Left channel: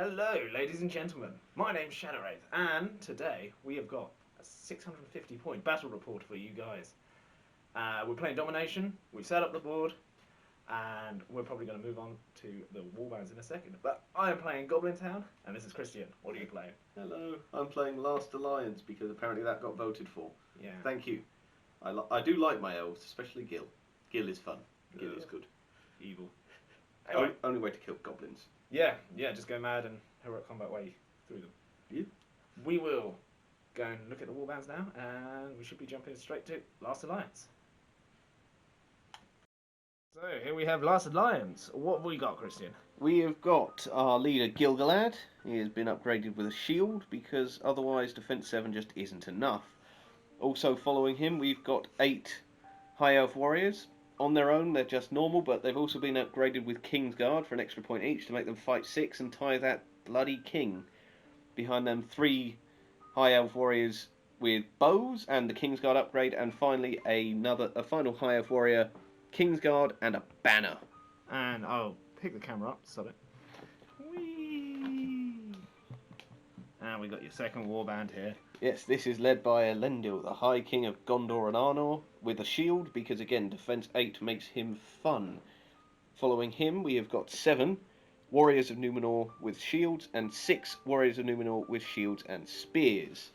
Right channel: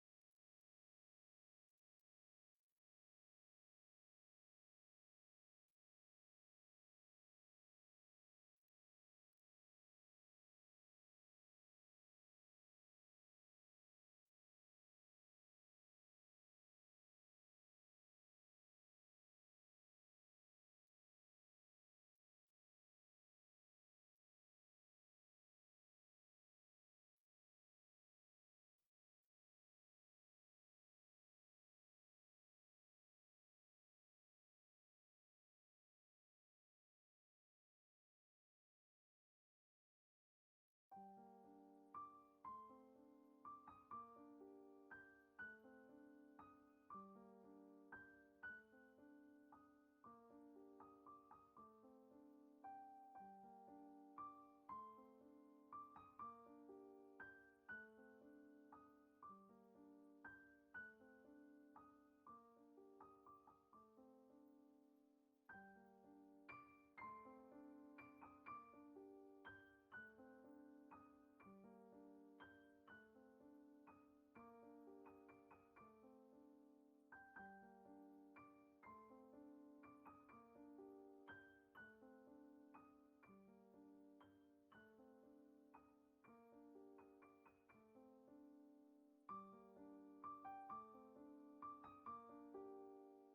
Hello, ladies and gentlemen. My name's Shadowwraith, and today we have got a 650 point battle report for you guys. We're playing Domination, we've set up the board, and we're probably going to move on to the warbands in a second. But I am playing Goblin Town, and this is Christian. What are you playing? Hello, I'm playing Last Alliance because apparently that got voted for. Yeah. Thank you. I do like my elves, especially Gil. Gil is fun. Gil is good. Evil. Anyway. Only way to kill goblins. Yeah, just go mad and heroic combat way through them. Yeah. We will go and look at the warbands now, and we should be jumping straight to Last Alliance. So here we have Last Alliance. What have we got, Christian? We have got our leader Gilgalad. He has been upgraded with a shield because otherwise Defense 7 just isn't enough. Also following him we've got 8 High Elf Warriors. On their own they're just normal, but they've also been upgraded with Kingsguard for an extra point each to make them fight 6 and tie that bloody king. Behind them 3 High Elf Warriors with bows and the Kingsguard upgrade, and finally a final High Elf Warrior, Kingsguard and a banner. And I'll pick the camera up, stop it. Whee! And we got your second warband here. Yes, this is led by Elendil, the High King of Gondor and Arnor, with a shield, because again, Defense 8 makes him fun. Following him, we have got 7 Warriors of Numenor with shields, and 6 Warriors of Numenor with shields and spears.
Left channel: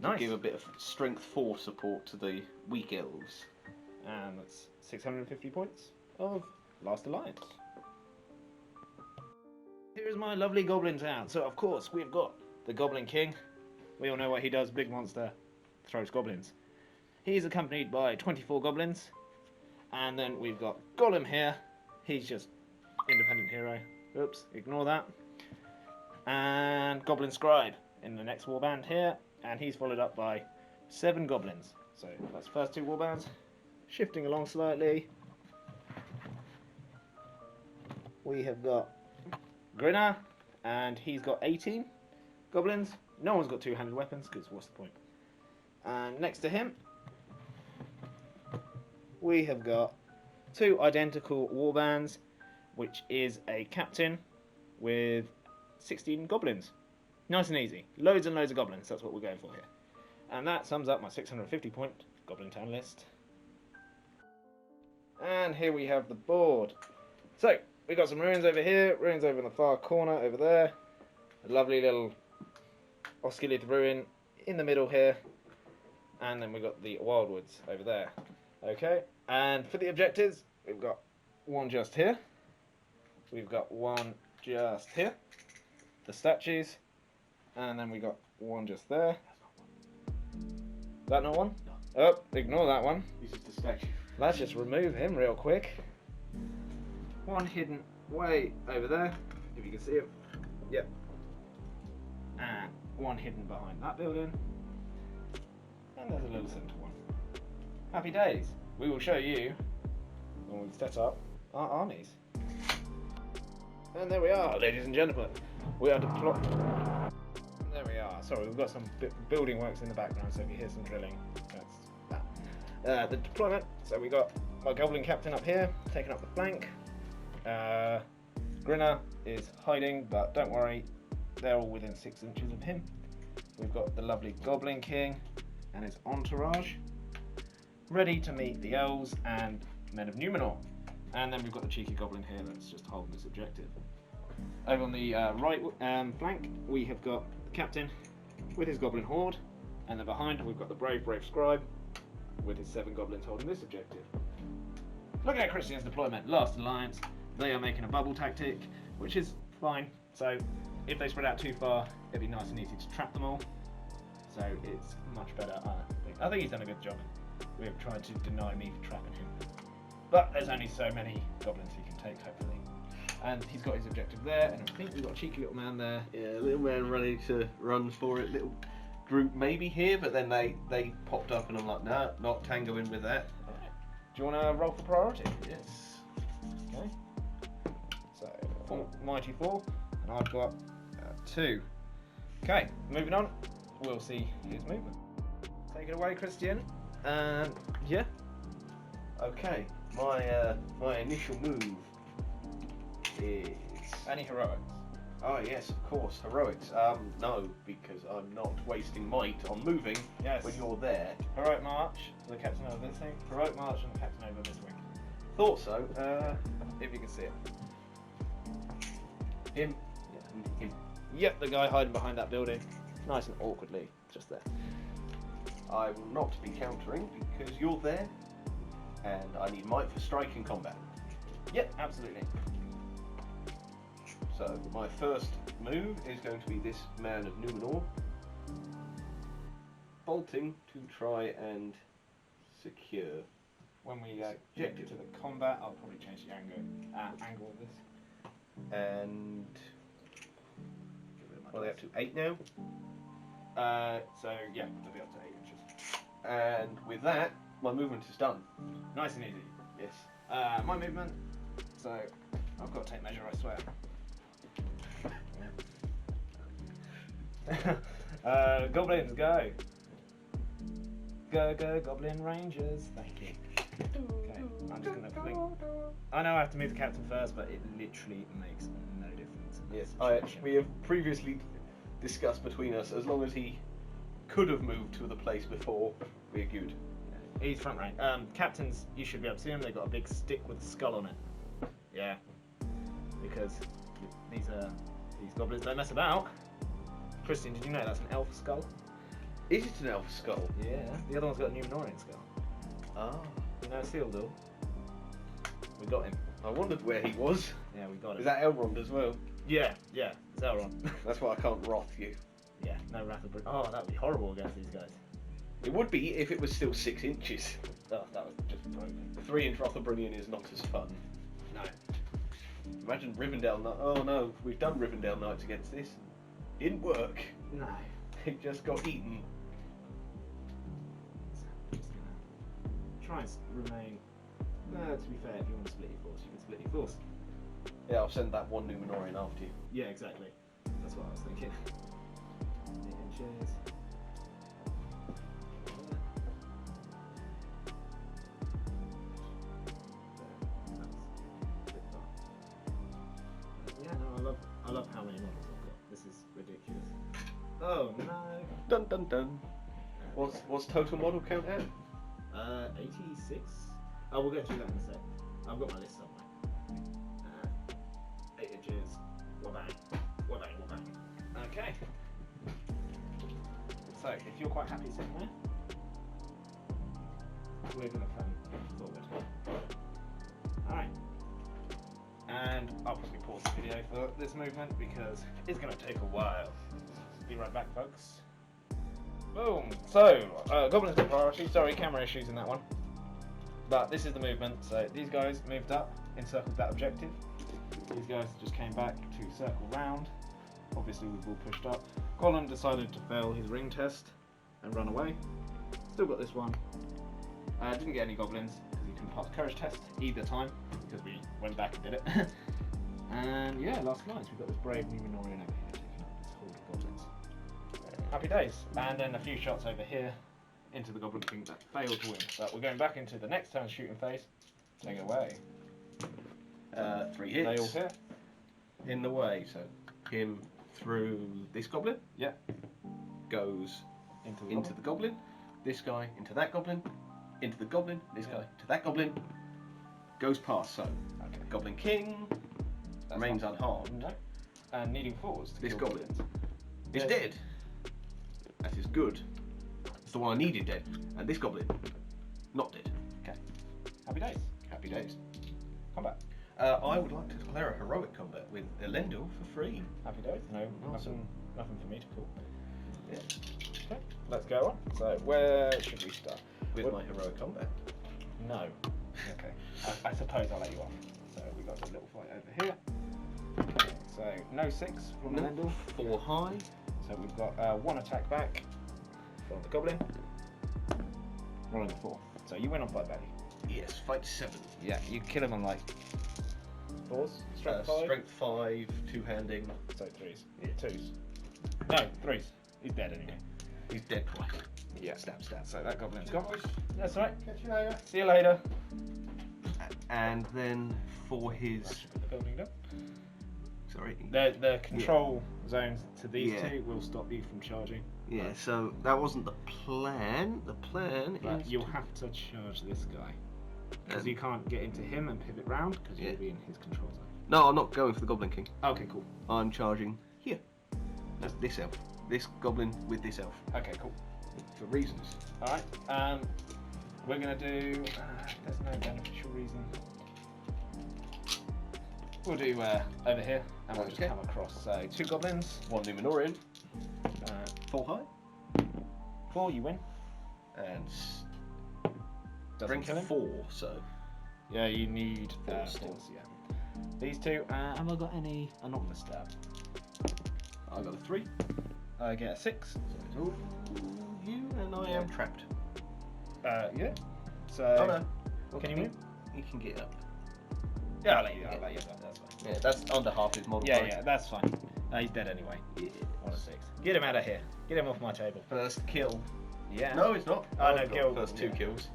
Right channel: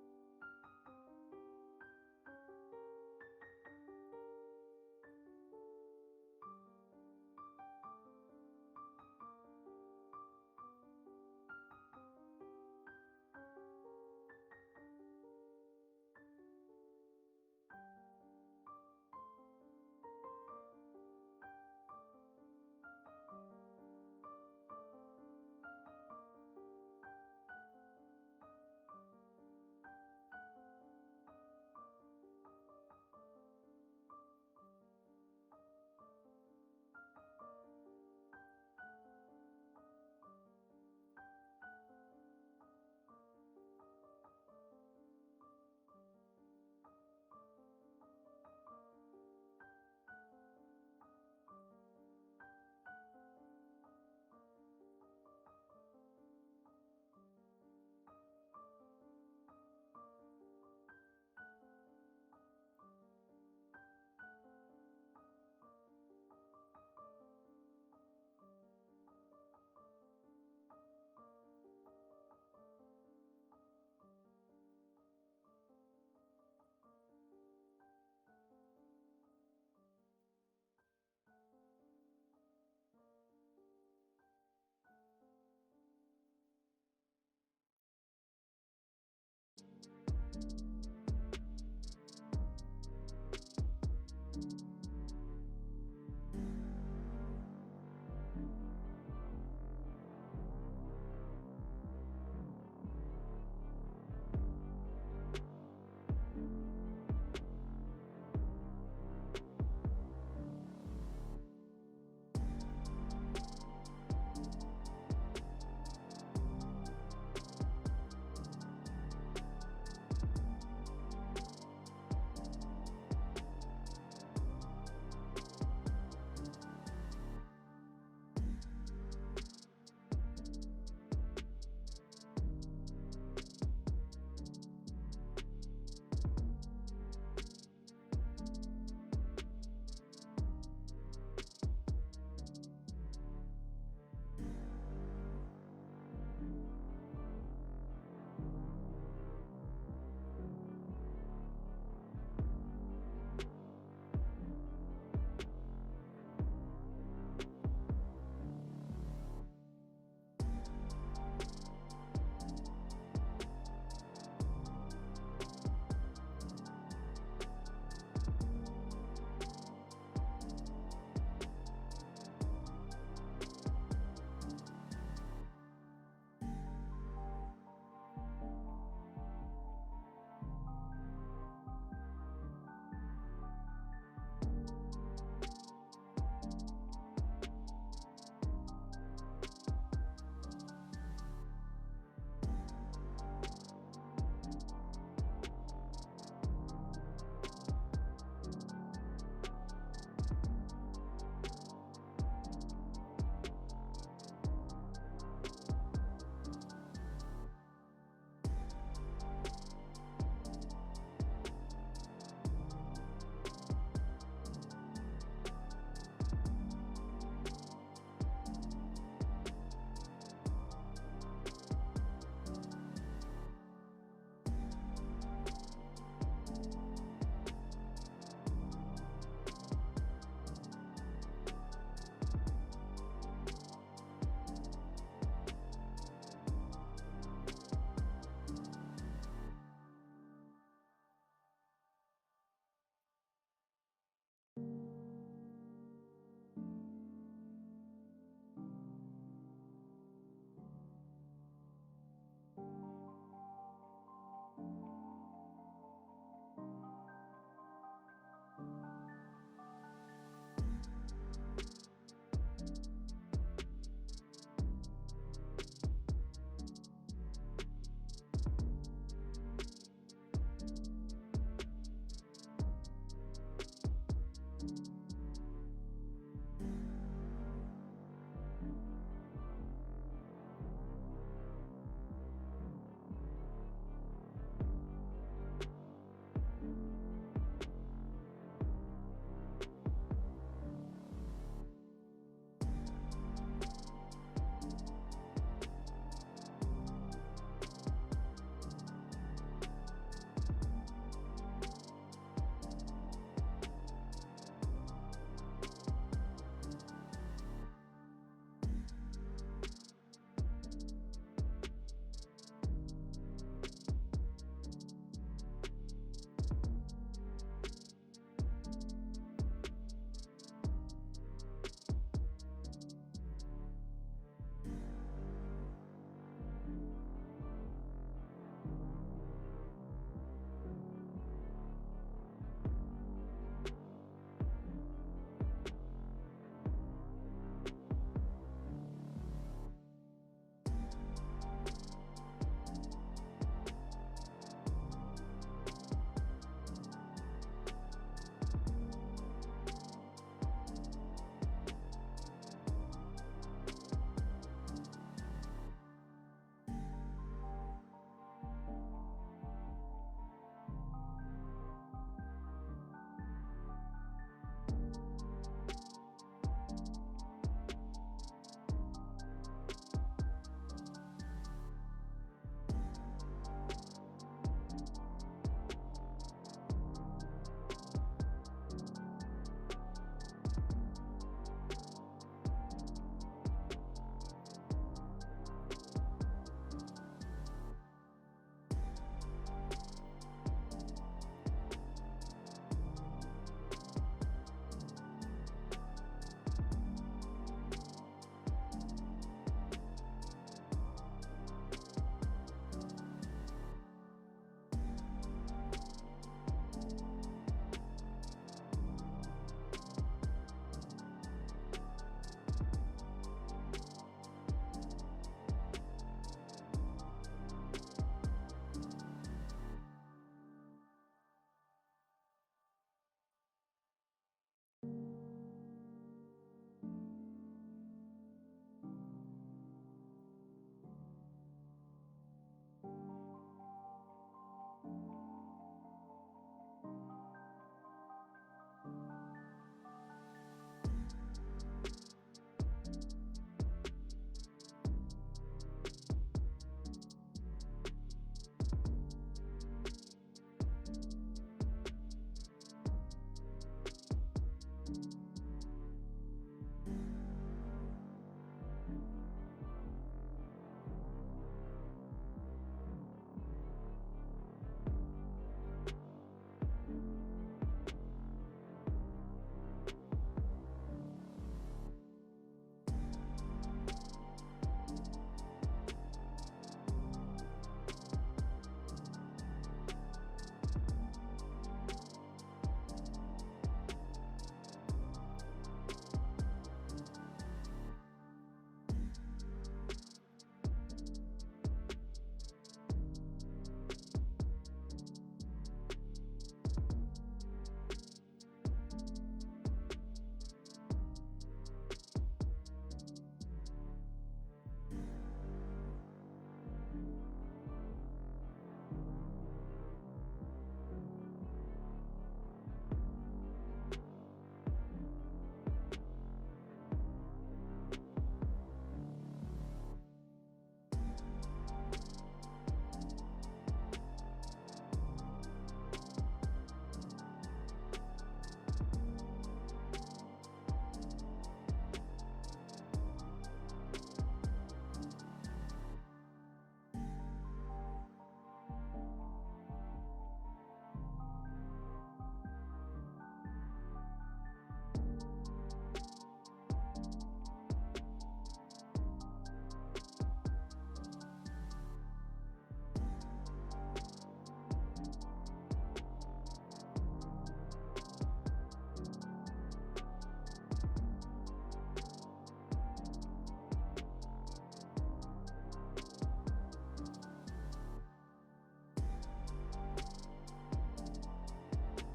Nice. To give a bit of strength 4 support to the weak elves. And that's 650 points of Last Alliance. Here's my lovely Goblin Town. So, of course, we've got the Goblin King. We all know what he does. Big monster. Throws goblins. He's accompanied by 24 goblins. And then we've got Gollum here. He's just independent hero. Oops, ignore that. And Goblin Scribe in the next warband here. And he's followed up by 7 goblins. So, that's the first 2 warbands. Shifting along slightly, we have got Grinner, and he's got 18 goblins. No one's got two-handed weapons, because what's the point? And next to him, we have got 2 identical warbands, which is a captain with 16 goblins. Nice and easy. Loads and loads of goblins, that's what we're going for here. And that sums up my 650 point Goblin Town list. And here we have the board. So, we got some ruins over here, ruins over in the far corner over there. A lovely little Osculid ruin in the middle here. And then we've got the Wildwoods over there. Okay, and for the objectives, we've got one just here. We've got one just here. The statues. And then we got one just there. Is that not one? No. Oh, ignore that one. This is the statue. Let's just remove him real quick. One hidden way over there, if you can see him. Yep. And one hidden behind that building. And there's a little centre one. Happy days. We will show you when we set up our armies. And there we are, ladies and gentlemen. We are deployed. There we are. Sorry, we've got some building works in the background, so if you hear some drilling, that's that. The deployment. So we got my Goblin Captain up here, taking up the flank. Grinner is hiding, but don't worry, they're all within 6 inches of him. We've got the lovely Goblin King and his entourage, ready to meet the elves and men of Numenor. And then we've got the cheeky Goblin here that's just holding this objective. Over on the right flank, we have got the Captain with his Goblin Horde, and then behind we've got the brave Scribe with his 7 goblins holding this objective. Look at Christian's deployment. Last Alliance, they are making a bubble tactic, which is fine. So if they spread out too far, it'd be nice and easy to trap them all. So it's much better. I think he's done a good job. We have tried to deny me trapping him. But there's only so many goblins he can take, hopefully. And he's got his objective there, and I think we've got a cheeky little man there. Yeah, little man ready to run for it. Little group maybe here, but then they popped up and I'm like, nah, not tangoing with that. Do you want to roll for priority? Yes. Okay. So, mighty 4, and I've got 2. Okay, moving on. We'll see his movement. Take it away, Christian. Yeah. Okay, my initial move is Any heroics? Oh yes, of course, heroics. No, because I'm not wasting might on moving Yes. when you're there. Heroic march, the captain over visiting. Heroic march and the captain over visiting. Thought so. If you can see it. Him. Him. Yep, the guy hiding behind that building. Nice and awkwardly, just there. I will not be countering because you're there, and I need might for strike in combat. Yep, absolutely. So my first move is going to be this man of Numenor, bolting to try and secure. When we get to the combat, I'll probably change the angle of this. And are they up to 8 now? So yeah, they'll be up to 8 inches. And with that, my movement is done. Nice and easy. Yes. My movement. So I've got to take measure, I swear. Goblins, go! Go, Goblin Rangers. Thank you. Okay, I'm just gonna blink. I know I have to move the captain first, but it literally makes no difference. Yes. We have previously discussed between us, as long as he could have moved to the place before, we're good. He's front rank. Captains, you should be able to see them. They've got a big stick with a skull on it. Yeah. Because these goblins don't mess about. Christian, did you know that's an elf skull? Is it an elf skull? Yeah. The other one's got a Numenorian skull. Ah. No, Sealdor. We got him. I wondered where he was. Yeah, we got him. Is that Elrond as well? Yeah, it's Elrond. That's why I can't wrath you. Yeah, no Wrath of Brin. Oh, that would be horrible against these guys. It would be if it was still 6 inches. Oh, that was just broken. 3-inch Rotherbrunnian is not as fun. No. Imagine Rivendell Knights. Oh no, we've done Rivendell Knights against this. Didn't work. No. It just got eaten. Try and remain. To be fair, if you want to split your force, you can split your force. Yeah, I'll send that one Numenorian after you. Yeah, exactly. That's what I was thinking. 8 inches. Yeah, no, I love how many ones we've got. This is ridiculous. Oh no. Dun dun dun. What's total model count at? 86. Oh, we'll get through that in a sec. I've got my list somewhere. 8 inches. Wabang. Okay. So, if you're quite happy sitting there, we're going to come forward. Alright. And I'll probably pause the video for this movement because it's going to take a while. Be right back, folks. Boom. So, Goblins got priority. Sorry, camera issues in that one. But this is the movement. So these guys moved up, encircled that objective. These guys just came back to circle round. Obviously, we've all pushed up. Colin decided to fail his ring test and run away. Still got this one. Didn't get any goblins because he didn't pass the courage test either time because we went back and did it. And yeah, last lines. We've got this brave Numenorian over here taking out goblins. Happy days. And then a few shots over here into the Goblin King that failed to win. But we're going back into the next turn shooting phase. Take it away. 3 hits. They all hit. In the way, so him through this goblin. Yeah. Goes into the goblin. This guy into that goblin. Into the goblin. This guy to that goblin. Goes past, so Okay. Goblin King That's remains not- unharmed. No. And needing fours to This kill goblin goblins. is Yeah. dead. That is good. It's the one I needed dead. And this goblin, not dead. Okay. Happy days. Happy days. Combat. I would like to declare a heroic combat with Elendil for free. Happy days. No, Awesome. nothing for me to pull. Yeah. Okay. Let's go on. So where should we start? With my heroic combat. No. Okay. I suppose I'll let you off. So we got this little fight over here. So no 6 from Elendil. 4 high. So we've got 1 attack back from the Goblin. Rolling 4. So you win on fight value. Yes, fight 7. Yeah, you kill him on like 4s. Strength 5. Strength 5, 2-handing. So 3s. Yeah, 2s. No, 3s. He's dead anyway. He's dead twice. Yeah. Stab. So that Goblin's gone. That's right. Catch you later. See you later. And then for his... Put the building down. Sorry. The control zones to these Yeah. two will stop you from charging. Yeah, so that wasn't the plan. The plan But is you'll have to charge this guy. Because Um, you can't get into him and pivot round because Yeah. you'll be in his control zone. No, I'm not going for the Goblin King. Okay, cool. I'm charging here. That's this elf. This goblin with this elf. Okay, cool. For reasons. Alright, we're going to do... there's no beneficial reason. We'll do over here, and we'll just Okay. come across. So, 2 goblins, 1 Numenorian. 4 high. 4, you win. And Doesn't strength kill him. 4, so. Yeah, you need Fours. fours, yeah. These two, have I got any? I'm not going to stab. I got a 3. I get a 6. So you and I am trapped. Yeah. So, Oh no. can you move? He can get up. Yeah, I'll let you that's fine. Yeah, that's under half his model. Yeah, that's fine. He's dead anyway. On a 6. Get him out of here. Get him off my table. First kill. Yeah. No, it's not. Oh, I've no, got kill. First 2 Yeah. kills.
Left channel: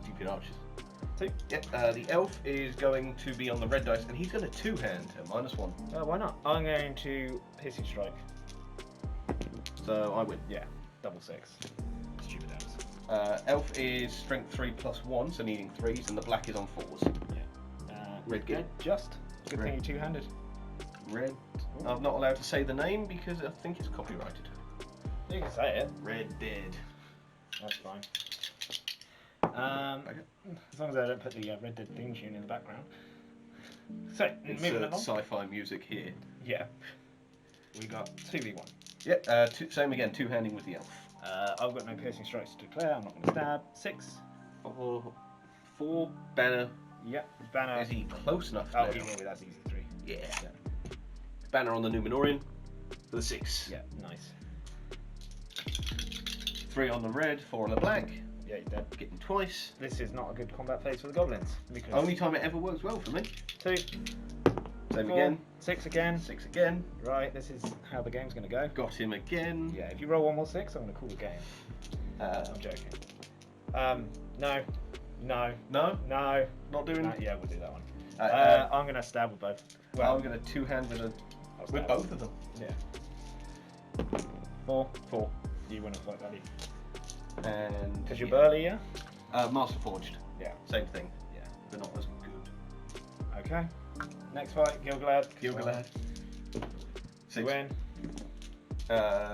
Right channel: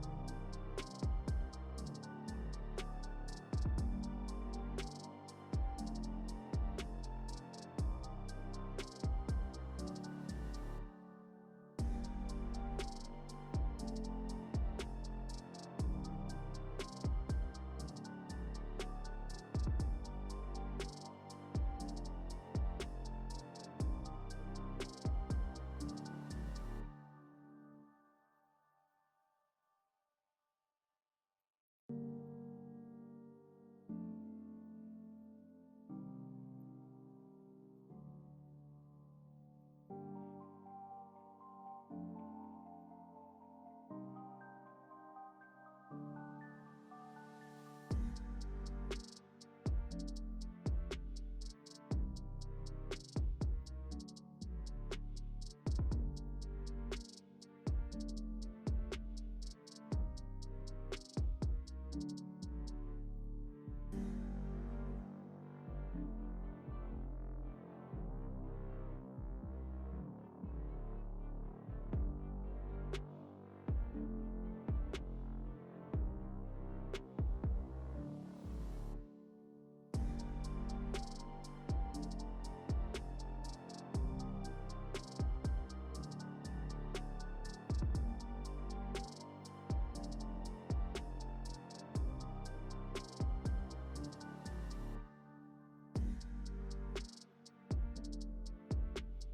Stupid archers. 2. Yep, the elf is going to be on the red dice, and he's going to 2-hand at -1. Why not? I'm going to piercing strike. So I win. Yeah, double 6. Stupid ass. Elf is strength 3 + 1, so needing 3s, and the black is on 4s. Red Good. Just. Good thing you're two-handed. Red. I'm not allowed to say the name because I think it's copyrighted. You can say it. Red Dead. That's fine. As long as I don't put the Red Dead theme tune in the background. So, moving along. Sci-fi music here. Yeah. We got 2v1. Yeah, same again, 2-handing with the elf. I've got no piercing strikes to declare. I'm not going to stab. 6. 4 banner. Yep. Banner. Is he close enough? Oh, now? he will be. That's easy. 3. Yeah. Banner on the Numenorian for the 6. Yeah. Nice. 3 on the red, 4 on the black. Yeah, he's dead. Getting twice. This is not a good combat phase for the goblins. Because Only time it ever works well for me. 2. Same 4, again. 6 again. 6 again. Right, this is how the game's going to go. Got him again. Yeah, if you roll 1 more 6, I'm going to call the game. I'm joking. No. No? No. Not doing it? Yeah, we'll do that one. I'm going to stab with both. Well, I'm going to 2-hand with both of them. Yeah. 4. You win a point, have you? And Because you're burly, yeah? Master Forged. Yeah. Same thing. Yeah. But not as good. Okay. Next fight, Gilgalad. Gilgalad. You 6. win.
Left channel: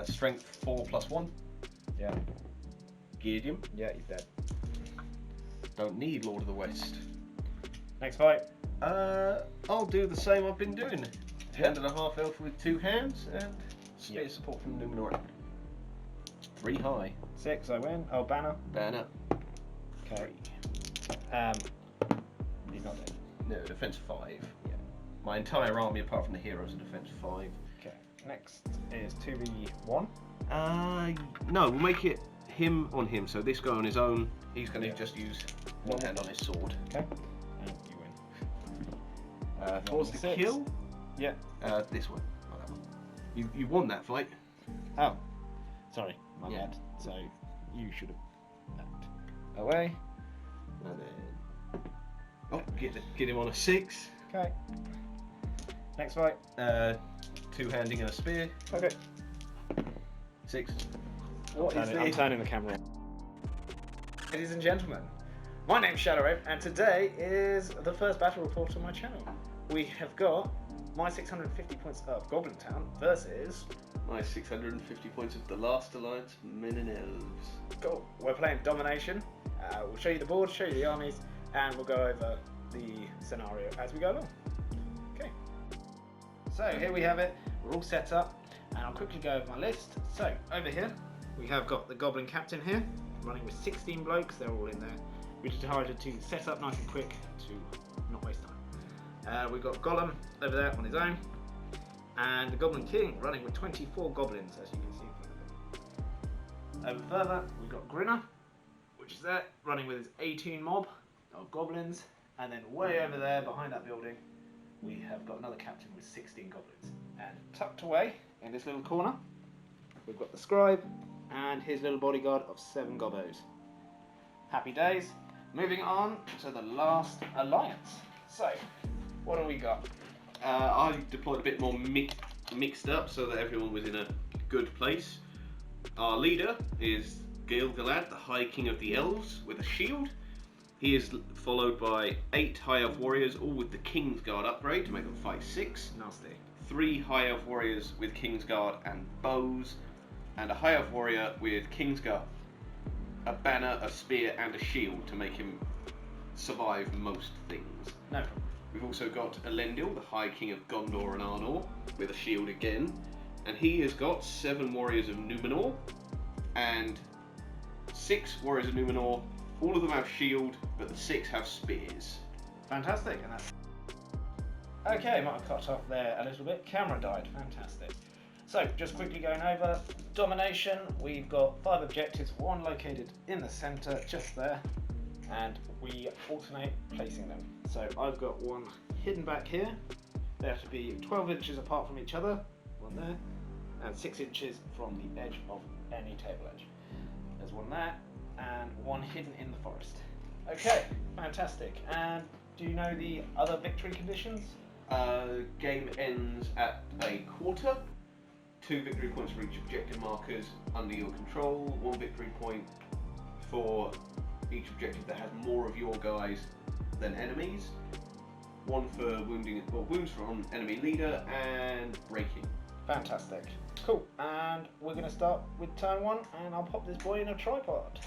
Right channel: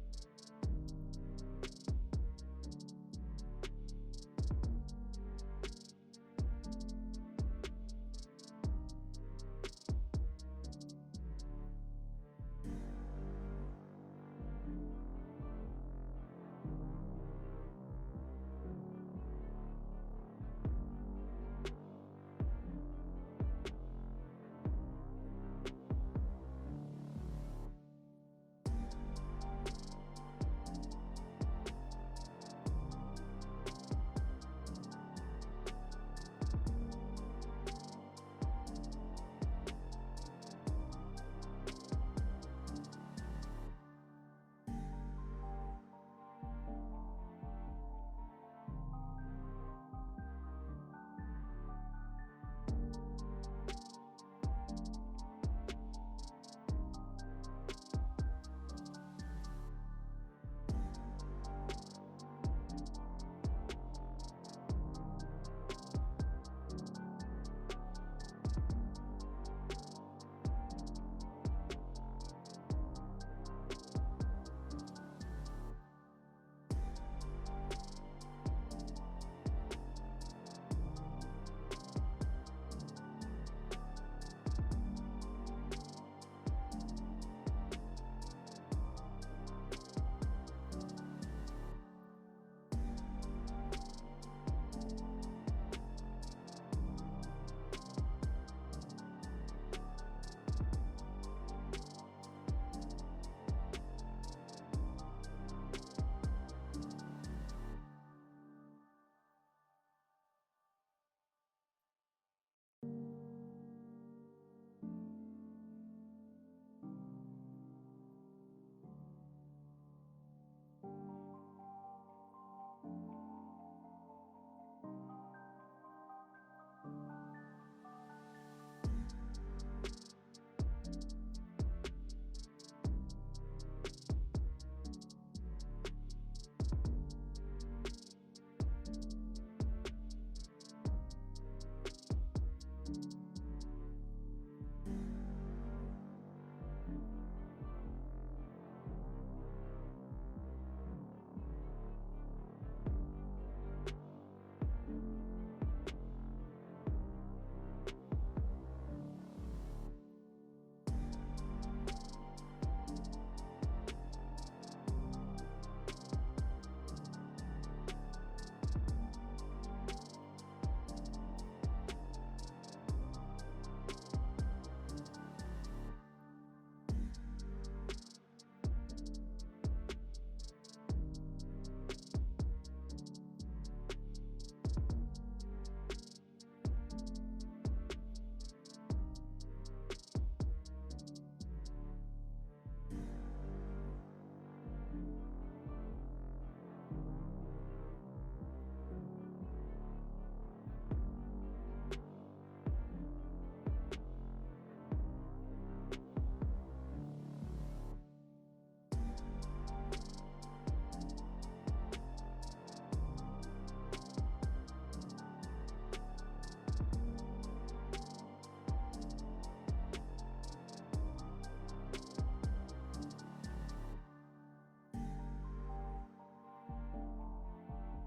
Strength 4 + 1. Yeah. Gideon. Yeah, he's dead. Don't need Lord of the West. Next fight. I'll do the same I've been doing. 10.5 elf with 2 hands and Yeah. support from Numenor. 3 high. 6, I win. Oh, banner. Banner. Okay. He's not dead. No, defense 5. Yeah. My entire army, apart from the heroes, are defense 5. Okay. Next is 2v1. No, we'll make it him on him. So this guy on his own, he's going to Yeah. just use 1 hand on his sword. Okay. And you win. Towards the 6. kill. Yeah. This one. You won that fight. Oh. Sorry. My Yeah. bad. So you should have backed away. And then, get him on a 6. Okay. Next fight. 2-handing and a spear. Okay. 6. What is I'm turning the camera. Ladies and gentlemen, my name's Shadowrape, and today is the first battle report on my channel. We have got my 650 points of Goblin Town versus. My 650 points of the Last Alliance Men and Elves. Cool. We're playing Domination. We'll show you the board, show you the armies, and we'll go over the scenario as we go along. Okay. So here we have it. We're all set up, and I'll quickly go over my list. So over here, we have got the Goblin Captain here, running with 16 blokes. They're all in there. We decided to set up nice and quick to not waste time. We've got Gollum over there on his own, and the Goblin King running with 24 goblins, as you can see. Over further, we've got Grinner, which is there, running with his 18 mob of goblins, and then way over there behind that building, we have got another captain with 16 goblins. And tucked away in this little corner, we've got the scribe and his little bodyguard of 7 gobbos. Happy days. Moving on to the last alliance. So, what do we got? I deployed a bit more mixed up so that everyone was in a good place. Our leader is Gil-galad, the High King of the Elves, with a shield. He is followed by 8 High Elf warriors, all with the Kingsguard upgrade to make them fight 6. Nasty. 3 High Elf warriors with Kingsguard and bows, and a High Elf warrior with Kingsguard, a banner, a spear, and a shield to make him survive most things. No problem. We've also got Elendil, the High King of Gondor and Arnor, with a shield again, and he has got 7 warriors of Numenor and 6 warriors of Numenor. All of them have shield, but the 6 have spears. Fantastic. And that's... Okay, might have cut off there a little bit. Camera died. Fantastic. So, just quickly going over Domination. We've got 5 objectives, 1 located in the centre, just there, and we alternate placing them. So I've got 1 hidden back here. They have to be 12 inches apart from each other, 1 there, and 6 inches from the edge of any table edge. There's 1 there, and 1 hidden in the forest. Okay, fantastic. And do you know the other victory conditions? Game ends at a quarter. 2 victory points for each objective markers under your control. 1 victory point for each objective that has more of your guys than enemies. 1 for wounds from enemy leader, and breaking. Fantastic. Cool. And we're going to start with turn 1, and I'll pop this boy in a tripod.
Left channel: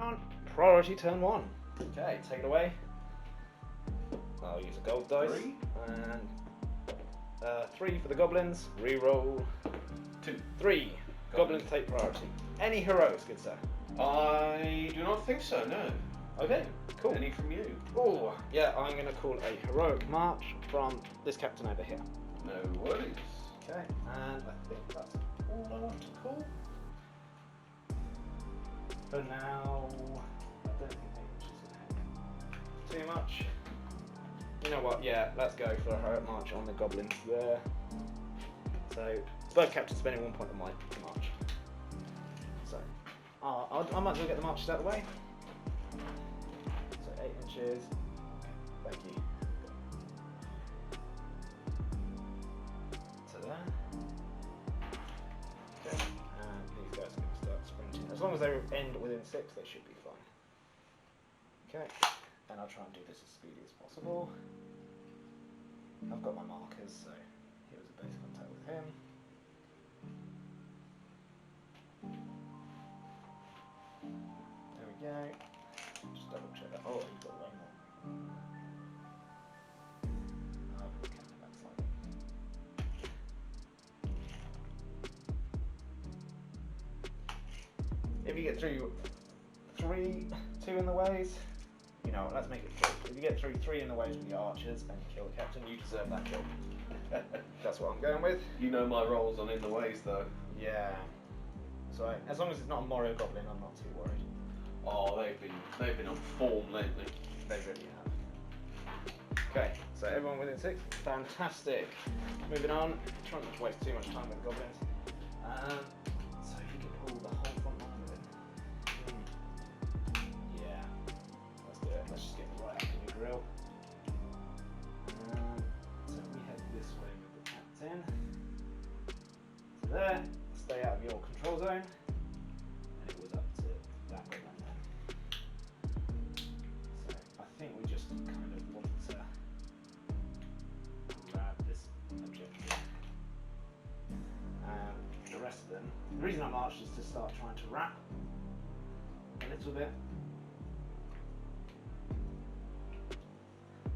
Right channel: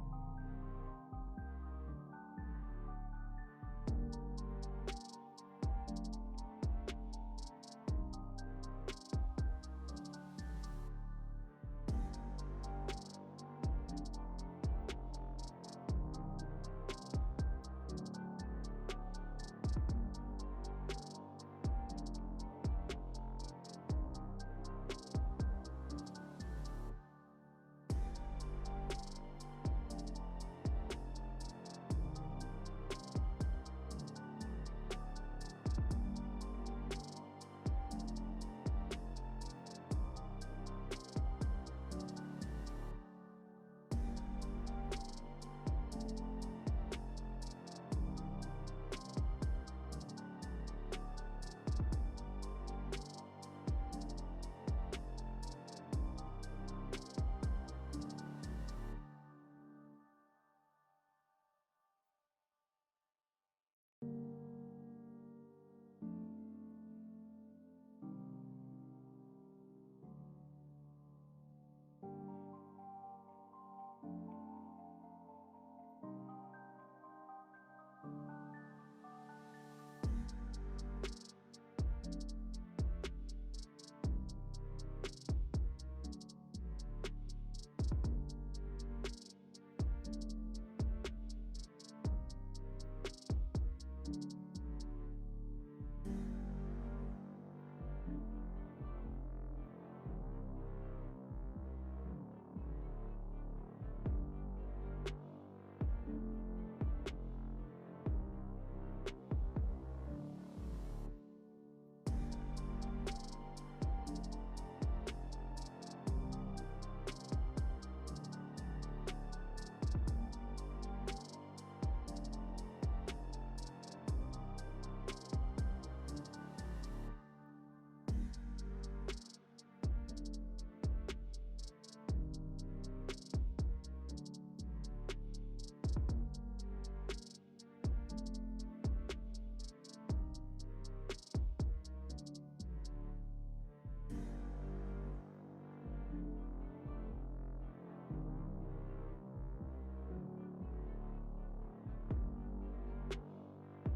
On priority turn 1. Okay, take it away. I'll use a gold dice. 3. And 3 for the goblins. Reroll 2. 3. Goblins take priority. Any heroes, good sir? I do not think so, no. Okay, cool. Any from you? Oh, yeah, I'm going to call a heroic march from this captain over here. No worries. Okay, and I think that's all I want to call. For now, I don't think too much. You know what, yeah, let's go for a heroic march on the goblins there. So, bird captain spending 1 point on my march. So, I might as well get the marches out of the way. So 8 inches. Thank you. To there. Okay, and these guys can start sprinting. As long as they end within 6, they should be fine. Okay, and I'll try and do this as speedy as possible. I've got my markers, so here's a base contact with him. There we go. Just double check that. Oh, he's got way more. Okay, that's like... If you get through 2 in the ways, you know, let's make it 3. If you get through 3 in the ways with your archers and you kill the captain, you deserve that kill. That's what I'm going with. You know my rolls on in the ways though. Yeah. So as long as it's not a Morio Goblin, I'm not too worried. Oh, they've been on form lately. They really have. Okay, so everyone within 6. Fantastic. Moving on. Try not to waste too much time with goblins. So if you can pull the whole front line with it. Yeah. Let's do it. Let's just get right up to the grill. So we head this way with the captain. To there. Stay out of your control zone. And it was up to that way right there. So I think we just kind of want to grab this objective. And the rest of them. The reason I marched is to start trying to wrap a little bit.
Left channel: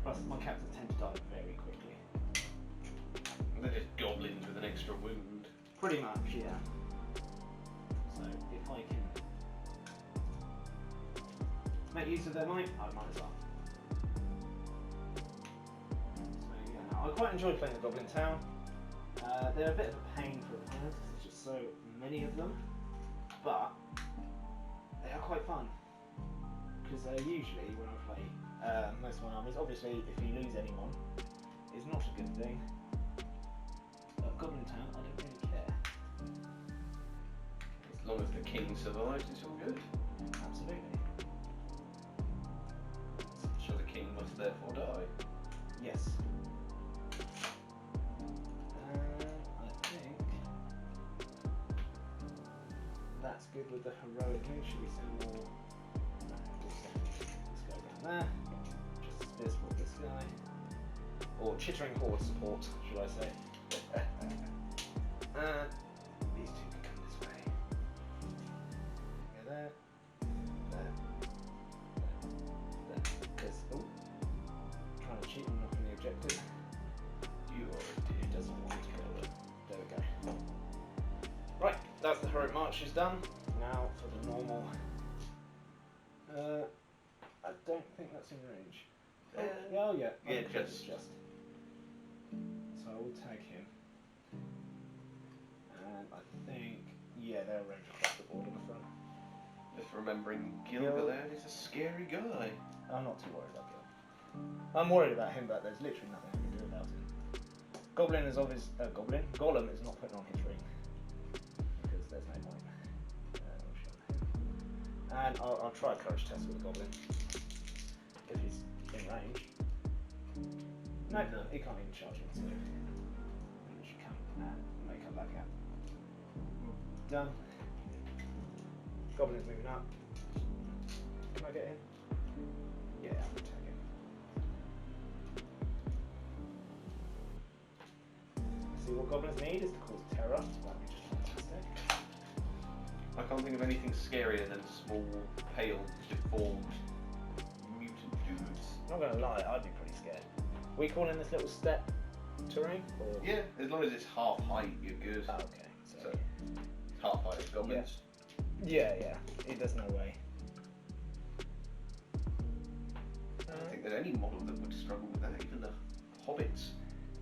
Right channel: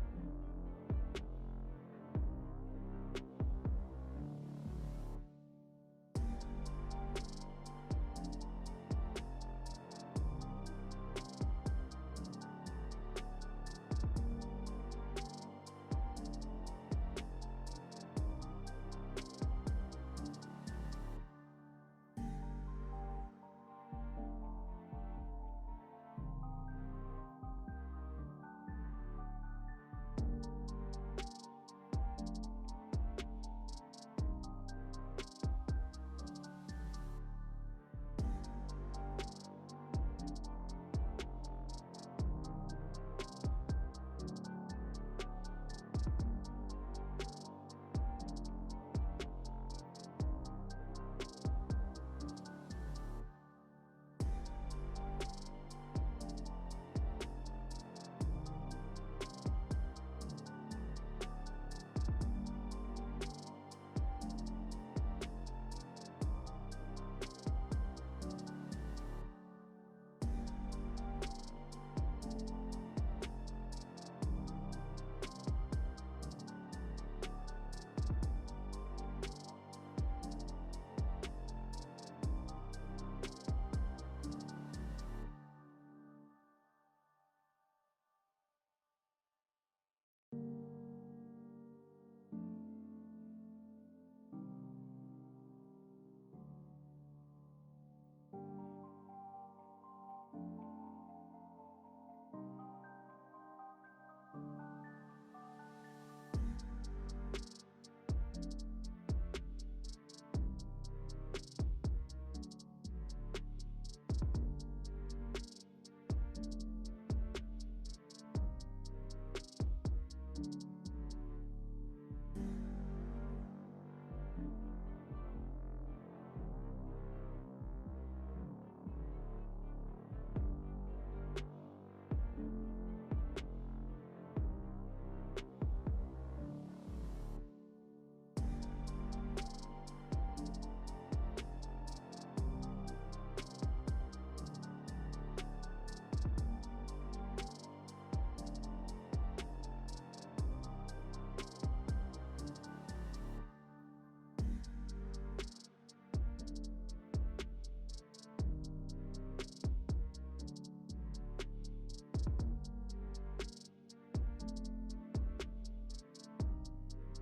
Plus my captains tend to die very quickly. They're just goblins with an extra wound. Pretty much, yeah. So if I can make use of their might, I might as well. So yeah, I quite enjoy playing the Goblin Town. They're a bit of a pain for opponents, there's just so many of them, but they are quite fun. Because usually when I play most of my armies, obviously if you lose anyone, it's not a good thing. But Goblin Town, I don't really care. As long as the king survives, it's all good. Absolutely. So the king must therefore die. Yes. march is done. Now for the normal. I don't think that's in range. Oh yeah. Yeah, just. So I will tag him. And I think, yeah, they're arranged across the board in the front. Just remembering Gilgalad is a scary guy. I'm not too worried about Gil. I'm worried about him, but there's literally nothing I can do about him. Goblin is obvious. Gollum is not putting on his ring because there's no point. And I'll try a courage test with the Goblin if he's in range. No, he can't even charge me. So he should come and may come back out. Done. Goblin's moving up. Can I get in? Yeah, I'm gonna take him. See what goblins need is to cause terror. That'd be just fantastic. I can't think of anything scarier than small, pale, deformed, mutant dudes. Not gonna lie, I'd be pretty scared. We call in this little step terrain? Or... Yeah, as long as it's half height, you're good. Oh, okay. So, half height of goblins. Yeah. There's no way. I don't think there's any model that would struggle with that, even the hobbits.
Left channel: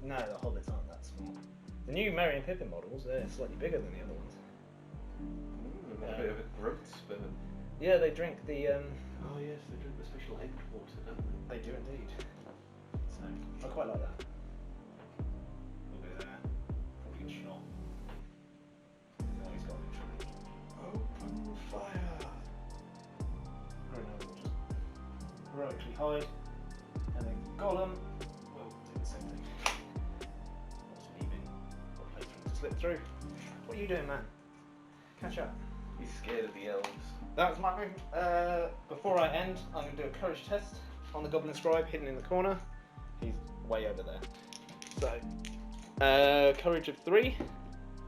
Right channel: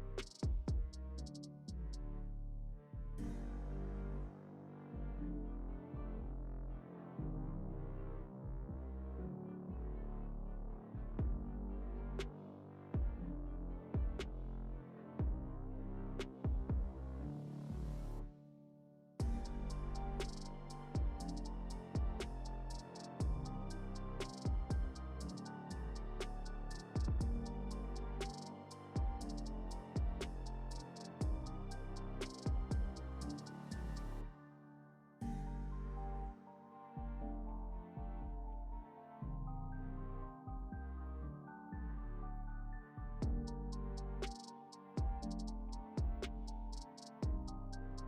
No, the hobbits aren't that small. The new Merry and Pippin models, they're slightly bigger than the other ones. A bit of a growth spurt. Yeah, they drink the. Oh yes, they drink the special egg water, don't They do indeed. So I quite like that. Look at that. Good shot. Oh, he's got a good shot. Open fire! Very nice. Heroically hide. And then Gollum. Well, do the same thing. Even. Slip through. What are you doing, man? Catch up. He's scared of the elves. That was my move. Before I end, I'm going to do a courage test on the Goblin Scribe hidden in the corner. He's way over there. So, courage of 3.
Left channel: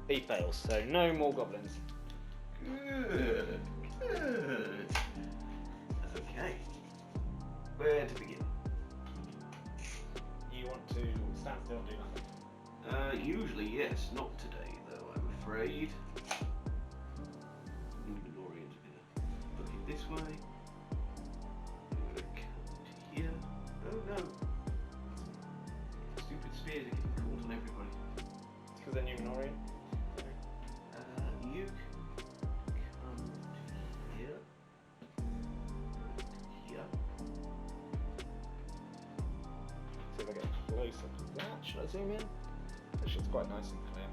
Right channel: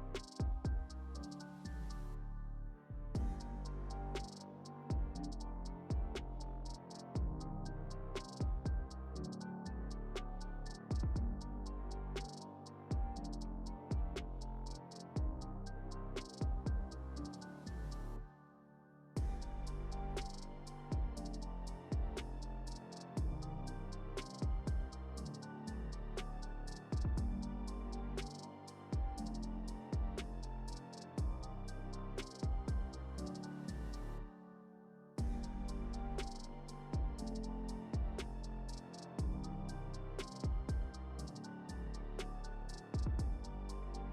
He fails, so no more goblins. Good. That's okay. Where to begin? You want to stand still, do nothing? Usually yes, not today though, I'm afraid. This way. Here. Oh no. Stupid spears are getting caught on everybody. Because they're Numen Orient. You come here. Here. So if I get close up to that, should I zoom in? That shit's quite nice and clear.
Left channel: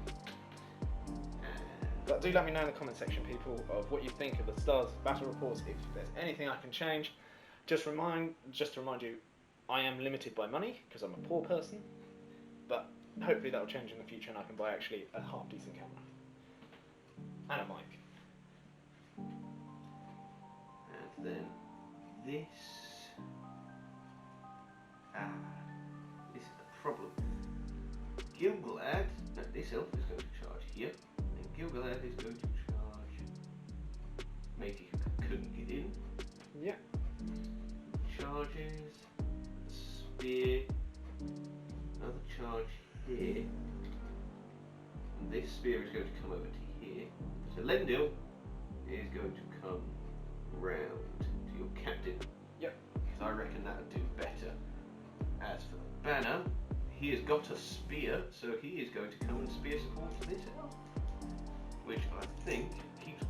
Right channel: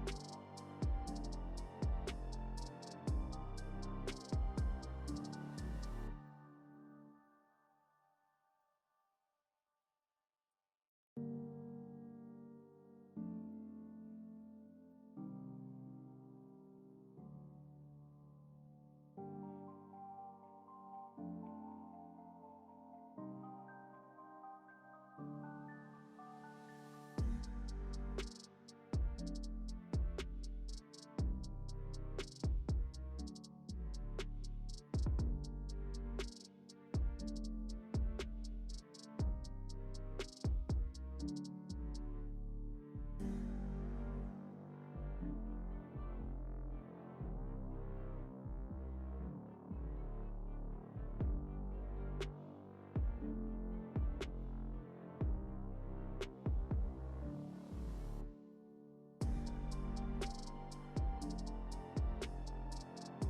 But do let me know in the comment section, people, of what you think of the Stars battle reports. If there's anything I can change, just to remind you, I am limited by money because I'm a poor person. But hopefully that will change in the future, and I can buy actually a half decent camera and a mic. And then this. This is the problem. Gilgalad, and this elf is going to charge here. Gilgalad is going to charge. Maybe you couldn't get in. Yeah. Charges. Spear. Another charge here. And this spear is going to come over to here. So Lendil is going to come round to your captain. Yep. Because I reckon that would do better. As for the banner, he has got a spear, so he is going to come and spear support this elf. Which I think keeps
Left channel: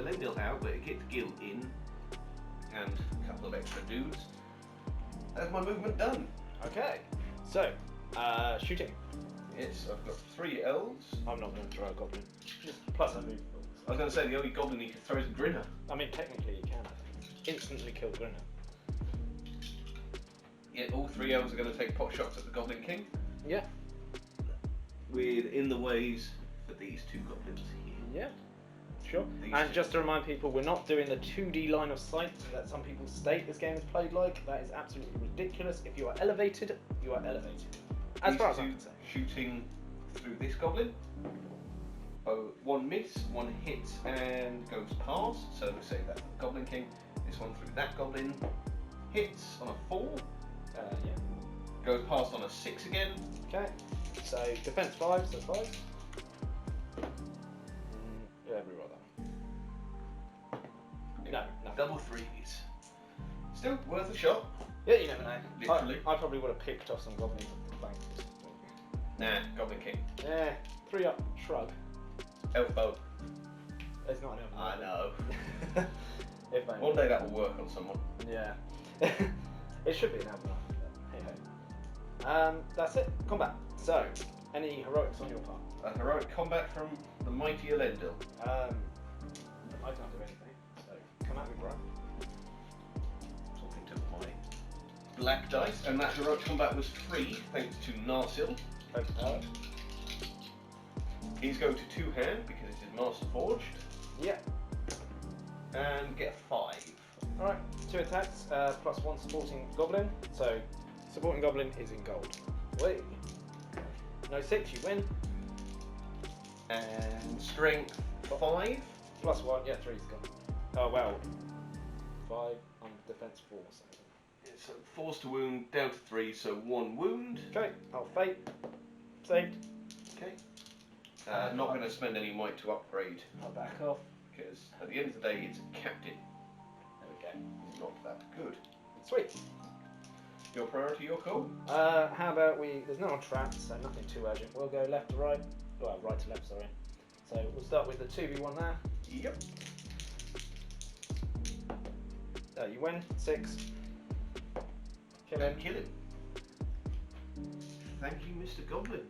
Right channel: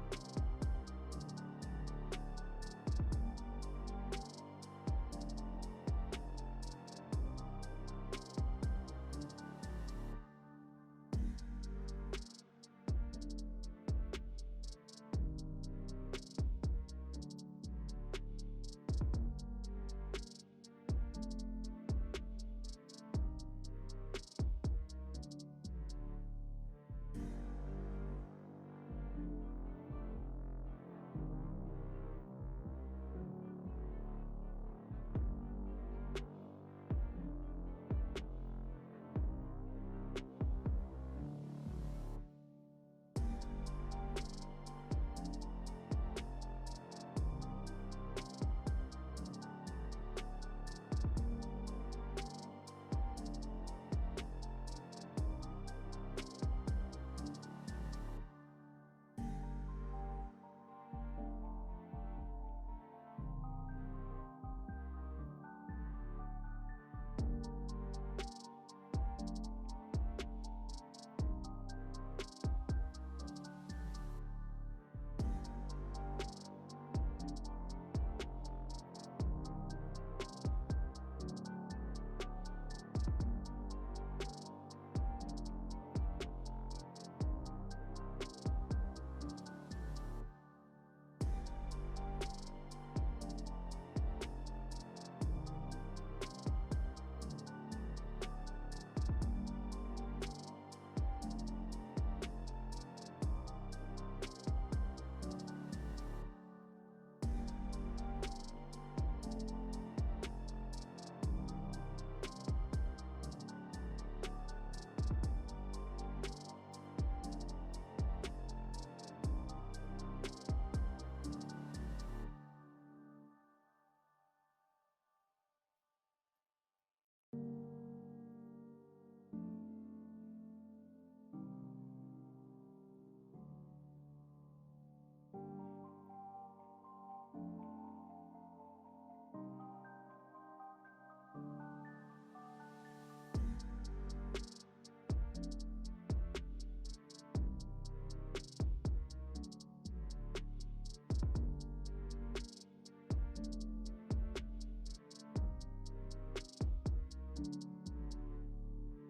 Elendil out, but it gets Gil in, and a couple of extra dudes. That's my movement done. Okay. So, shooting. Yes, I've got 3 elves. I'm not going to throw a goblin. Plus I move. I was going to say the only goblin he can throw is a Grinner. I mean, technically you can. Instantly kill Grinner. Yet all 3 elves are going to take pot shots at the Goblin King. Yeah. Within the ways for these 2 goblins. Yeah. Sure. These And two. just to remind people, we're not doing the 2D line of sight that some people state this game is played like. That is absolutely ridiculous. If you are elevated, you are elevated. As These far as two I'm concerned. shooting through this goblin. Oh, 1 miss, 1 hits and goes past. So we say that Goblin King. This one through that goblin hits on a 4. Yeah. Goes past on a 6 again. Okay. So defense 5, so 5. Yeah, we roll that one. double threes. Still worth a shot. Yeah, you never know. Literally. I probably would have picked off some Goblin flank. Nah, Goblin King. Yeah, 3 up, shrug. Elf bow. There's not an elf. I know. If only. One day that will work on someone. Yeah. It should be an elf. Hey ho. That's it. Combat. So, any heroics on your part? A heroic combat from the mighty Elendil. I can't do anything. So, come at me, bro. Something to my black dice, and that heroic combat was 3 thanks to Narsil. Okay. He's going to 2-hand because it is Master Forged, Yeah. and get a 5. Alright, 2 attacks, +1 supporting Goblin. So, supporting Goblin is in gold. Wait. No 6, you win. And strength 5. +1, yeah, 3's gone. Oh, well. 5 on defense 4. So forced to wound down to 3, so 1 wound. Okay, I'll fate. Saved. Okay. Not going to spend any might to upgrade I'll back off. because at the end of the day it's captain. There we go. It's not that good. Sweet. Your priority, your call. How about there's no traps, so nothing too urgent. We'll go left to right. Well, right to left, sorry. So we'll start with the 2v1 there. Yep. You win, 6. Kill him. Kill him. Thank you, Mr. Goblin.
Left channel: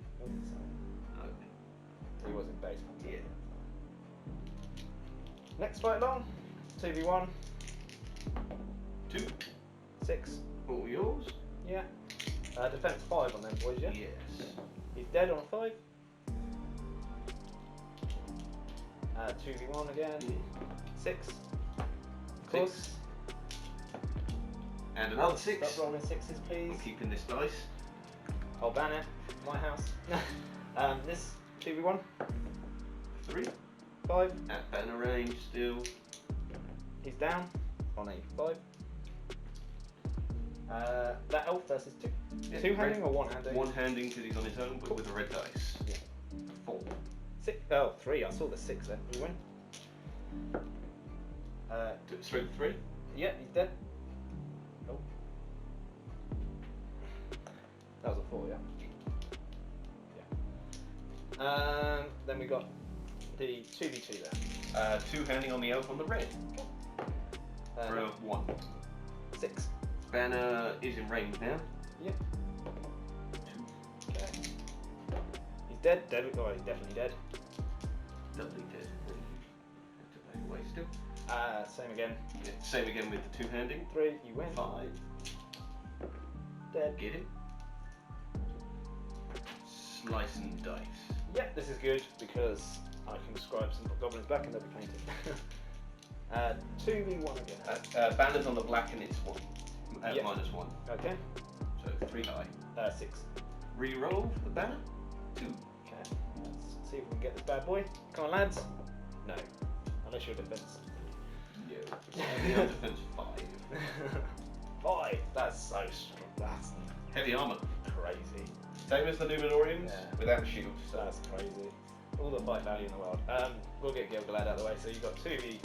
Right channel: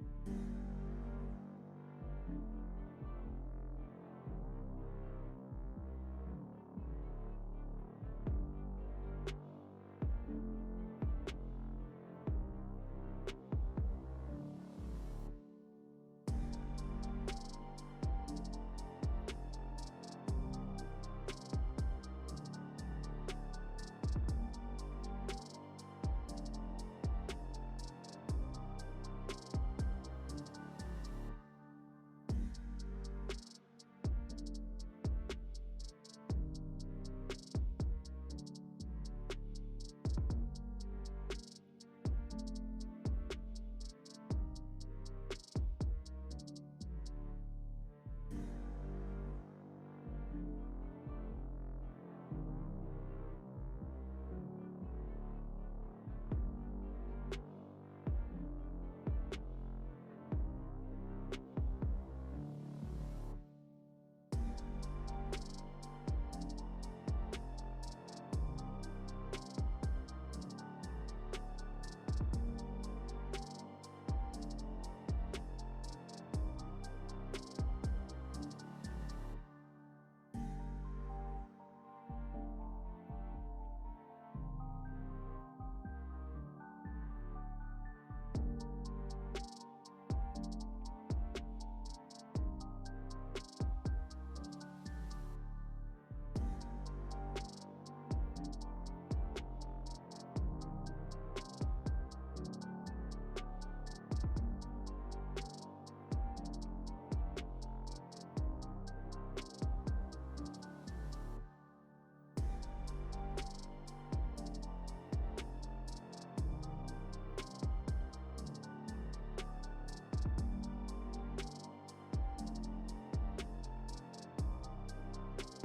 He was in base. Yeah. Next fight on. 2v1. 2. 6. All yours. Yeah. Defense 5 on them boys, yeah? Yes. He's dead on a 5. 2v1 again. 6. Of course. And another 6. Stop rolling 6s, please. I'm keeping this dice. I'll ban it. My house. This 2v1. 3. 5. At banner range still. He's down on a 5. That elf versus 2. Yeah, 2-handing or 1-handing? 1-handing because he's on his own, but with a red dice. Yeah. 4. 6. Oh, 3. I saw the 6 then. You win. Strength 3. Yeah, he's dead. Oh. That was a 4, yeah? Yeah. Then we got the 2v2 there. 2-handing on the elf on the red. For a 1. 6. Banner is in range now. Yeah. Okay. He's dead. Dead. Oh, he's definitely dead. Doubly dead. Have to back away still. Same again. Yeah, same again with the 2-handing. 3. You win. 5. Dead. Get him. Slice and dice. Yeah, this is good because I can describe some goblins back and they'll be painted. 2v1 again. Banner's on the black and it's 1. Yeah. Minus 1. Okay. So 3 high. 6. Reroll for the banner. 2. Okay. Let's see if we can get this bad boy. Come on, lads. No. Unless you're defense. Yeah. Defense 5. 5. That's so strong. That's Heavy armor. crazy. Same as the Numenorians Yeah. without shields. So. That's crazy. All the fight value in the world. We'll get Gilgalad out of the way. So you've got 2v.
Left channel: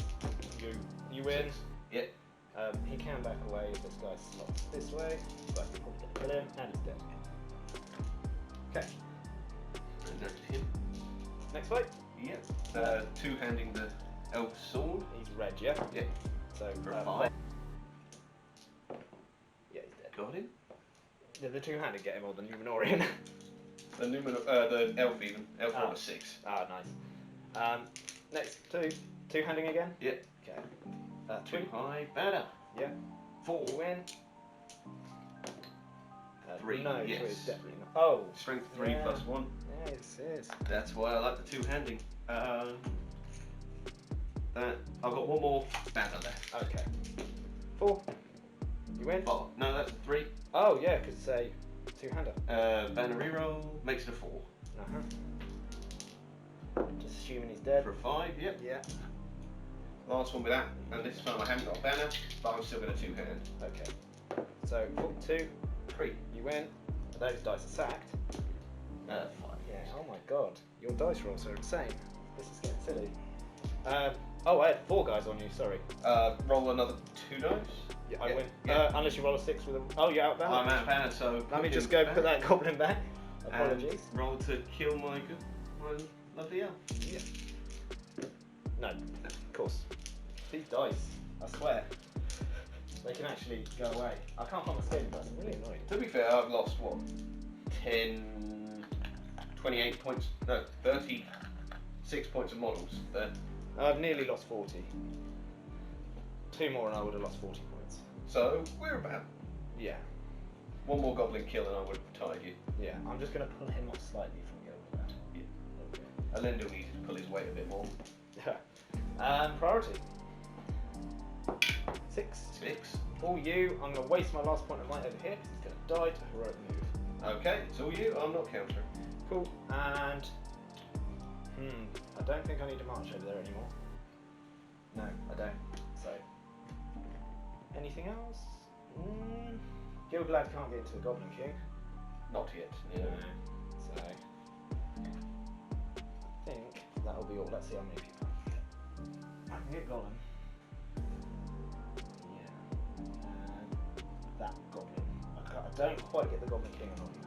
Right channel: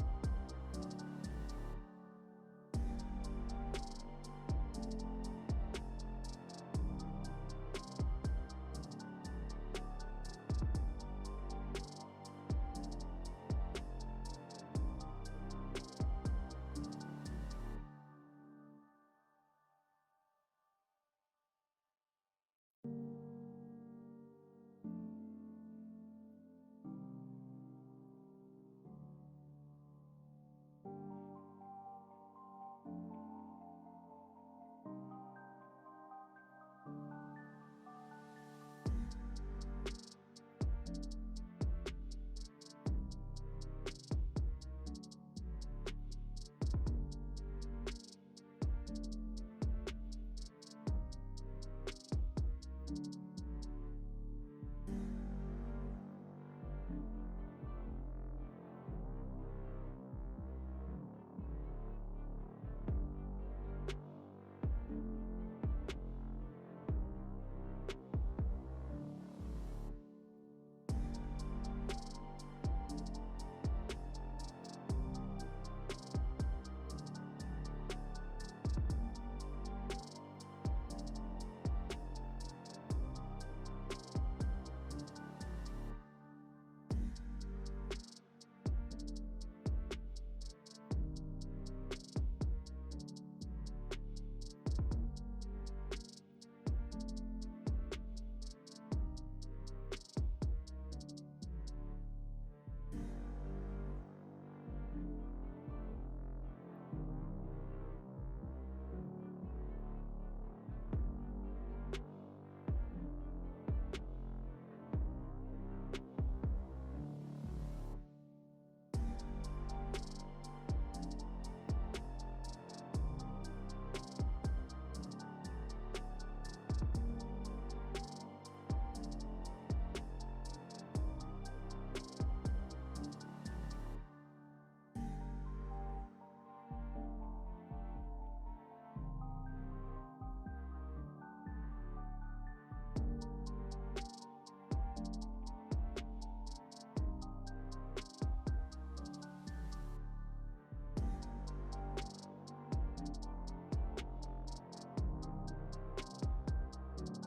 You win. Yep. He can back away if this guy slots this way. But kill him and he's dead. Okay. And there's him. Next fight. Yep. 2-handing the elf sword. He's red, yeah? Yep. So For 5. Yeah, he's dead. Got him. Did the 2-handed get him or the Numenorian? The elf even. Elf on a 6. Ah, nice. Next, 2-handing again? Yep. Okay. 2 high. Banner. Yeah. 4. You win. 3. No, Yes. 3 is definitely not. Oh. Strength 3 Yeah. plus 1. Yes, yes. That's why I like the 2-handing. That I've got 1 more banner left. Okay. 4. You win. Oh no, that's 3. Oh yeah, because say 2-hander. Banner reroll makes it a 4. Just assuming he's dead. For a 5. Yep. Yeah. Last one with that, and this time I haven't got a banner, but I'm still going to 2-hand. Okay. So 2. 3. You win. Those dice are sacked. 5. Yeah. Oh my god. Your dice rolls are insane. This is getting silly. Oh, I had 4 guys on you. Sorry. Roll another 2 dice. I win. Yeah. Unless you roll a 6 with them. Oh, you're out of balance. I'm out of banner, so Let me just go put that goblin back. and Apologies. roll to kill my lovely elf. Yeah. No, of course. These dice, I swear, they can actually go away. I can't find the scaling dice. I'm really annoyed. To be fair, I've lost what? 10, 28 points. No, 36 points of models there. I've nearly lost 40. 2 more and I would have lost 40 points. So we're about Yeah. 1 more goblin kill and I would have tied you. Yeah. I'm just going to pull him off slightly from Gilgalad. Alendo needed to pull his weight a bit more. Priority. 6. 6. All you. I'm going to waste my last point of might over here. It's going to die to heroic move. Okay, so you, I'm not countering. Cool. And I don't think I need to march over there anymore. No, I don't. So, anything else? Gilgalad can't get into the Goblin King. Not yet. No. No. So, I think that'll be all. Let's see how many people. I can get Goblin. Yeah. That Goblin. I don't quite get the Goblin King on me.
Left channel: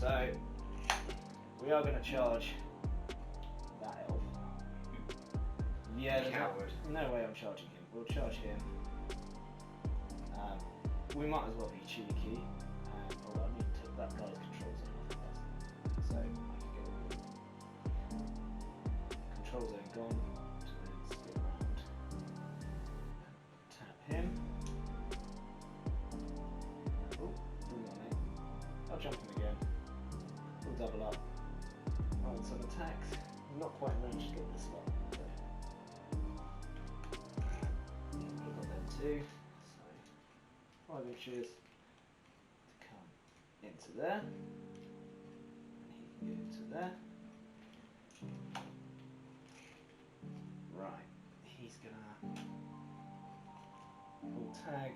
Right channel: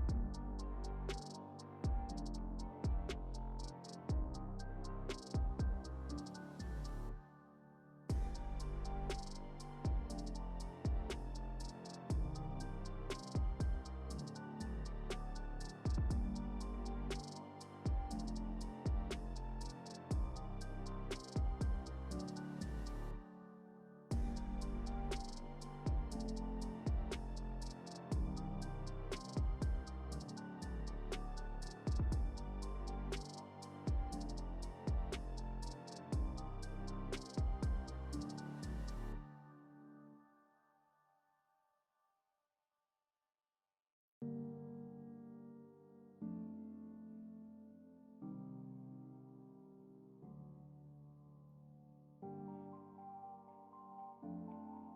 So, we are going to charge that elf. Yeah, Coward. no way I'm charging him. We'll charge him. We might as well be cheeky. Although I need to take that guy controls it. So, control zone gone. Tap him. I'll jump him again. We'll double up. On some attacks. Not quite managed to get this one. We've got that too. So 5 inches to come into there. He can get into there. Right. He's gonna. We'll tag.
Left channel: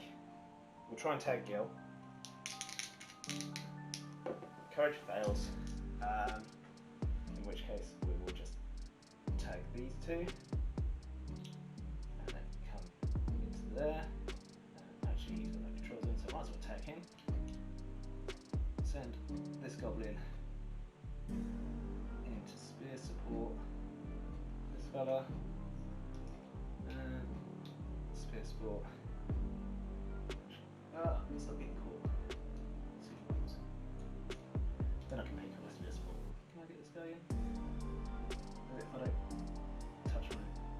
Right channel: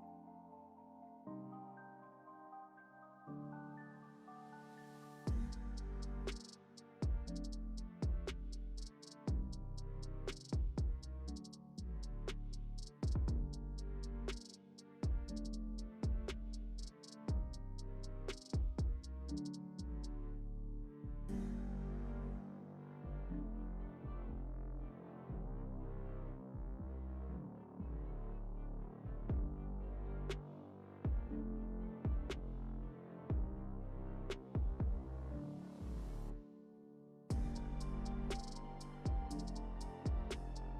We'll try and tag Gil. Courage fails. In which case we will just tag these 2 and then come into there. Actually using my control zone, so I might as well tag him. Send this goblin into spear support. This fella. And spear support. It's not being caught. Then I can make this visible. Can I get this guy in? If I don't touch my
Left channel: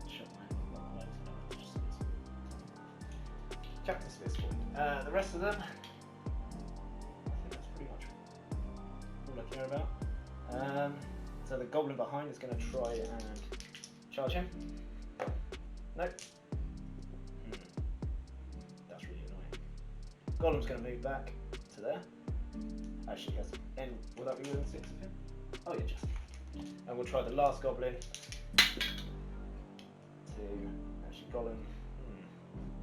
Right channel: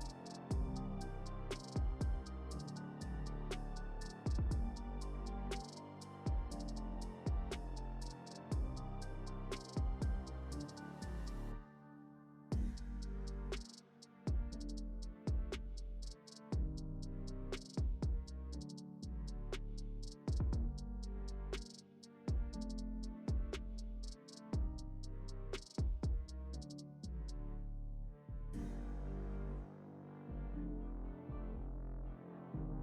shut my Captain's visible. The rest of them, I think that's pretty much all I care about. So the goblin behind is going to try and charge him. Nope. That's really annoying. Golem's going to move back to there. Actually, yes. And will that be within 6 of him? Oh yeah, just. And we'll try the last goblin to actually Golem.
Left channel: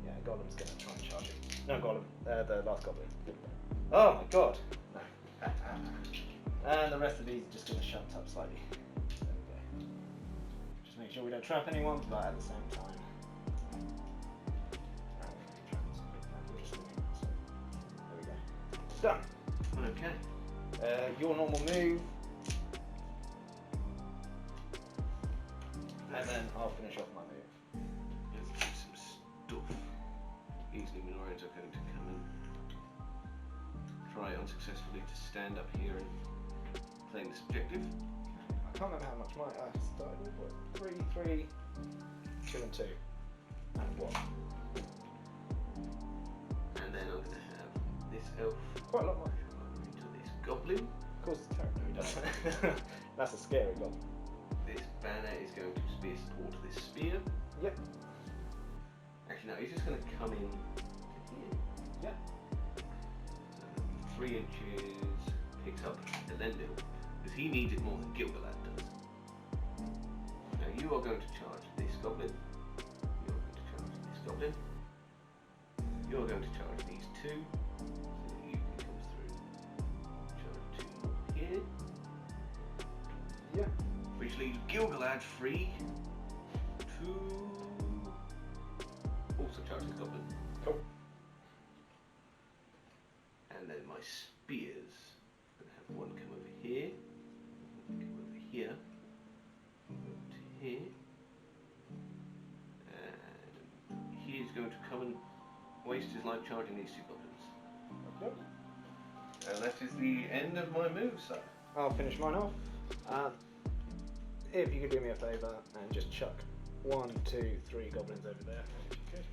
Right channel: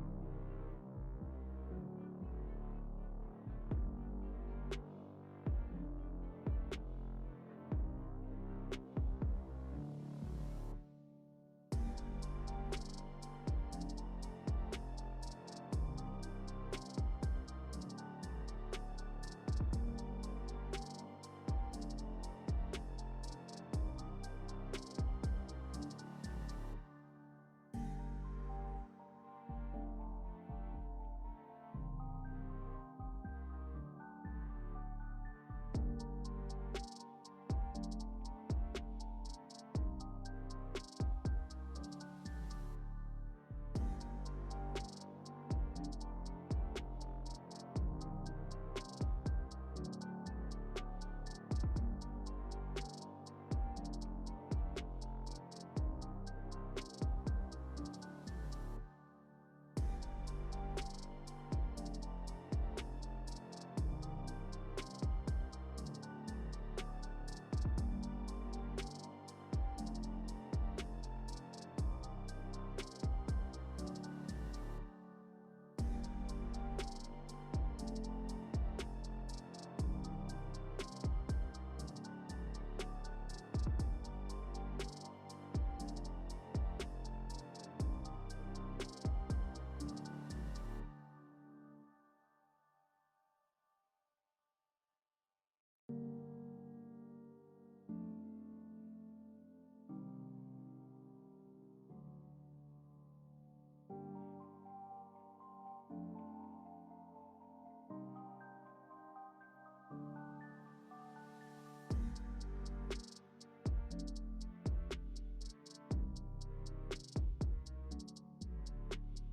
Yeah, Golem's going to try and charge him. No, Golem. The last goblin. Oh my god. No. And the rest of these just going to shunt up slightly. There we go. Just make sure we don't trap anyone, but at the same time. Done. Okay. Your normal move. And then I'll finish off my move. Let's do some stuff. Easily Minorians are going to come and try unsuccessfully to stand up here and claim this objective. I can't remember how much mine I started with. 3, 2 and 2. And 1. And then I'm going to have this elf Quite a lot more. into this goblin. Of course it's character, doesn't it? That's a scary goal. This banner is going to be a support to this spear. Yep. Actually, no, he's just going to come in here. Yep. 3 inches picks up the Lendil, because he needs it more than Gilgalad does. Now you are going to charge this goblin. You are going to charge this goblin. You are going to charge these 2. So you can come through. Charge 2 here. Yep. Which leaves Gilgalad free here. To here. And he's going to come and waste his life charging these two goblins. Okay. And that is the end of my move, sir. I'll finish mine off. If you could do me a favour and just chuck 1, 2, 3 goblins over there. If you could.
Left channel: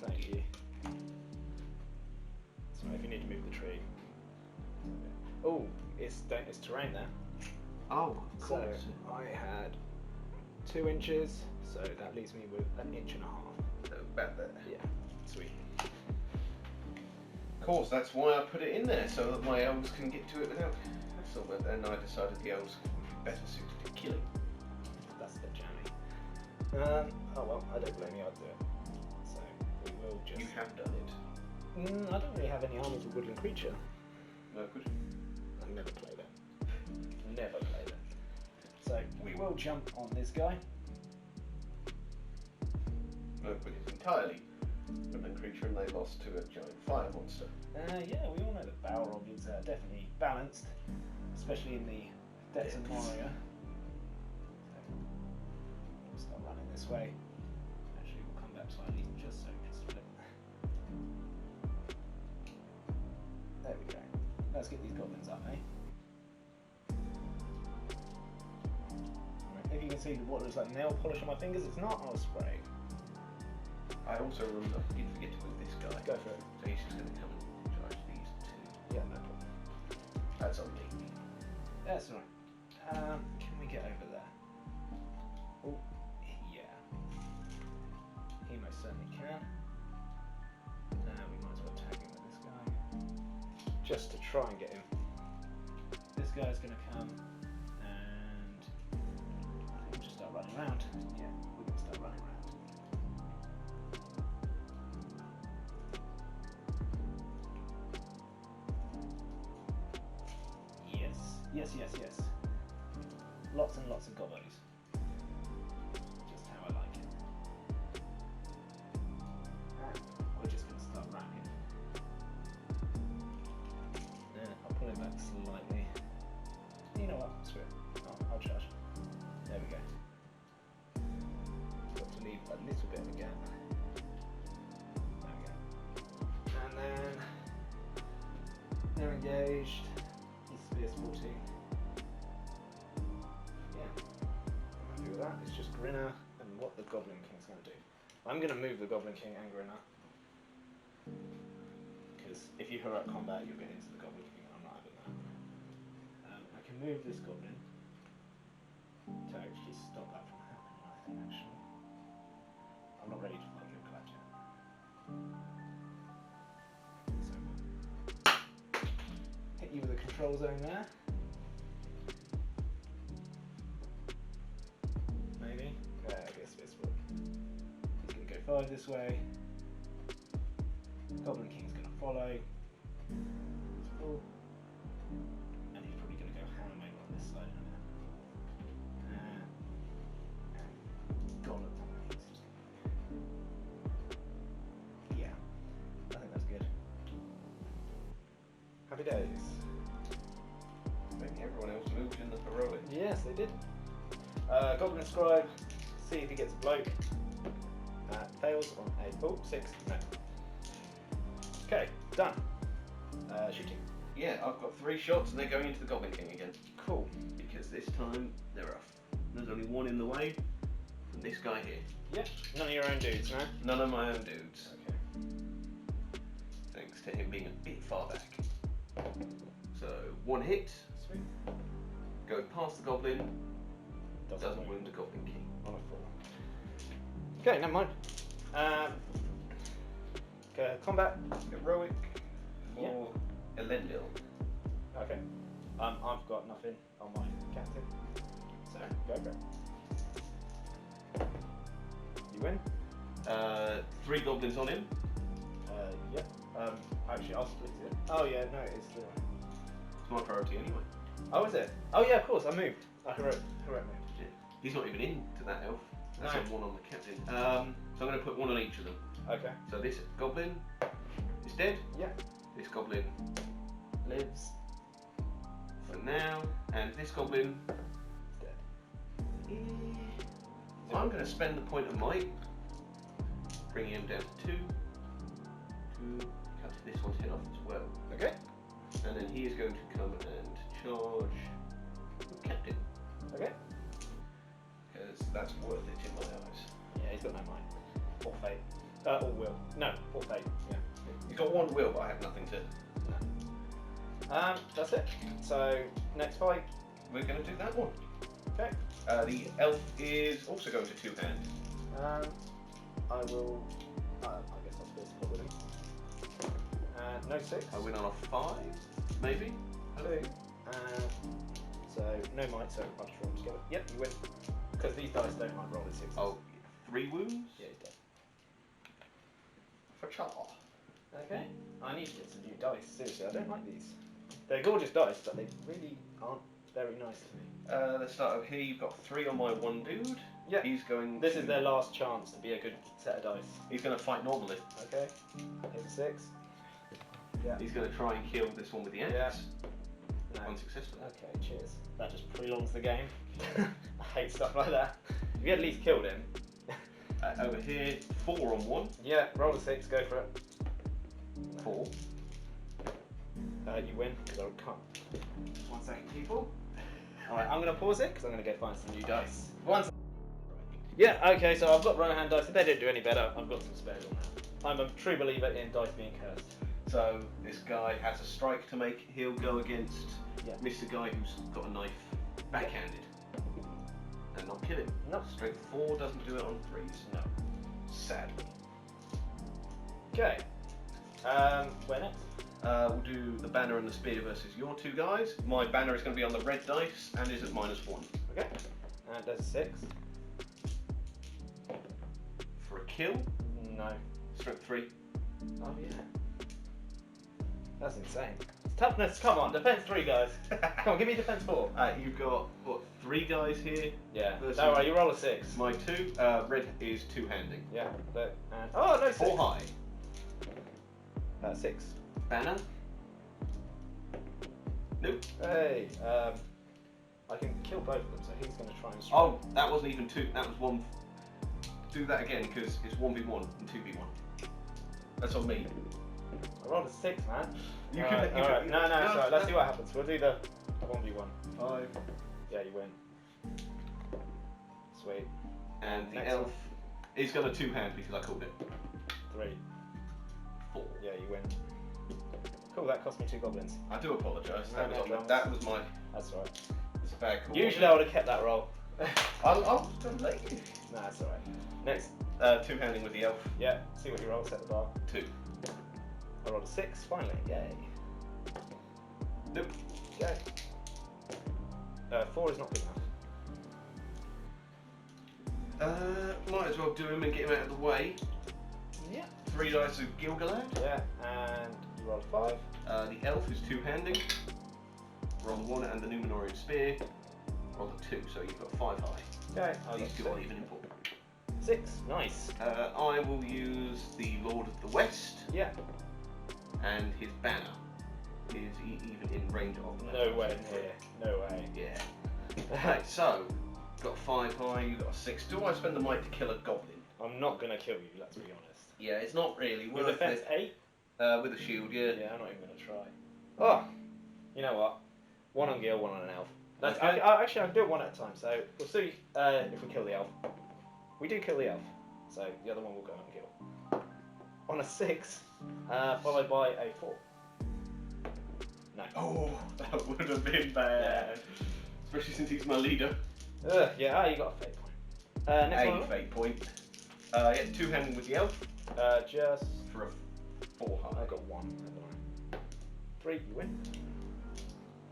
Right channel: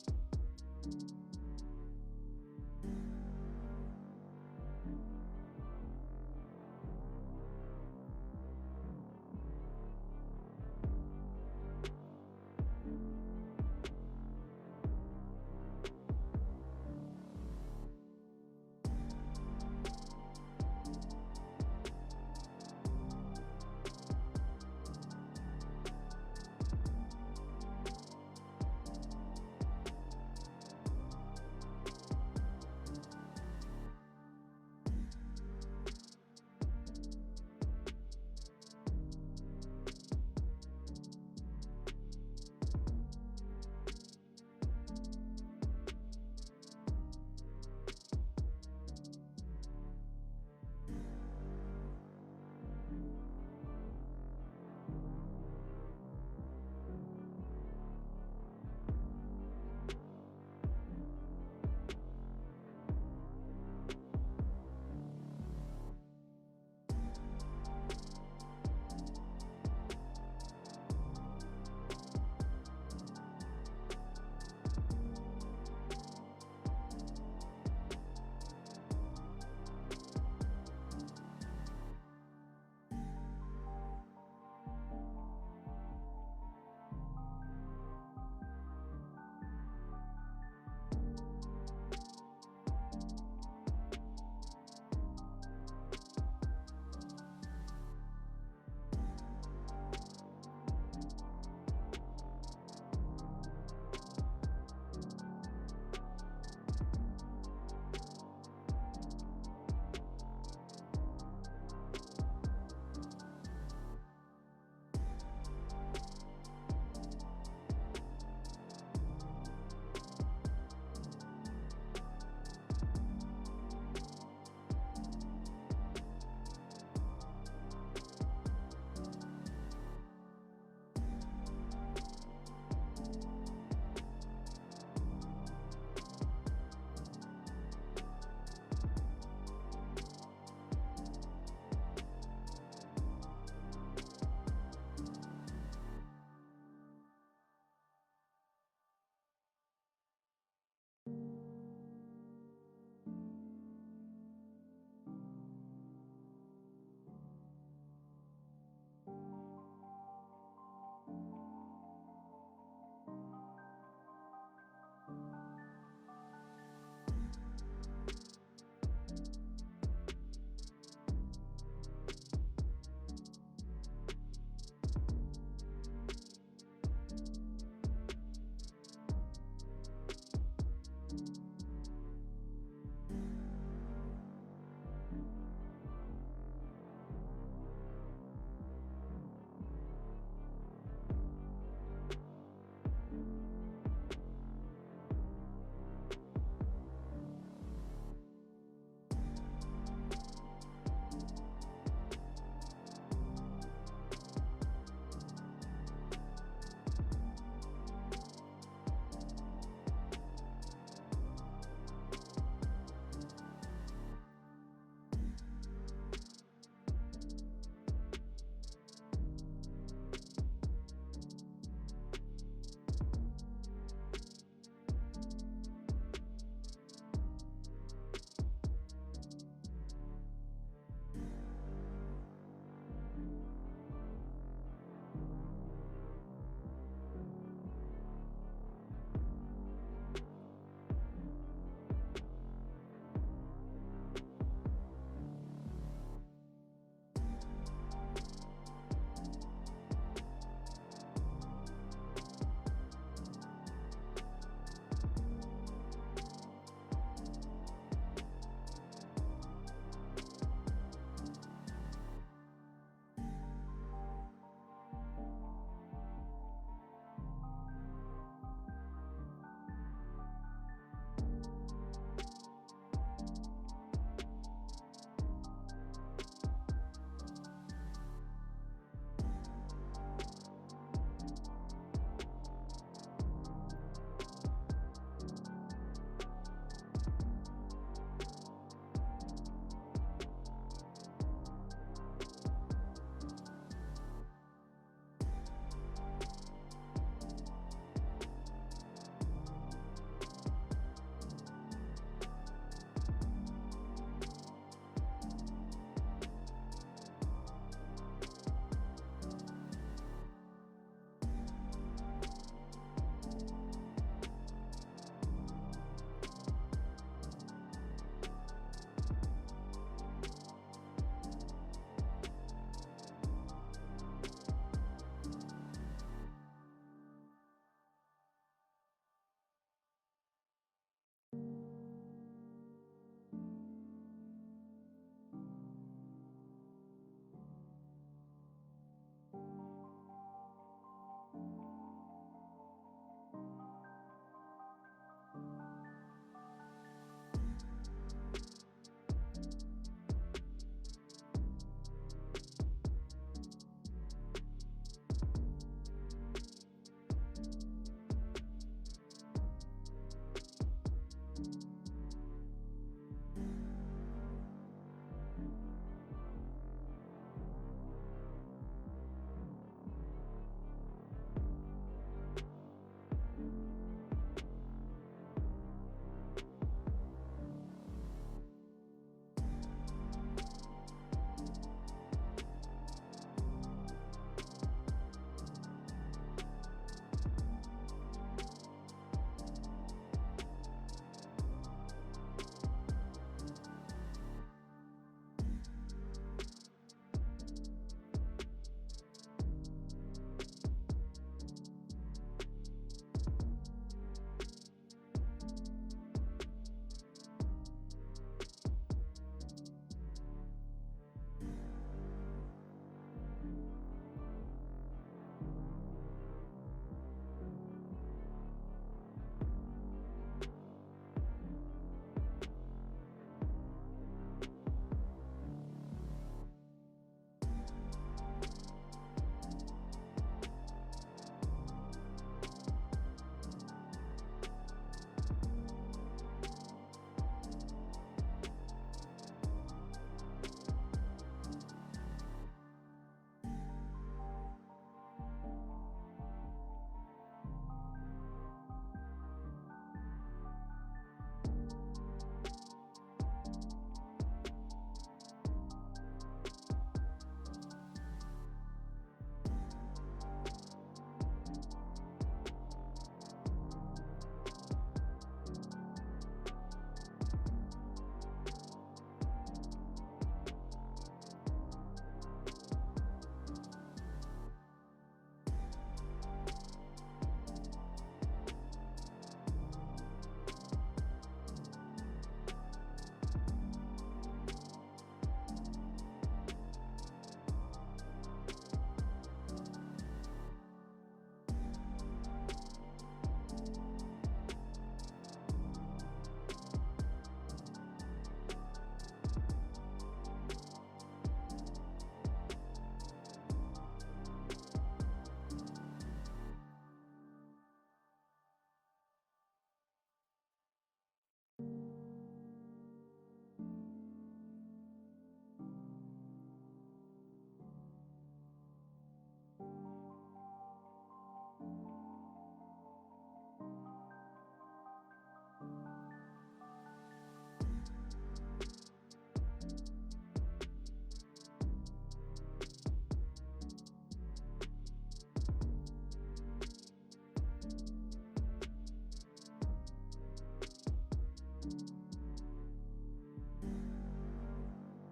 Thank you. So if you need to move the tree. Oh, it's terrain there. Oh, So cool. I had 2 inches, so that leaves me with 1.5 inches. So about there. Yeah, sweet. Of course, that's why I put it in there, so that my elves can get to it without hassle. But then I decided the elves would be better suited to killing. That's the journey. Oh well, I don't blame you, I'll do it. So we will just... You have done it. I don't really have any armies of woodland creature. No, could you? I've never played it. Never played it. So we will jump on this guy. No, but it's entirely woodland creature, and they lost to a giant fire monster. Yeah, we all know that Balrog is definitely balanced, especially in the depths of Moria. So, start running this way. Actually, we'll come back slightly just so we can split. There we go. Let's get these goblins up, eh? Right, if you can see what looks like nail polish on my fingers, it's not. I'll spray. I also remember you forget to move this guy. Go for it. So he's just going to come and charge these two. Yeah, no problem. That's on me. That's all right. Can we get over there? Oh, yeah. He most certainly can. Now we might as well tag him with this guy. Just to try and get him. This guy's going to come and we'll just start running around. Yeah, we can start running around. Yes. Lots and lots of gobos. Just how I like it. We're just going to start rapping. I'll pull him back slightly. You know what? Sweet. I'll charge. There we go. Got to leave a little bit of a gap. There we go. And then they're engaged. He's fierce 14. It's just Grinner and what the Goblin King's going to do. I'm going to move the Goblin King and Grinner. Because if you hurry up combat, you'll get into the Goblin King. I'm not having that. I can move this Goblin to actually stop that from happening, I think, actually. I'm not ready to fight Gilgalad yet. Hit you with the control zone there. This way. Goblin King's going to follow. Cool. And he's probably going to go hammer on this side. Goblin. Yeah. I think that's good. Happy days. Maybe everyone else moved in the heroic. Yes, they did. Goblin Scribe. See if he gets a bloke. Fails on a 6. No. Okay, done. Shooting. Yeah, I've got 3 shots and they're going into the Goblin King again. Cool. Because this time there's only one in the way from this guy here. Yep. None of your own dudes, no? None of my own dudes. Okay. Thanks to him being a bit far back. So 1 hit. Sweet. Goes past the Goblin. Doesn't wound the Goblin King. On a 4. Okay, never mind. Okay, combat. Heroic for Elendil. Okay. I've got nothing on my captain. So, go for it. You win? 3 goblins on him. Yep. Actually, I'll split it. Oh, yeah, no, it's true. It's my priority anyway. Oh, is it? Oh, yeah, of course, I moved. Heroic move. Yeah. He's not even into that elf. That's No. on 1 on the captain. So I'm going to put 1 on each of them. Okay. So this goblin is dead. Yeah. This goblin spend the point of might, bringing him down to 2. Cut this one's head off as well. Okay. And then he is going to come and charge Captain. Okay. Because that's worth it in my eyes. Yeah, he's got no might. Or fate. Or will. No, or fate. Yeah. He's got 1 will, but I have nothing to. That's it. So, next fight. We're going to do that one. Okay. The elf is also going to 2-hand. I will. I guess I'll force probably. No 6. I win on a 5, maybe? 2. So, no might, so a bunch of them together. Yep, you win. Because these dice don't like rolling 6. Oh, 3 wounds? Yeah, you do. For char. Okay. I need to get some new dice. Seriously, I don't like these. They're gorgeous dice, but they really aren't very nice to me. Let's start over here. You've got 3 on my 1 dude. Yeah. He's going. This is their last chance to be a good set of dice. He's going to fight normally. Okay. Here's a 6. Yeah. He's going to try and kill this one with the axe. Yeah. No. Unsuccessful. Okay, cheers. That just prolongs the game. I hate stuff like that. If you at least killed him. Over here, 4 on 1. Yeah, roll a 6, go for it. 4. You win, because I can't. 1 second, people. Alright, I'm going to pause it, because I'm going to go find some new dice. 1 second. Yeah, okay, so I've got runner hand dice. If they don't do any better, I've got some spares on that. I'm a true believer in dice being cursed. So this guy has a strike to make. He'll go against Mr. Guy who's got a knife backhanded. And not kill him. No. Strength 4 doesn't do it on 3s. No. Sadly. Okay. Where next? We'll do the banner and the spear versus your 2 guys. My banner is going to be on the red dice and is at -1. Okay. And that's 6. For a kill, No. strength 3. Oh yeah. That's insane. Toughness, come on, defense 3 guys. Come on, give me defense 4. You've got, what, 3 guys here? Yeah. Versus No, right, you roll a 6. My 2, red is 2-handing. Yeah. Look, and, oh, no 6. 4 high. 6. Banner. Nope. Hey, I can kill both of them, so he's going to try and strike. Oh, that wasn't even 2, that was 1. Do that again, because it's 1v1 and 2v1. That's on me. I rolled a 6, man. You Alright, can. alright. No, sorry, let's see what happens. We'll do the 1v1. 5. Yeah, you win. Sweet. And the Next elf one. is going to 2-hand because I called it. 3. 4. Yeah, you win. Cool, that cost me 2 goblins. I do apologise. No, no dramas. That was my. That's alright. It's a bad call. Usually I would have kept that roll. I'll let you. Nah, that's alright. Next. 2-handing with the elf. Yeah, see what you roll, set the bar. 2. I rolled a 6, finally. Yay. Nope. Okay. 4 is not good enough. Might as well do him and get him out of the way. Yeah. 3 dice of Gilgalad. Yeah, and you rolled a 5. The elf is 2-handing. Roll the 1 and the Numenorian spear. Roll the 2, so you've got 5 high. Okay, I These got 2 are 6. even important. 6, nice. I will use the Lord of the West. Yeah. And his banner is even in range of. Nowhere near. No way. Yeah. Right, so got 5 high, you got a 6. Do I spend the might to kill a goblin? I'm not gonna kill you, let's be honest. Yeah, it's not really With worth defense it. 8? With a shield, yeah. Yeah, I'm not even gonna try. Oh, you know what? 1 on Gil, 1 on an elf. That's, Okay. actually, I can do it 1 at a time. So we'll see if we kill the elf. We do kill the elf, so the other one will go on Gil. On a 6, followed by a 4. No. Oh, that would have been bad. Especially since he's my leader. Yeah, you got a fate point. Next one. A fate point. Yeah, 2-handing with the elf. Just For a 4 high. I got 1. Haven't I? 3, you win.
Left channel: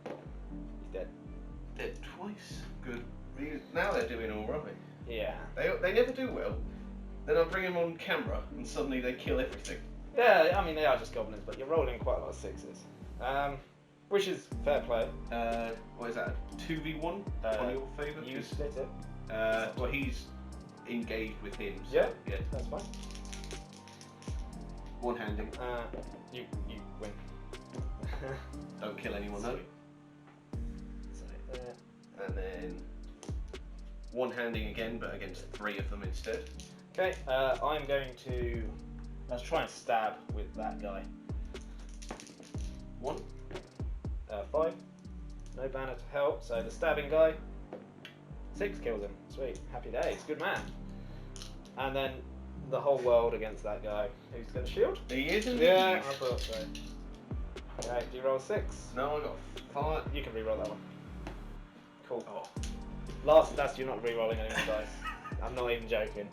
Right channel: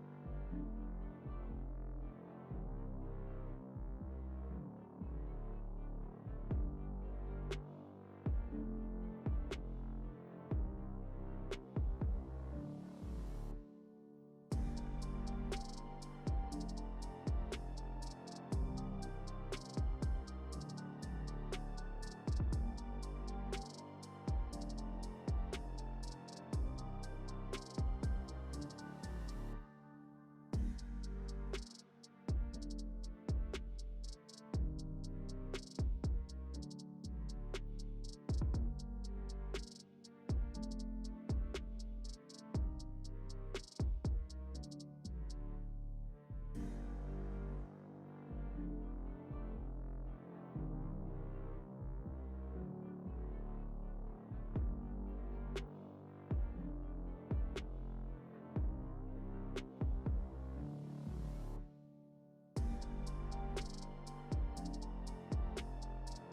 He's dead. Dead twice. Good. Now they're doing alright. Yeah. They never do well. Then I bring them on camera and suddenly they kill everything. Yeah, I mean they are just goblins, but you're rolling quite a lot of 6s. Which is fair play. What is that? 2v1 on your favour? You split it. Well, he's engaged with him. So, Yeah, that's fine. 1-handing. You win. Don't kill anyone, no. So, And then one-handing again, but against 3 of them instead. Okay, I'm going to... Let's try and stab with that guy. 1. 5. No banner to help, so the stabbing guy. 6 kills him. Sweet. Happy days. Good man. And then the whole world against that guy. Who's got a shield? He is indeed. Yeah, I thought so. Okay, do you roll 6? No, I got 5. You can re-roll that one. Cool. Oh. That's you're not re-rolling anyone's dice. I'm not even joking.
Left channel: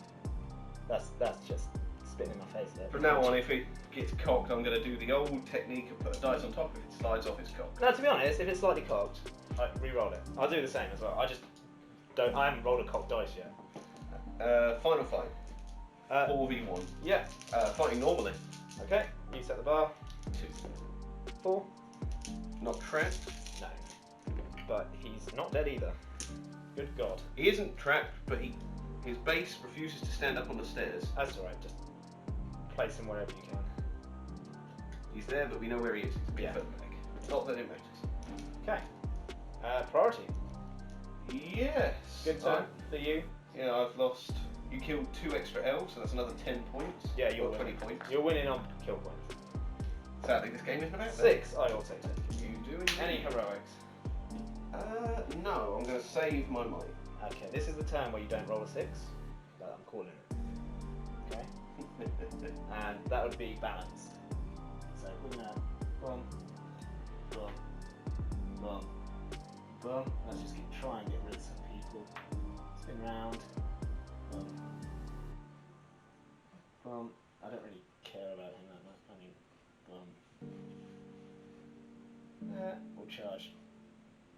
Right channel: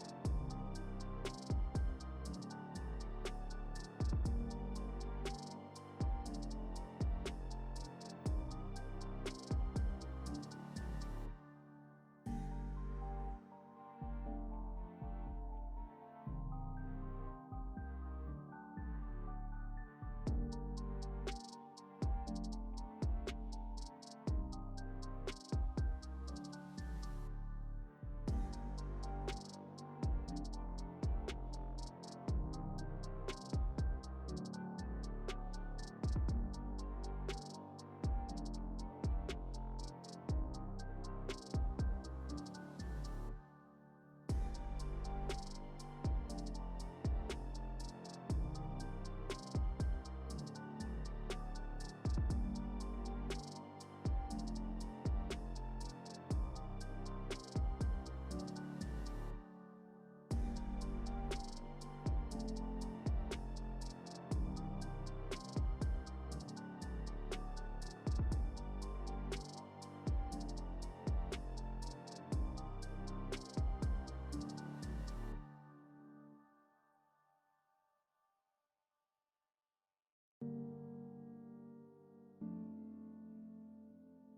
That's just spitting in my face there. From now on, if it gets cocked, I'm going to do the old technique of put a dice on top. If it slides off, it's cocked. No, to be honest, if it's slightly cocked, I re-roll it. I'll do the same as well. I haven't rolled a cocked dice yet. Final fight. 4v1. Yeah. Fighting normally. Okay. You set the bar. 2. 4. Not trapped. No. But he's not dead either. Good God. He isn't trapped, but his base refuses to stand up on the stairs. That's alright. Just place him wherever you can. He's there, but we know where he is. He's Yeah. Not that it matters. Okay. Priority. Yes. Good time. For you. Yeah, I've lost. You killed 2 extra elves, so that's another 10 points. Yeah, you're or 20 winning. points. You're winning on kill points. Sadly, this game isn't about 6. I will take it. You do indeed. Any heroics? No. I'm going to save my money. Okay. This is the turn where you don't roll a 6. But I'm calling it. Okay. And that would be balanced. So we're gonna boom, boom, boom, boom. Let's just keep trying to get rid of some people. Spin round. Boom. Boom. I don't really care about him that much. I mean, boom. We'll charge.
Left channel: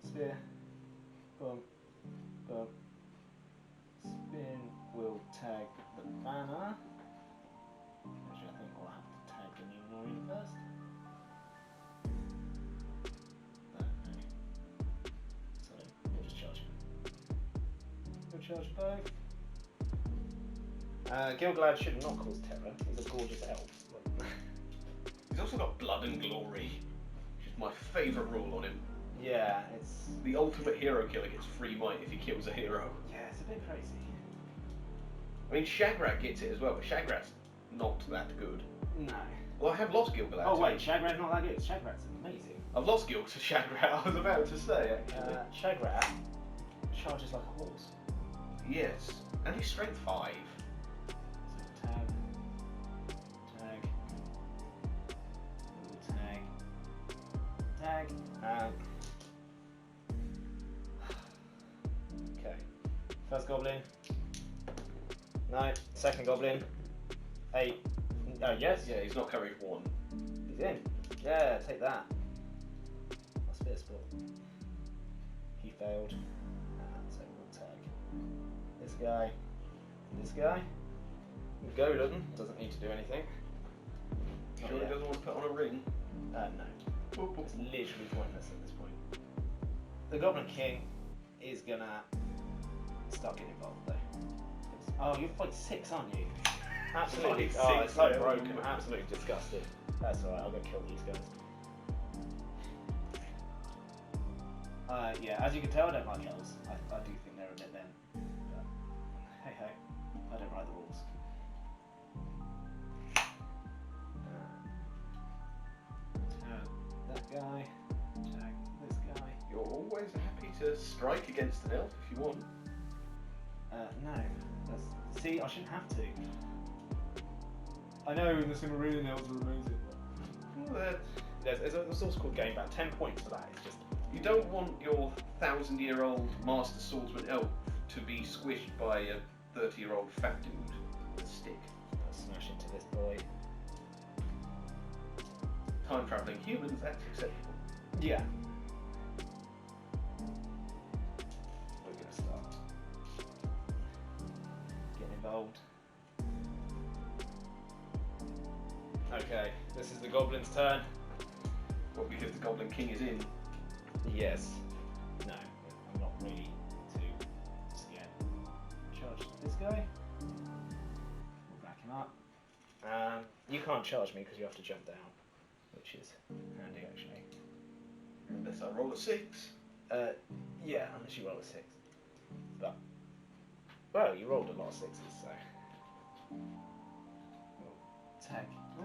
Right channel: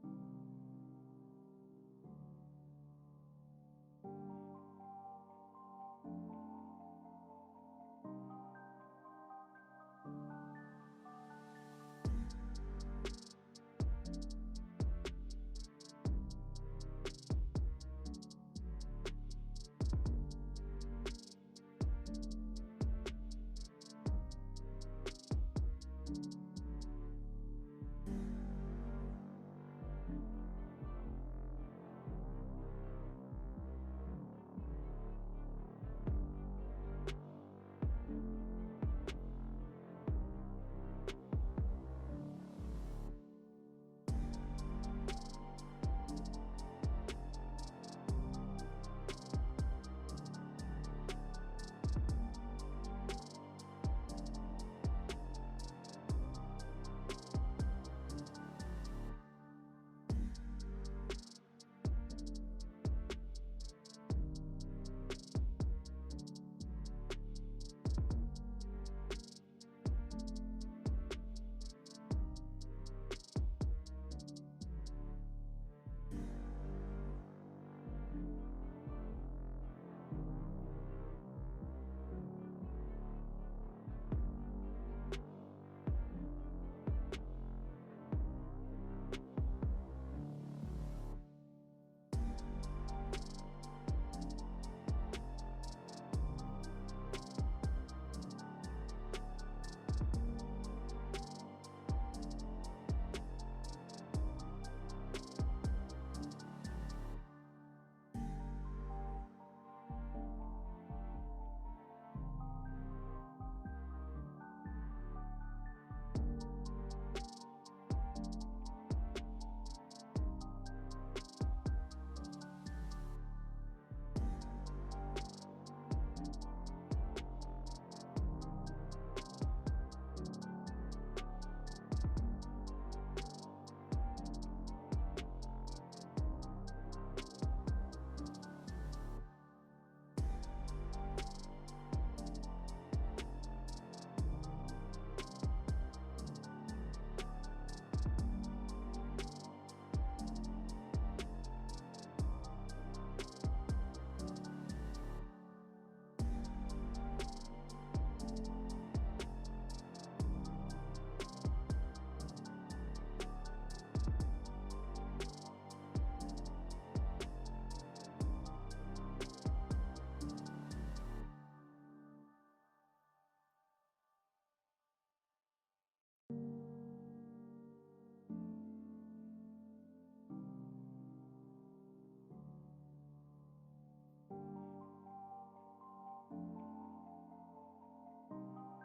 Spear. Boom. Boom. Spin. We'll tag the banner. Which I think we'll have to tag the new warrior first. No, okay. So we'll just charge him. We'll charge both. Gilgalad should not cause terror. He's a gorgeous elf. He's also got blood and glory, which is my favourite rule on him. Yeah, it's... The ultimate hero killer gets free might if he kills a hero. Yeah, it's a bit crazy. I mean, Shagrat gets it as well, but Shagrat's not that good. No. Well, I have lost Gilgalad. Oh wait, Shagrat's not that good. Shagrat's amazing. I've lost Gil to Shagrat, I was about to say, actually. Shagrat charges like a horse. Yes, and he's strength 5. Tag. Okay. First goblin. No. Second goblin. 8. Oh yes. Yeah, he's not carried 1. He's in. Yeah, take that. What's this for? He failed. So we'll tag this guy. This guy. Goblin doesn't need to do anything. Sure he doesn't want to put on a ring? No. It's literally pointless at this point. The Goblin King is gonna start getting involved though. Oh, you're fight 6, aren't you? Absolutely. Fight Oh, it's so 6, broken. Absolutely disgusted. That's alright, I'll go kill these guys. Yeah, as you can tell, I don't like elves. I do think they're a bit then. But hey ho, I don't write the rules. That guy. Tag this guy. You're always happy to strike against an elf if you want. No. See, I shouldn't have to. I know this is going to ruin elves are amazing. Well, There's a source called Game Ban. 10 points for that. It's just... you don't want your 1,000-year-old master swordsman elf to be squished by a 30-year-old fat dude with a stick. Smash into this boy. Time-travelling humans, that's acceptable. Yeah. We're going to start. Get involved. Okay, this is the Goblin's turn. What, because the Goblin King is in? Yes. No, I'm not really too scared. Charge this guy. We'll back him up. You can't charge me because you have to jump down, which is handy actually. Unless I roll a 6. Yeah, unless you roll a 6. But Well, you rolled a lot of sixes, so. Tag. Oh.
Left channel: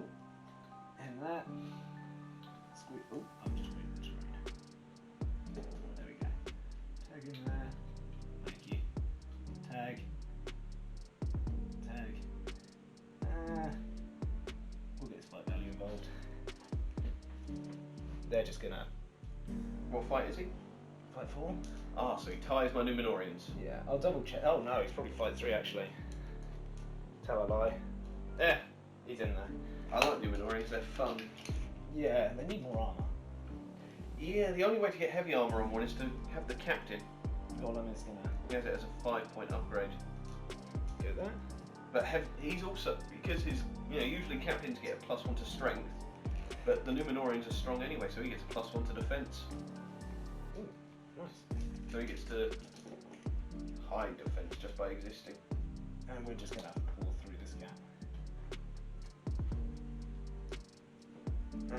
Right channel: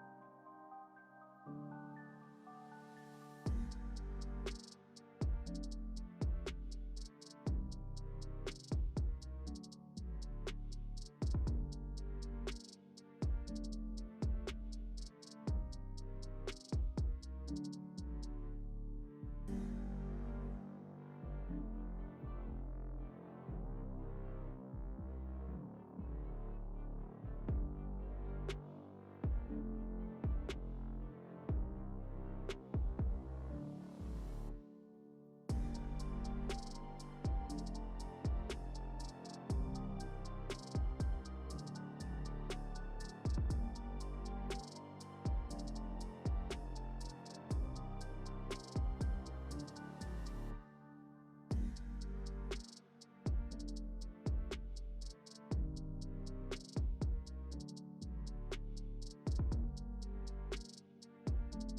In there. Squeak. Oh, I'm just there we go. Tag in there. Thank you. Tag. Tag. We'll get spy value involved. They're just gonna. What fight is he? Fight 4? Ah, so he ties my Numenorians. Yeah, I'll double check. Oh no, he's probably fight 3 actually. Tell a lie. There, he's in there. I like Numenorians, they're fun. Yeah, they need more armor. Yeah, the only way to get heavy armor on one is to have the captain. Goblin is gonna He has it as a 5-point upgrade. do that. But he's also, because his, usually captains get a +1 to strength, but the Numenorians are strong anyway, so he gets a +1 to defense. Ooh, nice. So he gets to high defense just by existing. And we're just gonna pull through this gap.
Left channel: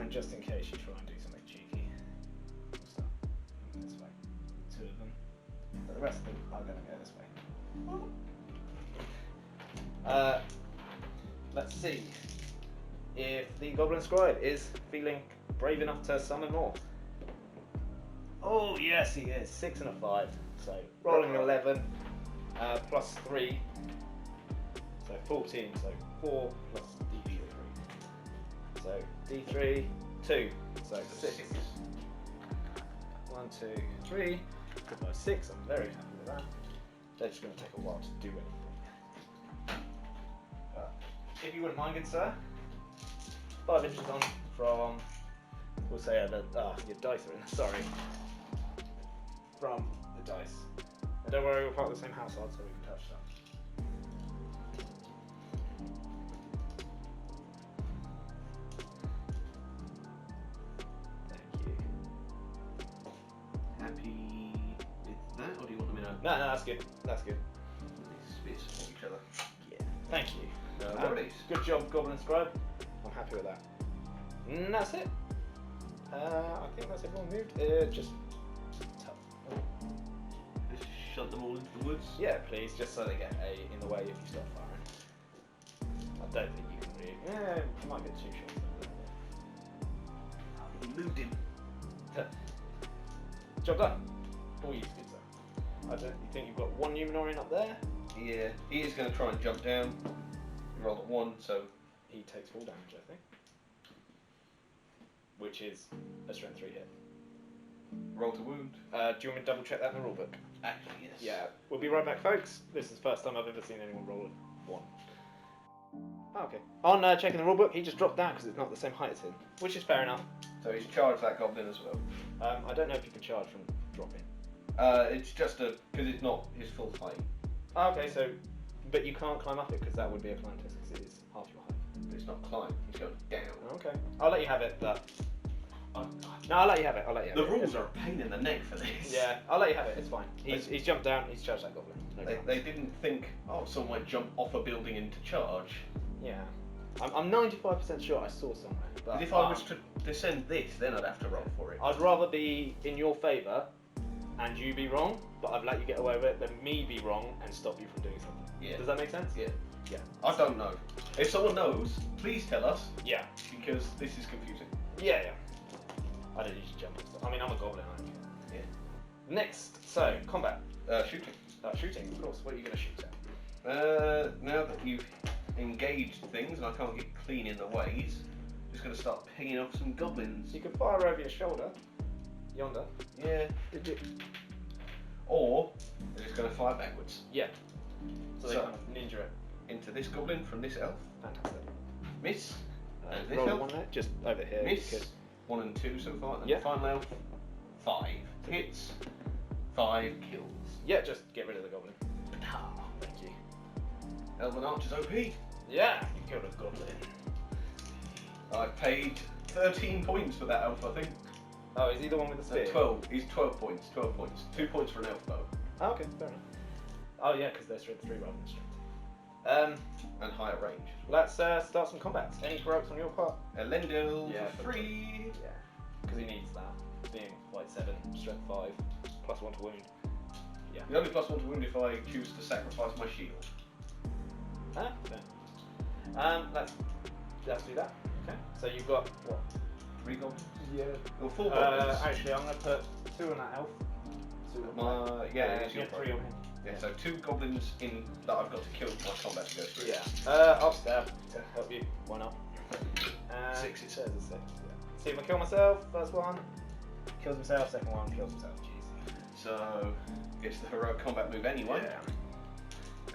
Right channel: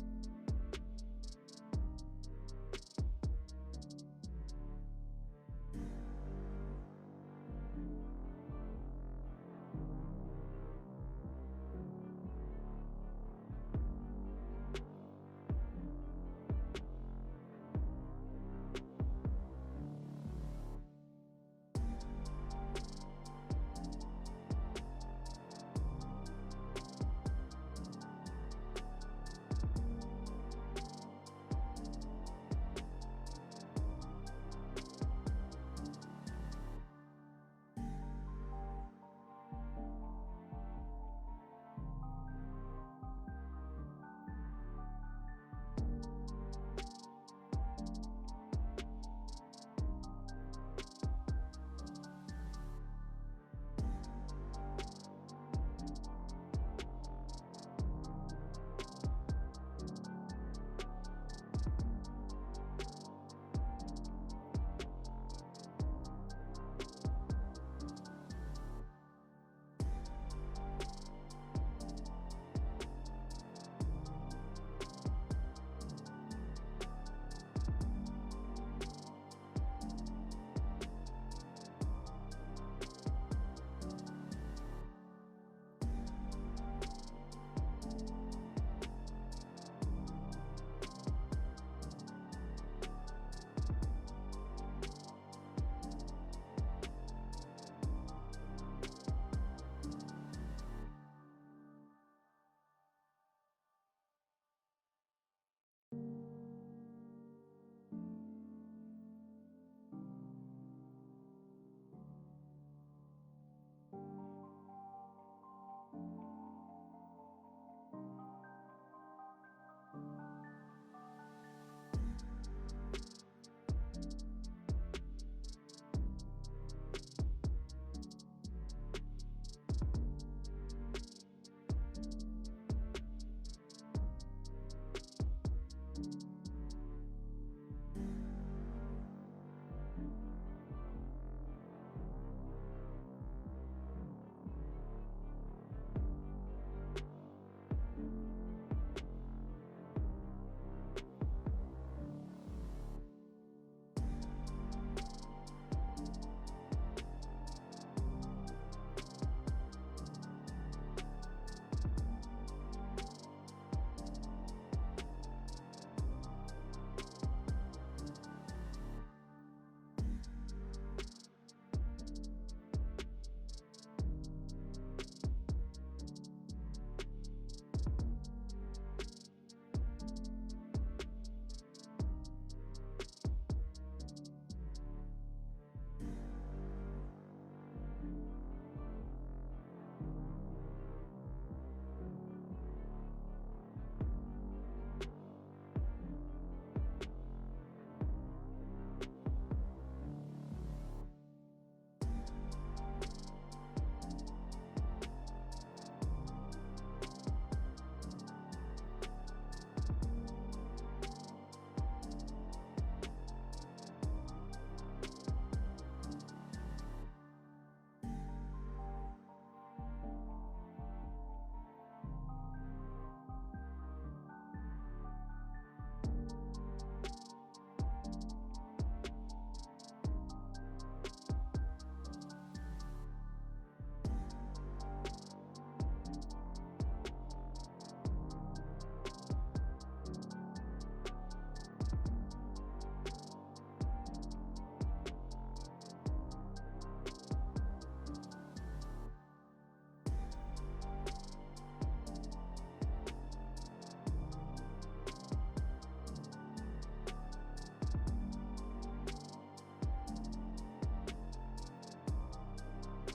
And just in case you try and do something cheeky, this way. 2 of them. The rest of them are gonna go this way. Let's see if the Goblin Scribe is feeling brave enough to summon more. Oh yes, he is. 6 and a 5. So rolling 11 plus 3. So 14. So 4 plus D3. So D3 2. So 6. 1, 2, 3. 6. I'm very happy with that. They're just going to take a while to do anything. But if you wouldn't mind, good sir, 5 inches on from, we'll say your dice are in there, sorry. From the dice. And don't worry, we're part of the same household, so we can touch them. Thank you. Happy with that, or do you want me to No, that's good. That's good. spit each other? Yeah. Thank you. Alright. Good job, Goblin Scribe. I'm happy with that. And that's it. I think that's everyone moved. Just Just shove them all into the woods? yeah, please, just so they get in the way if you start firing. I don't think you can really. Yeah, you might get too short. Moved him. Job done. All you did, sir. You think you've got 1 Numenorian up there? Yeah, he is going to try and jump down. Roll at 1, so He takes 4 damage, I think. Which is a strength 3 hit. roll to wound. Do you want me to double check that in the rulebook? Actually, yes. Yeah, we'll be right back, folks. This is the first time I've ever seen anyone roll a 1. Oh, okay. On checking the rulebook, he just dropped down because it's not the same height as him, which is fair enough. So he's charged that goblin as well. I don't know if you can charge from dropping. It's just because it's not his full height. Oh, okay, so, but you can't climb up it because that would be a climb test because it is half your height. But it's not climb, he's going down. Okay, I'll let you have it, but no, I'll let you have it. I'll let you have The it. rules are a pain in the neck for this. Yeah, I'll let you have it. It's fine. He's jumped down. He's charged that goblin. No They didn't think, someone might jump off a building into charge. Yeah, I'm 95% sure I saw somewhere. But If I was to descend this, then I'd have to roll for it. I'd rather be in your favour and you be wrong, but I'd let you get away with it, than me be wrong and stop you from doing something. Yeah. Does that make sense? Yeah. Yeah. I don't know. If someone knows, please tell us, Yeah. because this is confusing. Yeah, yeah. I don't usually jump. I mean, I'm a goblin, aren't you? Yeah. Next, so combat. Shooting. Shooting, of course. What are you going to shoot at? Now that you've engaged things and I can't get clean in the ways, just going to start picking off some goblins. So you can fire over your shoulder. Yonder. Yeah. Or they're just going to fire backwards. Yeah. So they So- kind of ninja it. Into this goblin from this elf. Fantastic. Miss. And this roll elf. one there, just over here. Miss. because- 1 and 2 so far. And Yeah. the final elf. 5 hits. 5 kills. Yeah, just get rid of the goblin. Thank you. Elven Archer's OP. Yeah, you killed a goblin. I paid 13 points for that elf, I think. Oh, is he the one with the No, spear? 12. He's 12 points. 12 points. 2 points for an elf though. Oh, okay, fair enough. Oh yeah, because they're strength 3 rather than strength 2. And higher range. Let's start some combats. Any heroics on your part? Elendil Yeah, for free. Yeah, because he needs that. Being white 7, strength 5, +1 to wound. Yeah. The only +1 to wound if I choose to sacrifice my shield. Huh? Let's do that. Okay. So you've got what? 3 goblins? Yeah. Well, 4 goblins. Actually, I'm gonna put 2 on that elf. 2 on that. Yeah, it's your 3 on him. Yeah, so 2 goblins in that I've got to kill for my combat to go through. Yeah. I'll stab to help you. Why not? 6 it says. See if I kill myself. First one kills himself. Second one kills himself. Jeez. So it's the heroic combat move anyway. Yeah.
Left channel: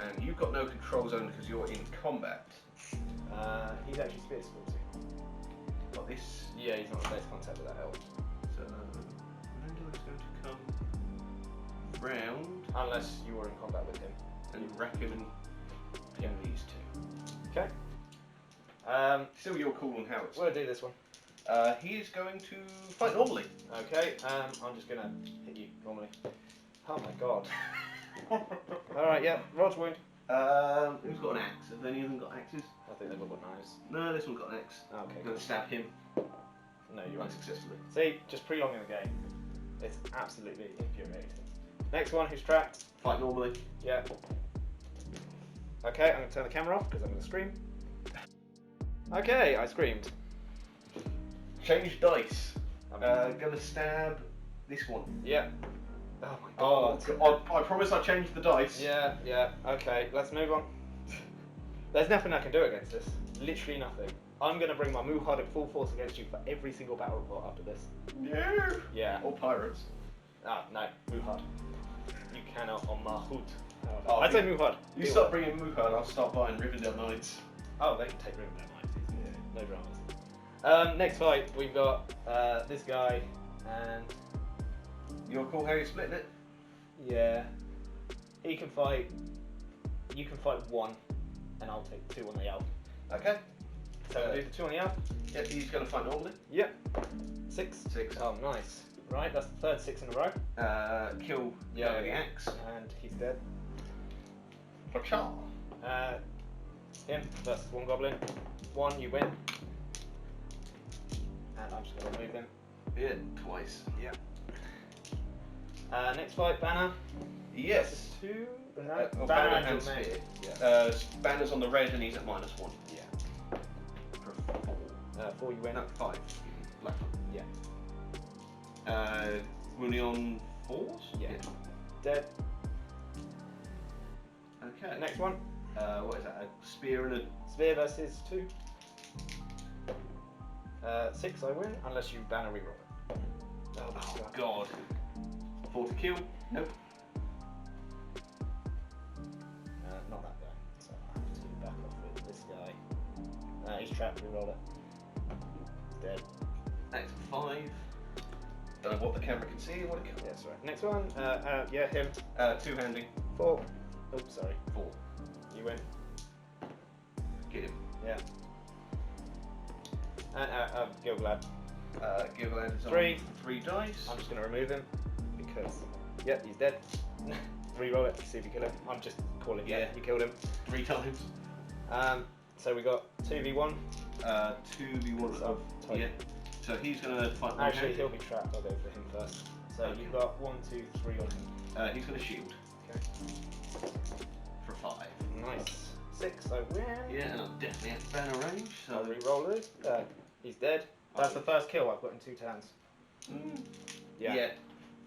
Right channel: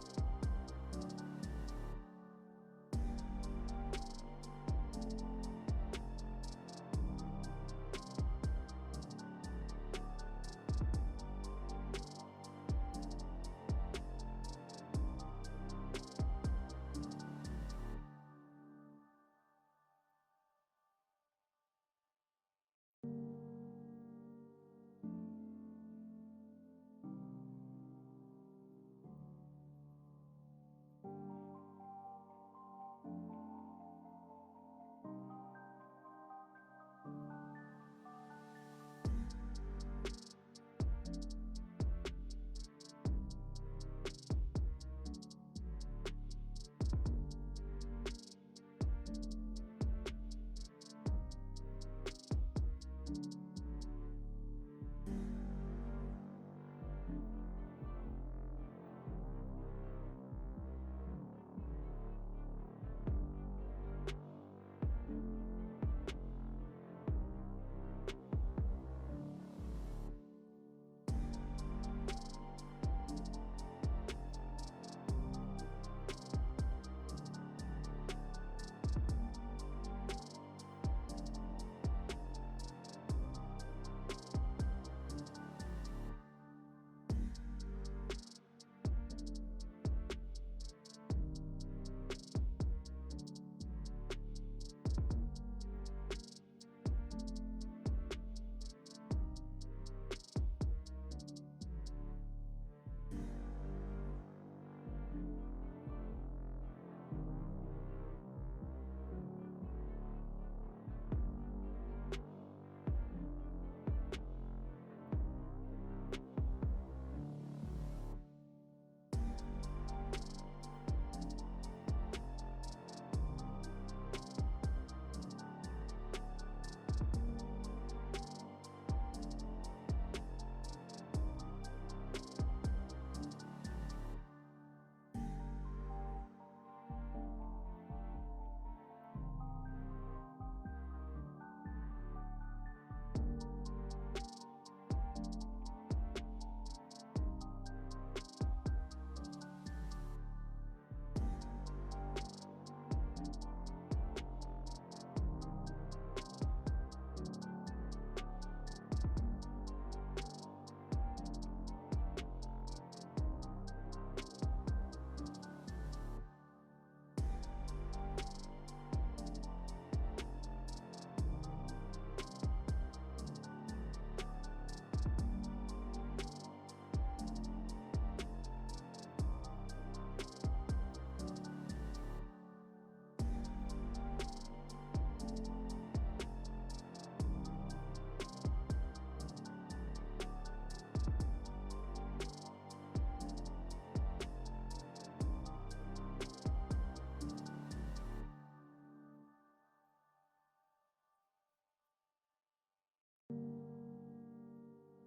And you've got no control zone because you're in combat. He's actually spear skilled too. Got this. Yeah, he's not in base contact with that elf. So Randall is going to come round Unless you were in combat with him. and wreck him and pin these 2. Okay. Still your call on how it's. We'll do this one. He is going to fight normally. Okay. I'm just gonna hit you normally. Oh my god. Alright, yeah. Rod's wound. Who's got an axe? Have any of them got axes? I think they've all got knives. No, this one's got an axe. Okay. I'm going to stab him No, you won't. unsuccessfully. See, just prolonging the game. It's absolutely infuriating. Next one, who's trapped? Fight normally. Yeah. Okay, I'm going to turn the camera off because I'm going to scream. Okay, I screamed. Change dice. I'm Gonna stab this one. Yeah. Oh my god. I promise I changed the dice. Yeah. Okay, let's move on. There's nothing I can do against this. Literally nothing. I'm going to bring my Muhad in full force against you for every single battle report after this. No. Yeah. Or pirates. No, Muhad. You cannot on Mahut. Oh, I'd say Muhad. You start bringing Muhad, I'll start buying Rivendell Knights. Oh, they can take Rivendell Knights. Yeah, no dramas. Next fight, we've got this guy and... You're cool how you're splitting it? Yeah. He can fight... You can fight 1, and I'll take 2 on the elf. Okay. So we'll do the 2 on the elf. Yep, he's going to fight normally. Yep. 6. 6. Oh, nice. Right, that's the third 6 in a row. Kill with the axe. And he's dead. Pachar. Him versus 1 goblin. 1, you win. And I'm just going to remove him. Yeah, twice. Yep. Next fight, Banner. Yes. 2? No, Well, Banner Banner and and Domain. Spear. Yeah. Banner's on the red and he's at -1. Yeah. 4 you win. No, 5. Black. Yeah. Rooney on 4s? Yeah. Dead. Okay. Next one. What is that? A spear and a... Spear versus 2. 6 I win, unless you Banner reroll. Oh, God. 4 to kill? Nope. Not that guy. So I have to back off with this guy. He's trapped, reroll it. Dead. Next 5. Don't know what the camera can see or what it can. Yeah, sorry. Next one. Yeah, him. 2-handing. 4. Oh, sorry. 4. You win. Get him. Yeah. Gilgalad. Gilgalad's 3. 3 dice. I'm just going to remove him because, yeah, he's dead. Reroll it to see if you kill him. I'm just calling Yeah. you killed him. 3 times. So we got 2v1. 2v1 So of... type. Yeah. So he's going to fight one Actually, hand. he'll be trapped. I'll go for him first. So Okay. you've got 1, 2, 3 on him. He's going to shield. Okay. For 5. Nice. 6, I win. Yeah, and I'm definitely at banner range, so... I'll reroll it. He's dead. That's the first kill I've got in 2 turns. Yeah.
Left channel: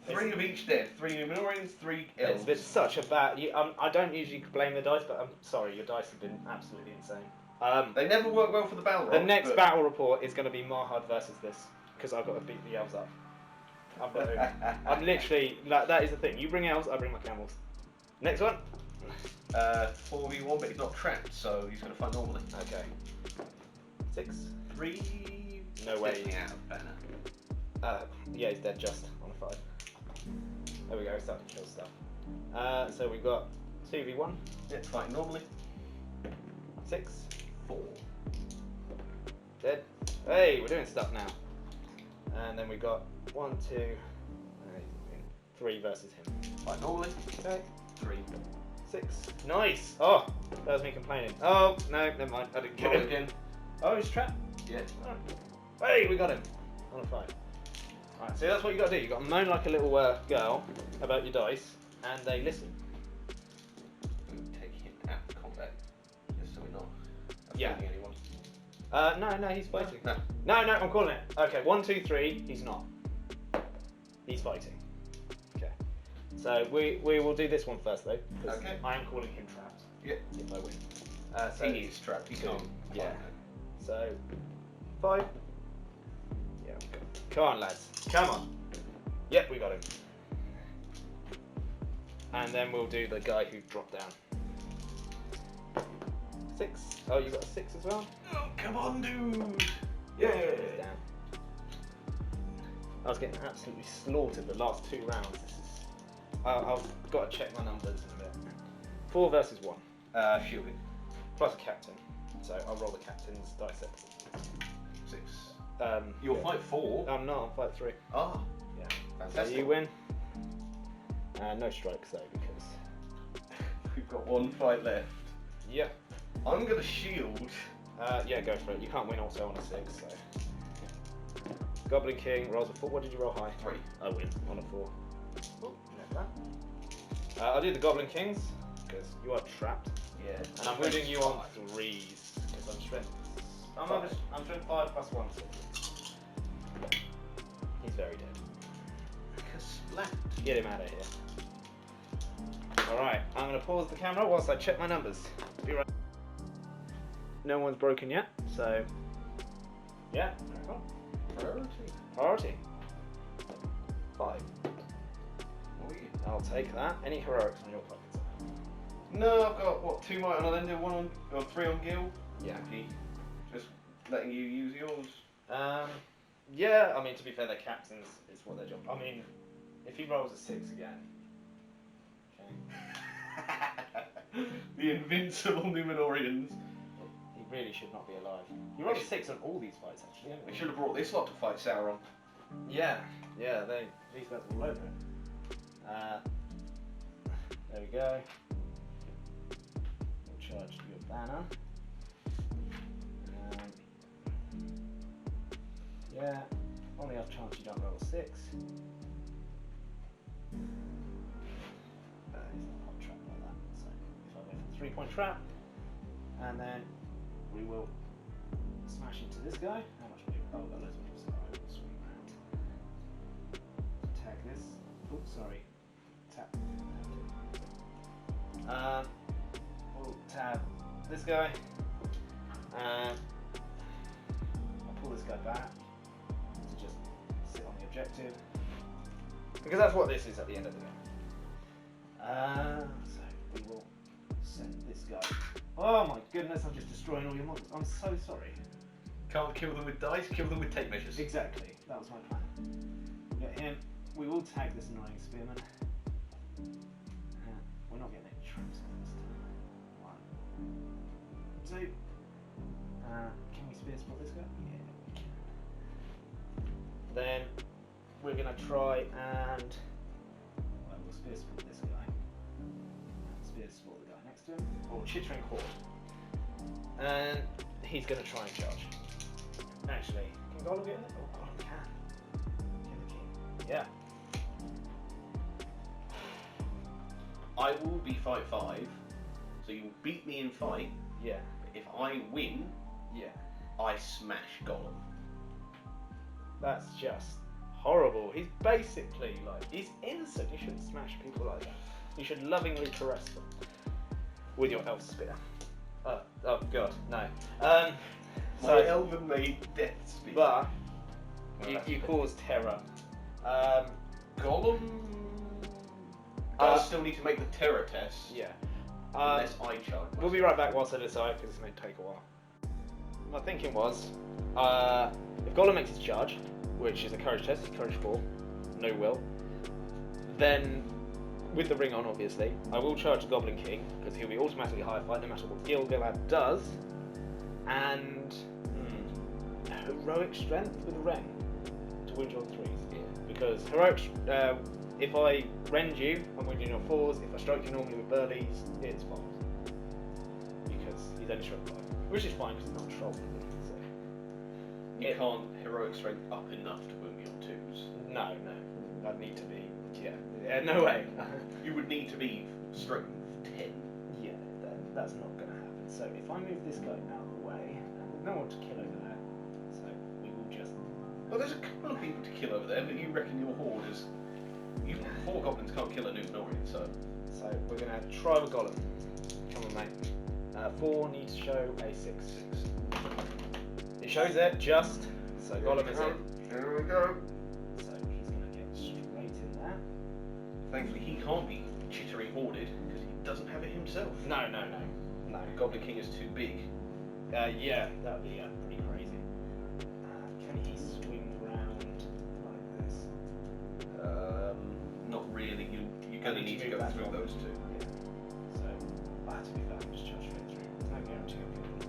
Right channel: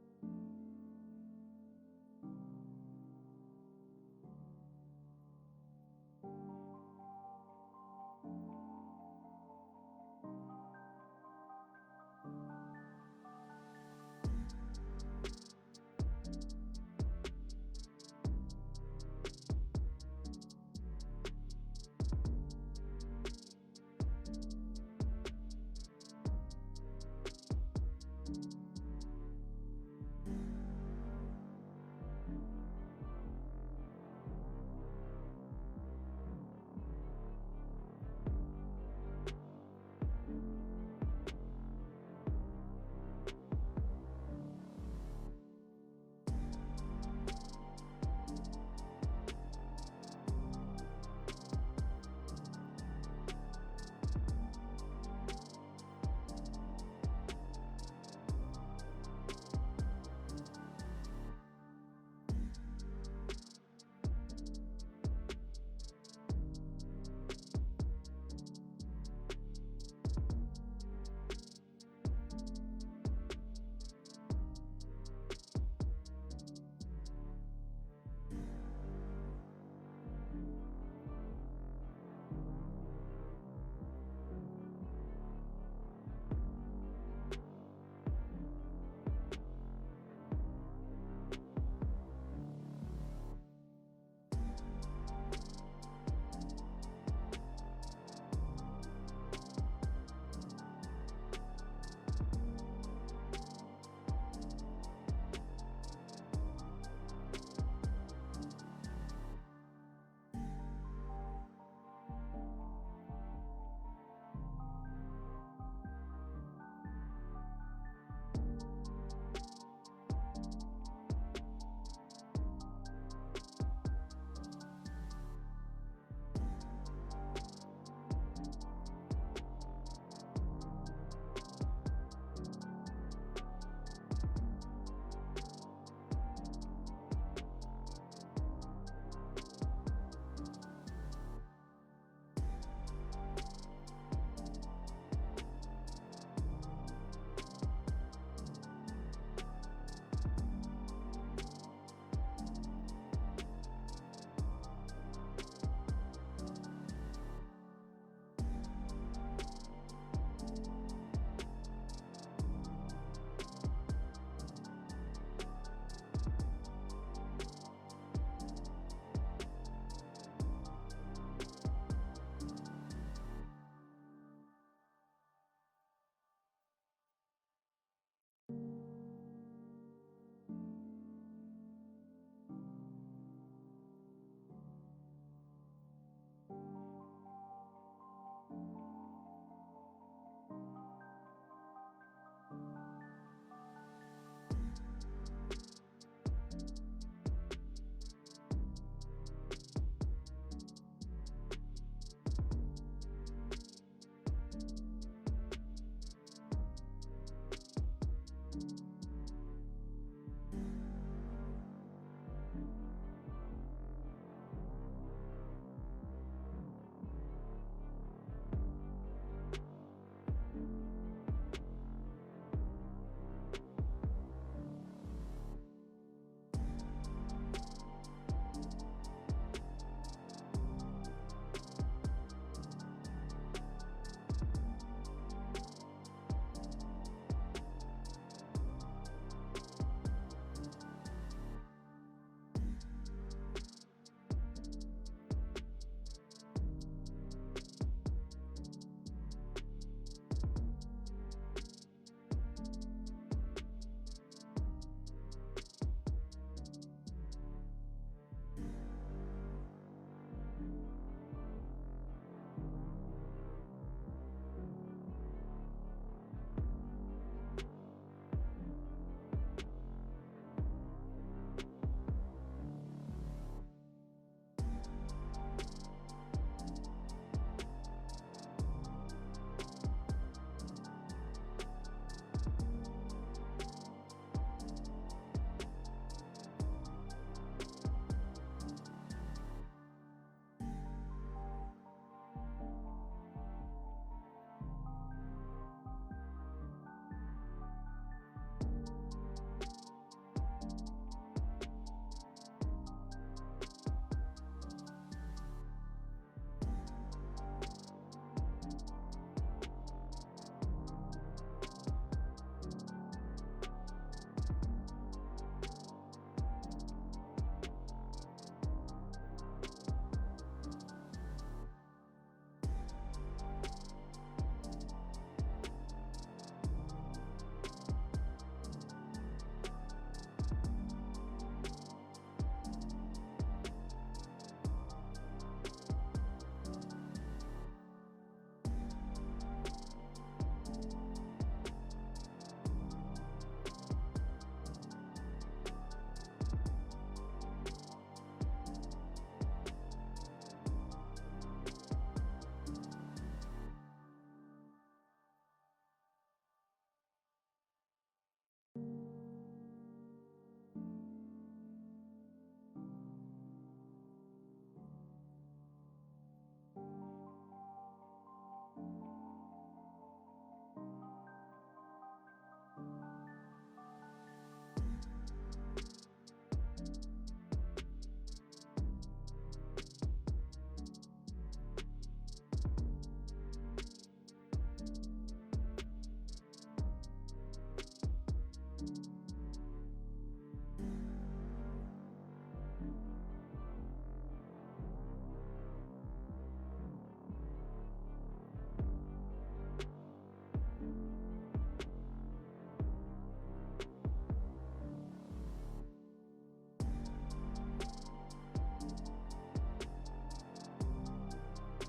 3 of each dead. 3 Numenoreans, 3 elves. It's been such a bad... I don't usually blame the dice, but I'm sorry, your dice have been absolutely insane. They never work well for the battle The roll, next but... battle report is going to be Marhad versus this, because I've got to beat the elves up. I'm literally... Like, that is the thing. You bring elves, I bring my camels. Next one. 4v1, but he's not trapped, so he's going to fight normally. Okay. 6. 3... No way. Stepping out of banner. Yeah, he's dead just on a 5. There we go, starting to kill stuff. So we've got 2v1. Yeah, fighting normally. 6. 4. Dead. Hey, we're doing stuff now. And then we got 1, 2, 3 versus him. Fight normally. Okay. 3. 6. Nice. Oh, that was me complaining. Oh no, never mind. I didn't kill Roll him. again. Oh, he's trapped. Yeah. Hey, we got him. On a 5. Alright, so that's what you got to do. You got to moan like a little girl about your dice, and they listen. Take him out of combat, just so we're not Yeah. affecting anyone. No, he's fighting. No. No, I'm calling it. Okay, 1, 2, 3. He's not. He's fighting. Okay. So we will do this one first though. 'Cause Okay. I am calling him trapped. Yeah. If I win. So He is trapped. He can't. Yeah. So 5. Yeah. We got him. Come on, lads. Come on. Yep, we got him. And then we'll do the guy who dropped down. 6. Oh, you got a 6 as well. Oh, come on, dude. Yeah. I was getting absolutely slaughtered the last 2 rounds. I've got to check my numbers in a bit. 4 versus 1. Shielding. Plus a captain. So I'll roll the captain's dice set. 6. You'll fight 4. I'm not, I'll fight 3. Ah. Yeah. Fantastic. So you win. No strikes though, because... We've got 1 fight left. Yeah. I'm going to shield. Yeah, go for it. You can't win also on a 6, so... Goblin King rolls a 4. What did you roll high? 3. I win on a 4. Oh, like that. I'll do the Goblin Kings, because you are trapped. Yeah. And I'm moving you on 3s, because I'm strength. I'm strength 5 plus 1. He's very dead. Splat. Get him out of here. Alright, I'm going to pause the camera whilst I check my numbers. Be right. No one's broken yet, so... Yeah, crack on. Priority. 5. I'll take that. Any heroics on your pockets? No, I've got, 2 might on Elender, 1 on 3 on Gil. Yeah. Just letting you use yours. Yeah, I mean, to be fair, their captains is what their job. I mean, if he rolls a 6 again. Okay. The invincible Numenorians. He really should not be alive. You rolled a 6 on all these fights, actually. We should have brought this lot to fight Sauron. Yeah, these guys are all over it. There we go. Charge your banner. Yeah, on the off chance you don't roll a 6. That is not a trap like that. So if I win a 3-point trap, and then we will smash into this guy. How much do we roll? Oh, loads more, so I will swing that. Attack this. Oops, sorry. Tap. We'll tap this guy. I'll pull this guy back. Just sit on the objective. Because that's what this is at the end of the game. So we will send this guy. Oh my goodness, I'm just destroying all your monsters. I'm so sorry. Can't kill them with dice, kill them with tape measures. Exactly, that was my plan. Got him. We will tag this annoying spearman. We're not getting any troops in this time. 1, 2. Can we spear spot this guy? Yeah, we can. Then we're going to try and we'll spear spot this guy. Spear spot the guy next to him. Or chittering cord. And he's going to try and charge. Actually, can Gollum get in there? Oh, Gollum can. Yeah. I will be fight 5, so you beat me in fight. Yeah. If I win, Yeah. I smash Gollum. That's just horrible. He's basically like, he's innocent. You shouldn't smash people like that. You should lovingly caress them with your elf spear. Oh god, no. My elven made death spear. But you cause terror. Gollum does still need to make the terror test. Yeah. Unless I charge. We'll be right back whilst I decide because this may take a while. My thinking was, if Gollum makes his charge, which is a courage test, courage 4, no will, then with the ring on obviously, I will charge the Goblin King because he'll be automatically higher fight no matter what Gil-galad does, and heroic strength with a ren to wound your 3s. Yeah. Because heroic, if I rend you, I'm wounding your 4s. If I strike you normally with burleys, it's 5s. Because he's only strength 5, which is fine because it's not control. You can't heroic strength up enough to wound me on 2s. No, I'd need to be Yeah, no way. You would need to be strength 10. Yeah, that's not going to happen. So if I move this guy out of the way, there's no one to kill over there. So we will just. Well, there's a couple of people to kill over there, but you reckon your horde is. You 4 goblins can't kill a Numenorian, so. So we're going to try with Gollum. Come on, mate. 4 needs to show a 6. It shows it just. So Gollum is in. Here we go. So he's going to get straight in there. Thankfully, he can't be chittering hoarded because he doesn't have it himself. No. The Goblin King is too big. Yeah, that would be pretty crazy. Can he swing round like this? Not really. You're going to need to go back through those two. So I have to do that. Just charge straight through. No guarantee of it.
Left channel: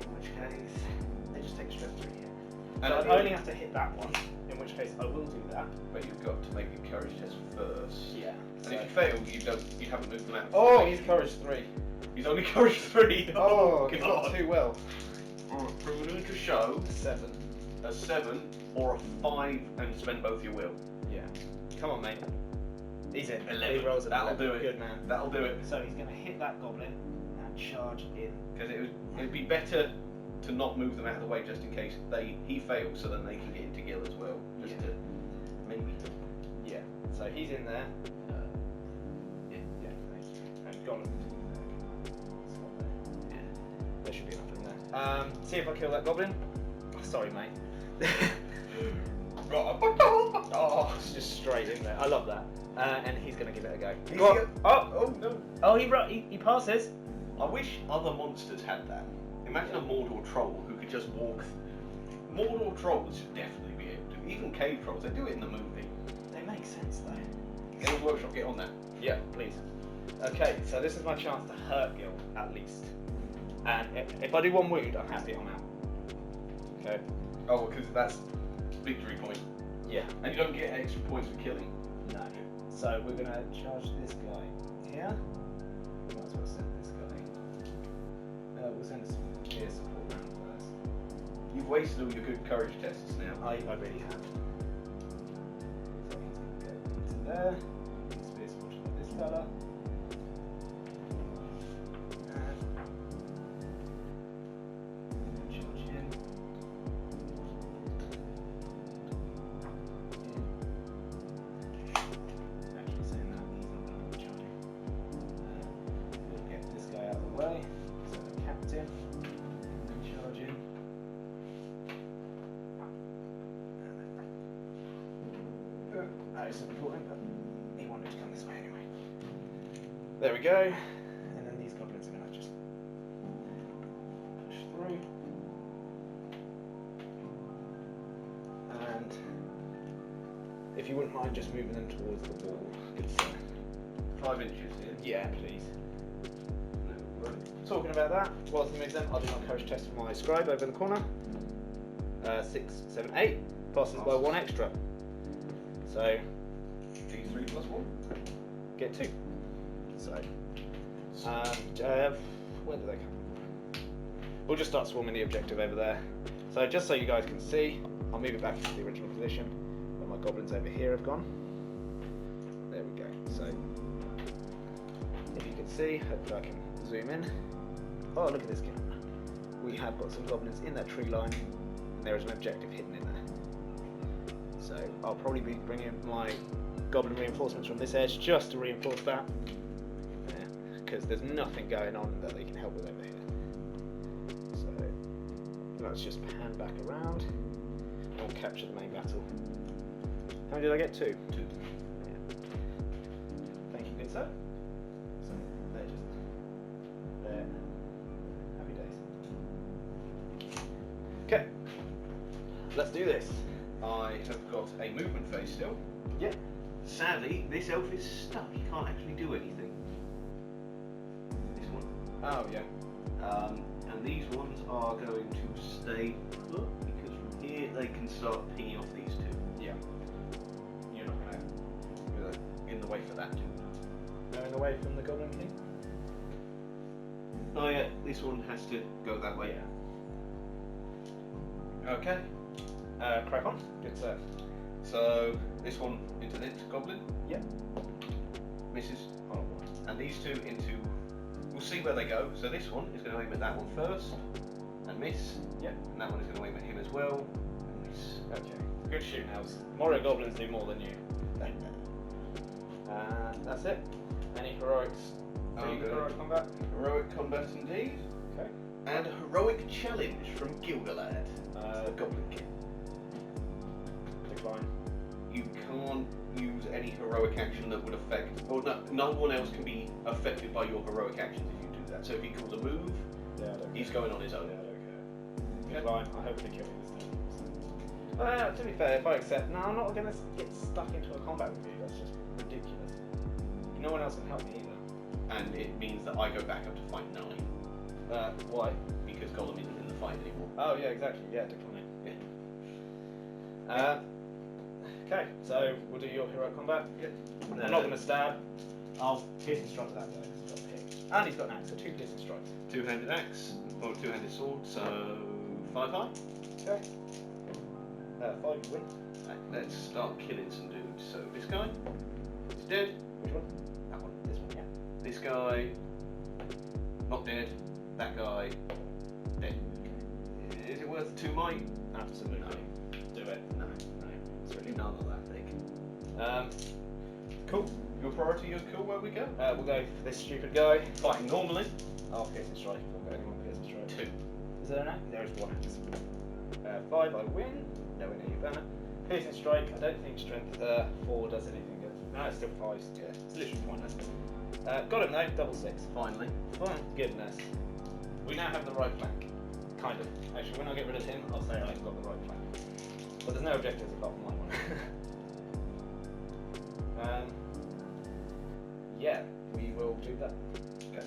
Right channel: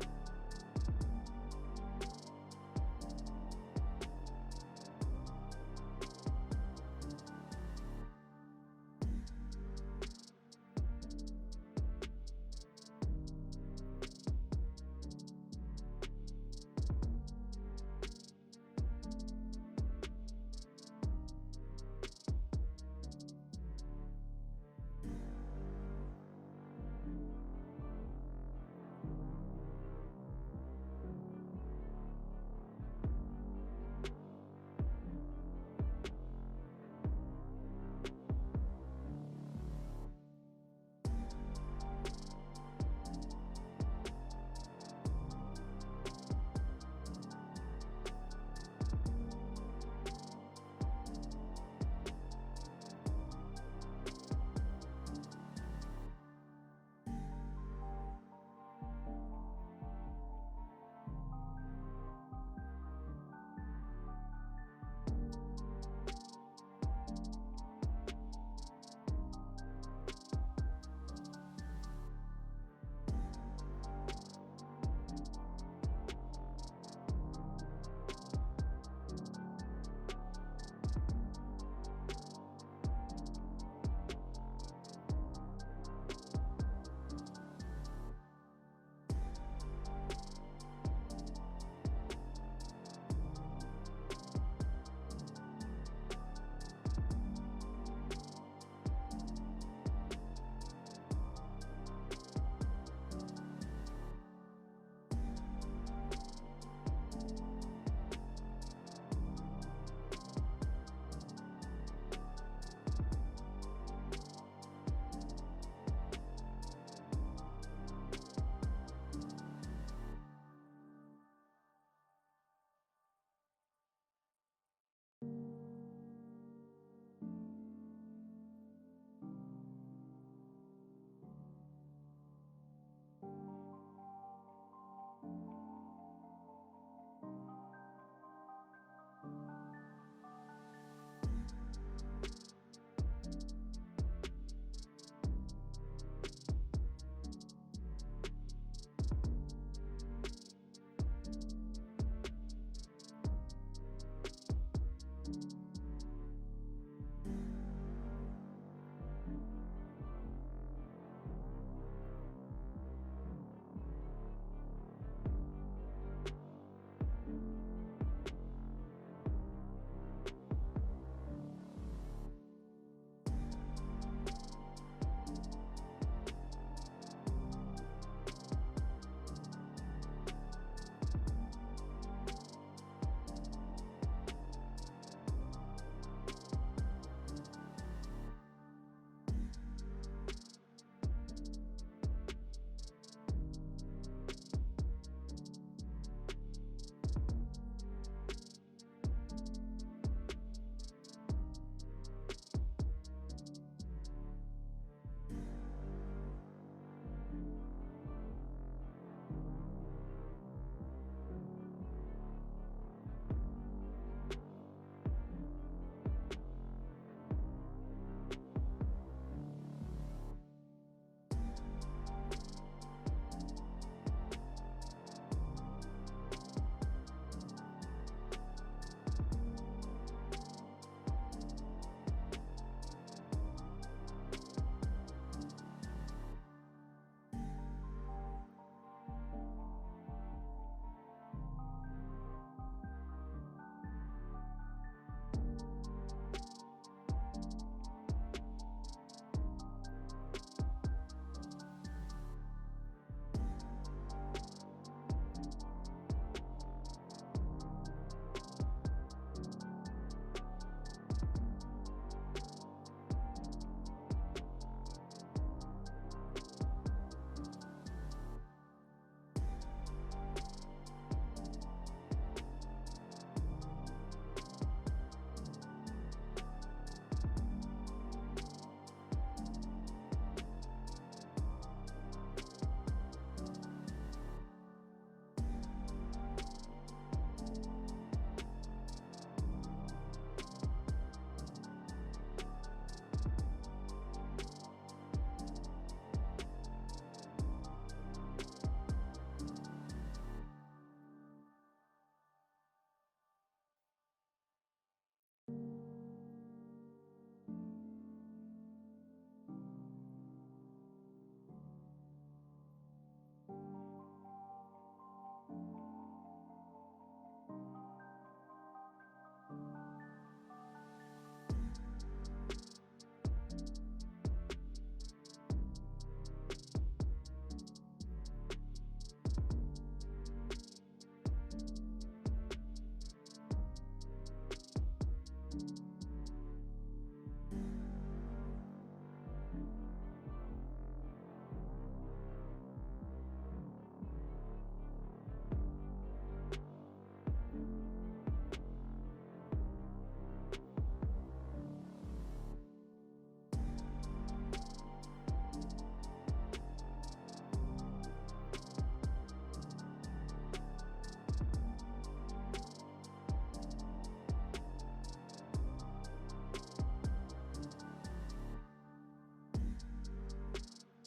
In which case, they just take straight through here. And So I only have to hit that one. In which case, I will do that. But you've got to make a courage test first. Yeah. And if you fail, you haven't moved them out. Oh, he's courage 3. He's only courage 3. Oh, he's not too well. Prove to show 7. a 7 or a 5 and spend both your will. Yeah. Come on, mate. He's in. 11. He rolls an That'll 11. do it. Good man. That'll do it. So he's going to hit that goblin and charge in. Because it'd be better to not move them out of the way just in case he fails, so then they can get into Gil as well. Just to maybe. Yeah. So he's in there. And Gollum. Yeah. There should be enough in there. See if I kill that goblin. Oh, sorry, mate. Oh, it's just straight in there. I love that. And he's going to give it a go. Go on. Oh no. Oh, he passes. I wish other monsters had that. Imagine a Mordor troll who could just walk. Mordor trolls should definitely be able to. Even cave trolls, they do it in the movie. They make sense though. Get a workshop, get on that. Yeah, please. Okay, so this is my chance to hurt Gil, at least. And if I do 1 wound, I'm happy I'm out. Okay. Oh, because that's victory point. Yeah. And you don't get extra points for killing. No. So we're going to charge this guy here. Might as well send this guy. We'll send some gear support round first. You've wasted all your good courage tests now. I really have. There. Spear support for this fella. Charge in. We'll get this guy out of the way. So the captain. Charge in. That isn't important, but he wanted to come this way anyway. There we go. And then these goblins are going to just push through. And if you wouldn't mind just moving them towards the wall. 5 inches, yeah? Yeah, please. No, right. Talking about that, whilst he moves them, I'll do my courage test for my scribe over in the corner. 6, 7, 8. Passes by 1 extra. So, D3 plus 1. get 2. So, where do they come from? We'll just start swarming the objective over there. So, just so you guys can see, I'll move it back into the original position. And my goblins over here have gone. There we go. So, if you can see, hopefully I can zoom in. Oh, look at this game. We have got some goblins in that tree line. And there is an objective hidden in there. So I'll probably be bringing my goblin reinforcements from this edge just to reinforce that. Because there's nothing going on that they can help with over here. So let's just pan back around and we'll capture the main battle. How many did I get? 2? 2. Yeah. Thank you, good sir. So they're just there. Happy days. Okay. Let's do this. I have got a movement phase still. Yeah. Sadly, this elf is stuck. He can't actually do anything. This one. Oh, yeah. And these ones are going to stay put because from here they can start pinging off these 2. Yeah. You're not going to in the way for that. Going away from the Goblin King? Oh yeah, this one has to go that way. Yeah. Okay. Crack on. Good sir. So this one into this Goblin. Yep. Misses. And these two into. We'll see where they go. So this one is going to aim at that one first and miss. Yep. And that one is going to aim at him as well and miss. Okay. Good shoot now. Morio Goblins do more than you. And that's it. Any heroics? Heroic combat? Heroic combat indeed. Okay. And heroic challenge from Gilgalad. The Goblin King. Decline. You can't use any heroic action that would affect, or no one else can be affected by your heroic actions if you do that. So if he calls a move, he's going on his own. Yeah, I don't care. Decline. I hope they kill me this time. To be fair, if I accept, no, I'm not going to get stuck into a combat with you. That's just ridiculous. No one else can help me either. And it means that I go back up to fight 9. Why? Because Gollum isn't in the fight anymore. Oh yeah, exactly. Yeah, decline. Yeah. Okay, so we'll do your heroic combat. Yep. I'm not going to stab. I'll piercing strike that guy. He's got a hit. And he's got an axe, so 2 piercing strikes. Two-handed axe, or two-handed sword, so 5 high. Okay. 5 you win. Right, let's start killing some dudes. So this guy is dead. Which one? That one. This one, yeah. This guy not dead. That guy dead. Is it worth 2 might? Absolutely. Do it. No. It's really none of that big. Cool. Your priority is cool where we go? We'll go for this stupid guy. Fighting normally. I'll piercing strike. We'll go anyone piercing strike. 2. Is there an axe? There is 1 axe. 5 I win. No, we know you banner. Piercing strike. I don't think strength 4 does anything good. No, it's still 5. Yeah, it's literally pointless. Got him though. Double 6. Finally. Thank goodness. We now have the right flank. Kind of. Actually, when I get rid of him, I'll say I've got the right flank. But there's no objectives apart from one. Yeah, we will do that. Okay.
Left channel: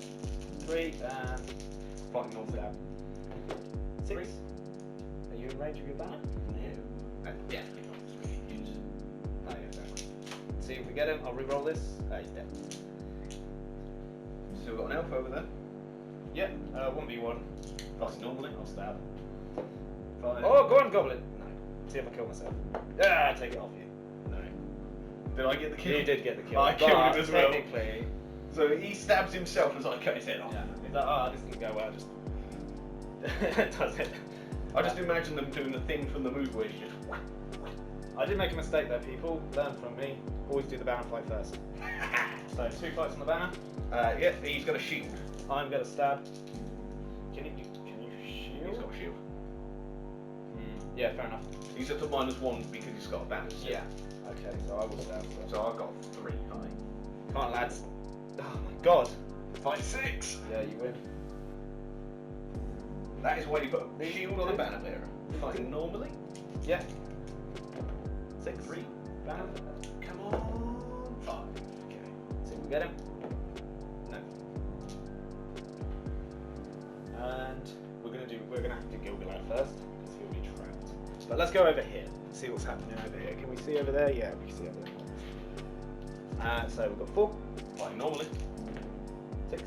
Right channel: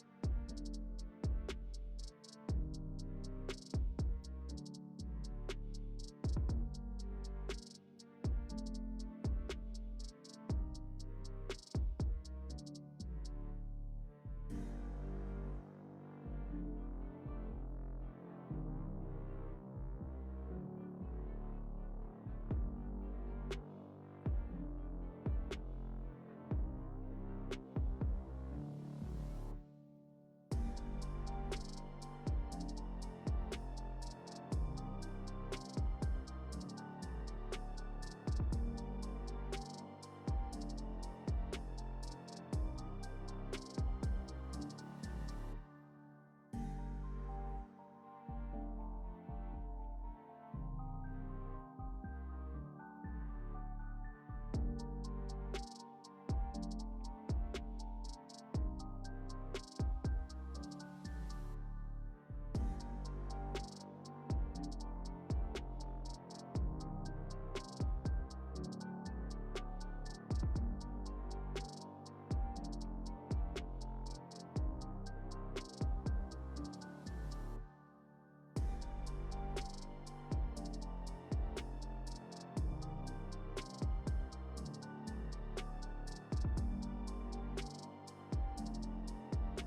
3 and Fighting north stab. 6. Are you in range of your banner? Yeah. Definitely not 3 use. Oh, yeah, exactly. See if we get him. I'll re-roll this. He's dead. Still got an elf over there. Yeah, 1v1. Fighting normally. I'll stab. Fine. Oh, go on, Goblin! No. See if I kill myself. Ah, take it off you. No. Did I get the kill? You did get the kill. I killed him as well. Technically. So he stabs himself as I cut his head off. Yeah. He's like, oh, this didn't go well. Just does it. I just imagine them doing the thing from the movie where you just whack. I did make a mistake there, people. Learn from me. Always do the banner fight first. So 2 fights on the banner. Yeah, he's got a shield. I'm gonna stab. Can you shield? He's got a shield. Yeah, fair enough. He's at a -1 because he's got a balance. Yeah. Okay, so I will stab. So I've got 3 high. Come on, lads. Oh my god. Fight 6. Yeah, you win. That is why you put a shield on a banner bearer. Fighting normally. Yeah. 6. 3. Banner. Come on. 5. Okay. See if we get him. No. And we're gonna have to Gilgalad first. Because he'll be trapped. But let's go over here. See what's happening over here. Can we see over there? Yeah, we can see over there. So we've got 4. Fighting normally. 6.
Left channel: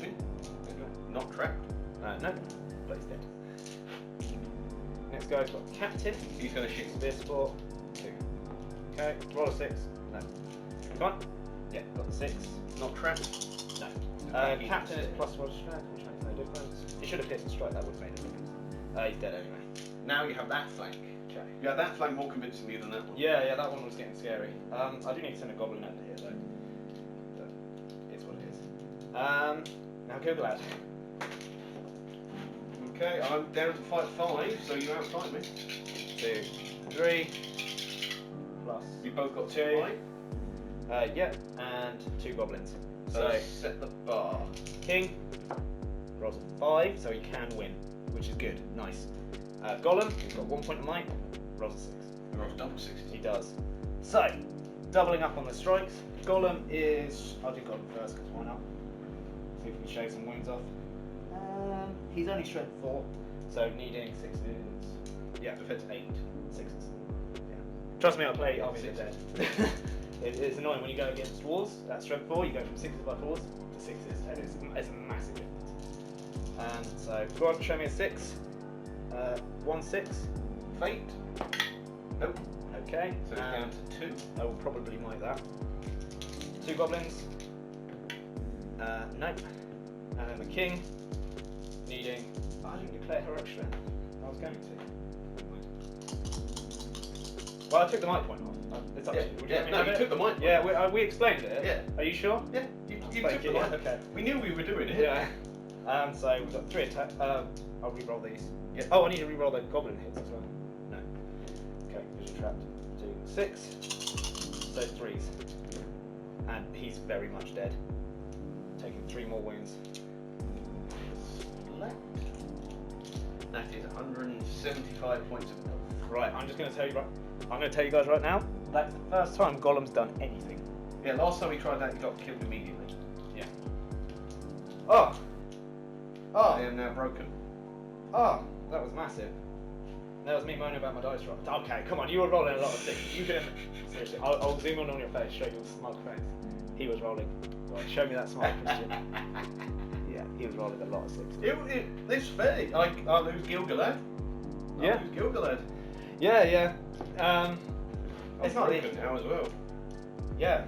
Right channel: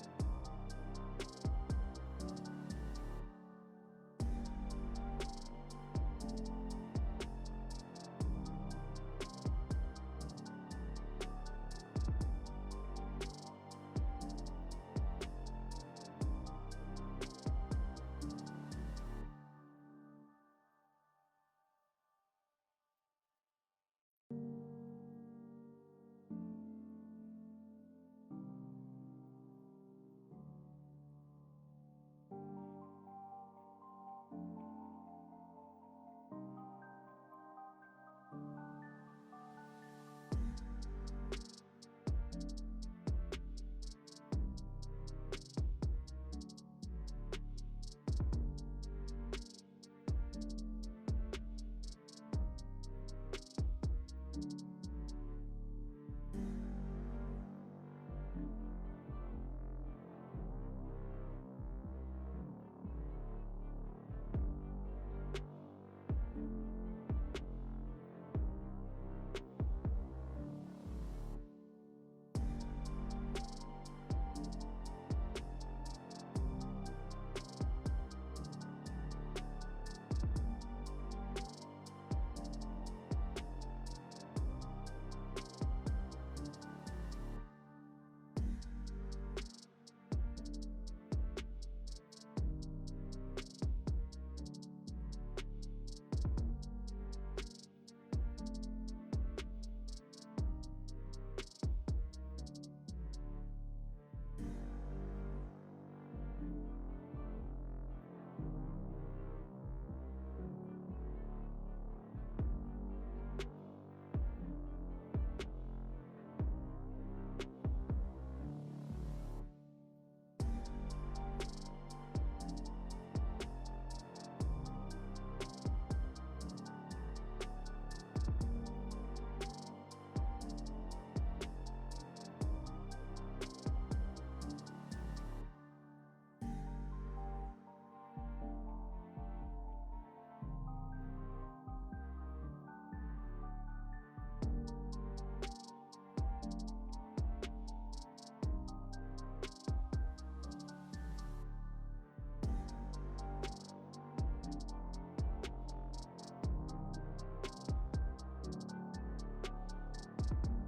2. Not trapped. No. But he's dead. Next guy's got Captain. He's going to shoot. Spear support. 2. Okay, roll a 6. No. Come on. Yeah, got the 6. Not trapped. No. Captain is +1 strength, which makes no difference. He should have hit the strike, that would have made a difference. He's dead anyway. Now you have that flank. Okay. You have that flank more convincingly than that one. Yeah, that one was getting scary. I do need to send a Goblin under here though. But it's what it is. Now Gilgalad. Okay, I'm down to fight 5, so you outfight me. 2, 3. Plus. We both got 2 2. high. Yep, and 2 Goblins. So So set the bar. King rolls a 5, so he can win, which is good. Nice. Gollum, he's got 1 point of might, rolls a 6. Rolls double 60. He does. So, doubling up on the strikes. Gollum is. I'll do Gollum first, because why not? See if we can shave some wounds off. He's only strength 4, so needing 6s. Yeah, defense 8. 6s. Yeah. Trust me, I'll play Army of the Dead. It's annoying when you go against dwarves at strength 4, you go from 6s by 4s to 6s, and it's a massive difference. So, go on, show me a 6. 1 6. Fate. Nope. No. Okay. So it's down to 2. I will probably like that. 2 goblins. Nope. And then the king needing. I didn't declare heroic strength. I was going to. Well, I took the might point off. It's up to you. Would you let me have you it? took the mic. Yeah, we explained it. Yeah. Are you sure? Yeah, you Thank took you, the yeah, mic. okay. We knew we were doing it. Yeah. So we've got 3 attack. I'll re-roll these. Yeah. Oh, I need to re-roll the goblin hits as well. No. Okay, vision trapped. 2, 6. So 3s. And he's very much dead. Taking 3 more wounds. That is 175 points of health. Right, I'm just going to tell you. I'm going to tell you guys right now. That's the first time Golem's done anything. Yeah, last time we tried that, he got killed immediately. Yeah. Oh. I am now broken. Oh, that was massive. That was me moaning about my dice roll. Okay, come on, you were rolling a lot of things. You can seriously. I'll zoom in on your face, show you a smug face. He was rolling. Right, show me that smile, Christian. Yeah, he was rolling a lot of 6s. It's fair. I lose Gilgalad. Yeah. I lose Gilgalad. Yeah. It's not broken now as well. Yeah.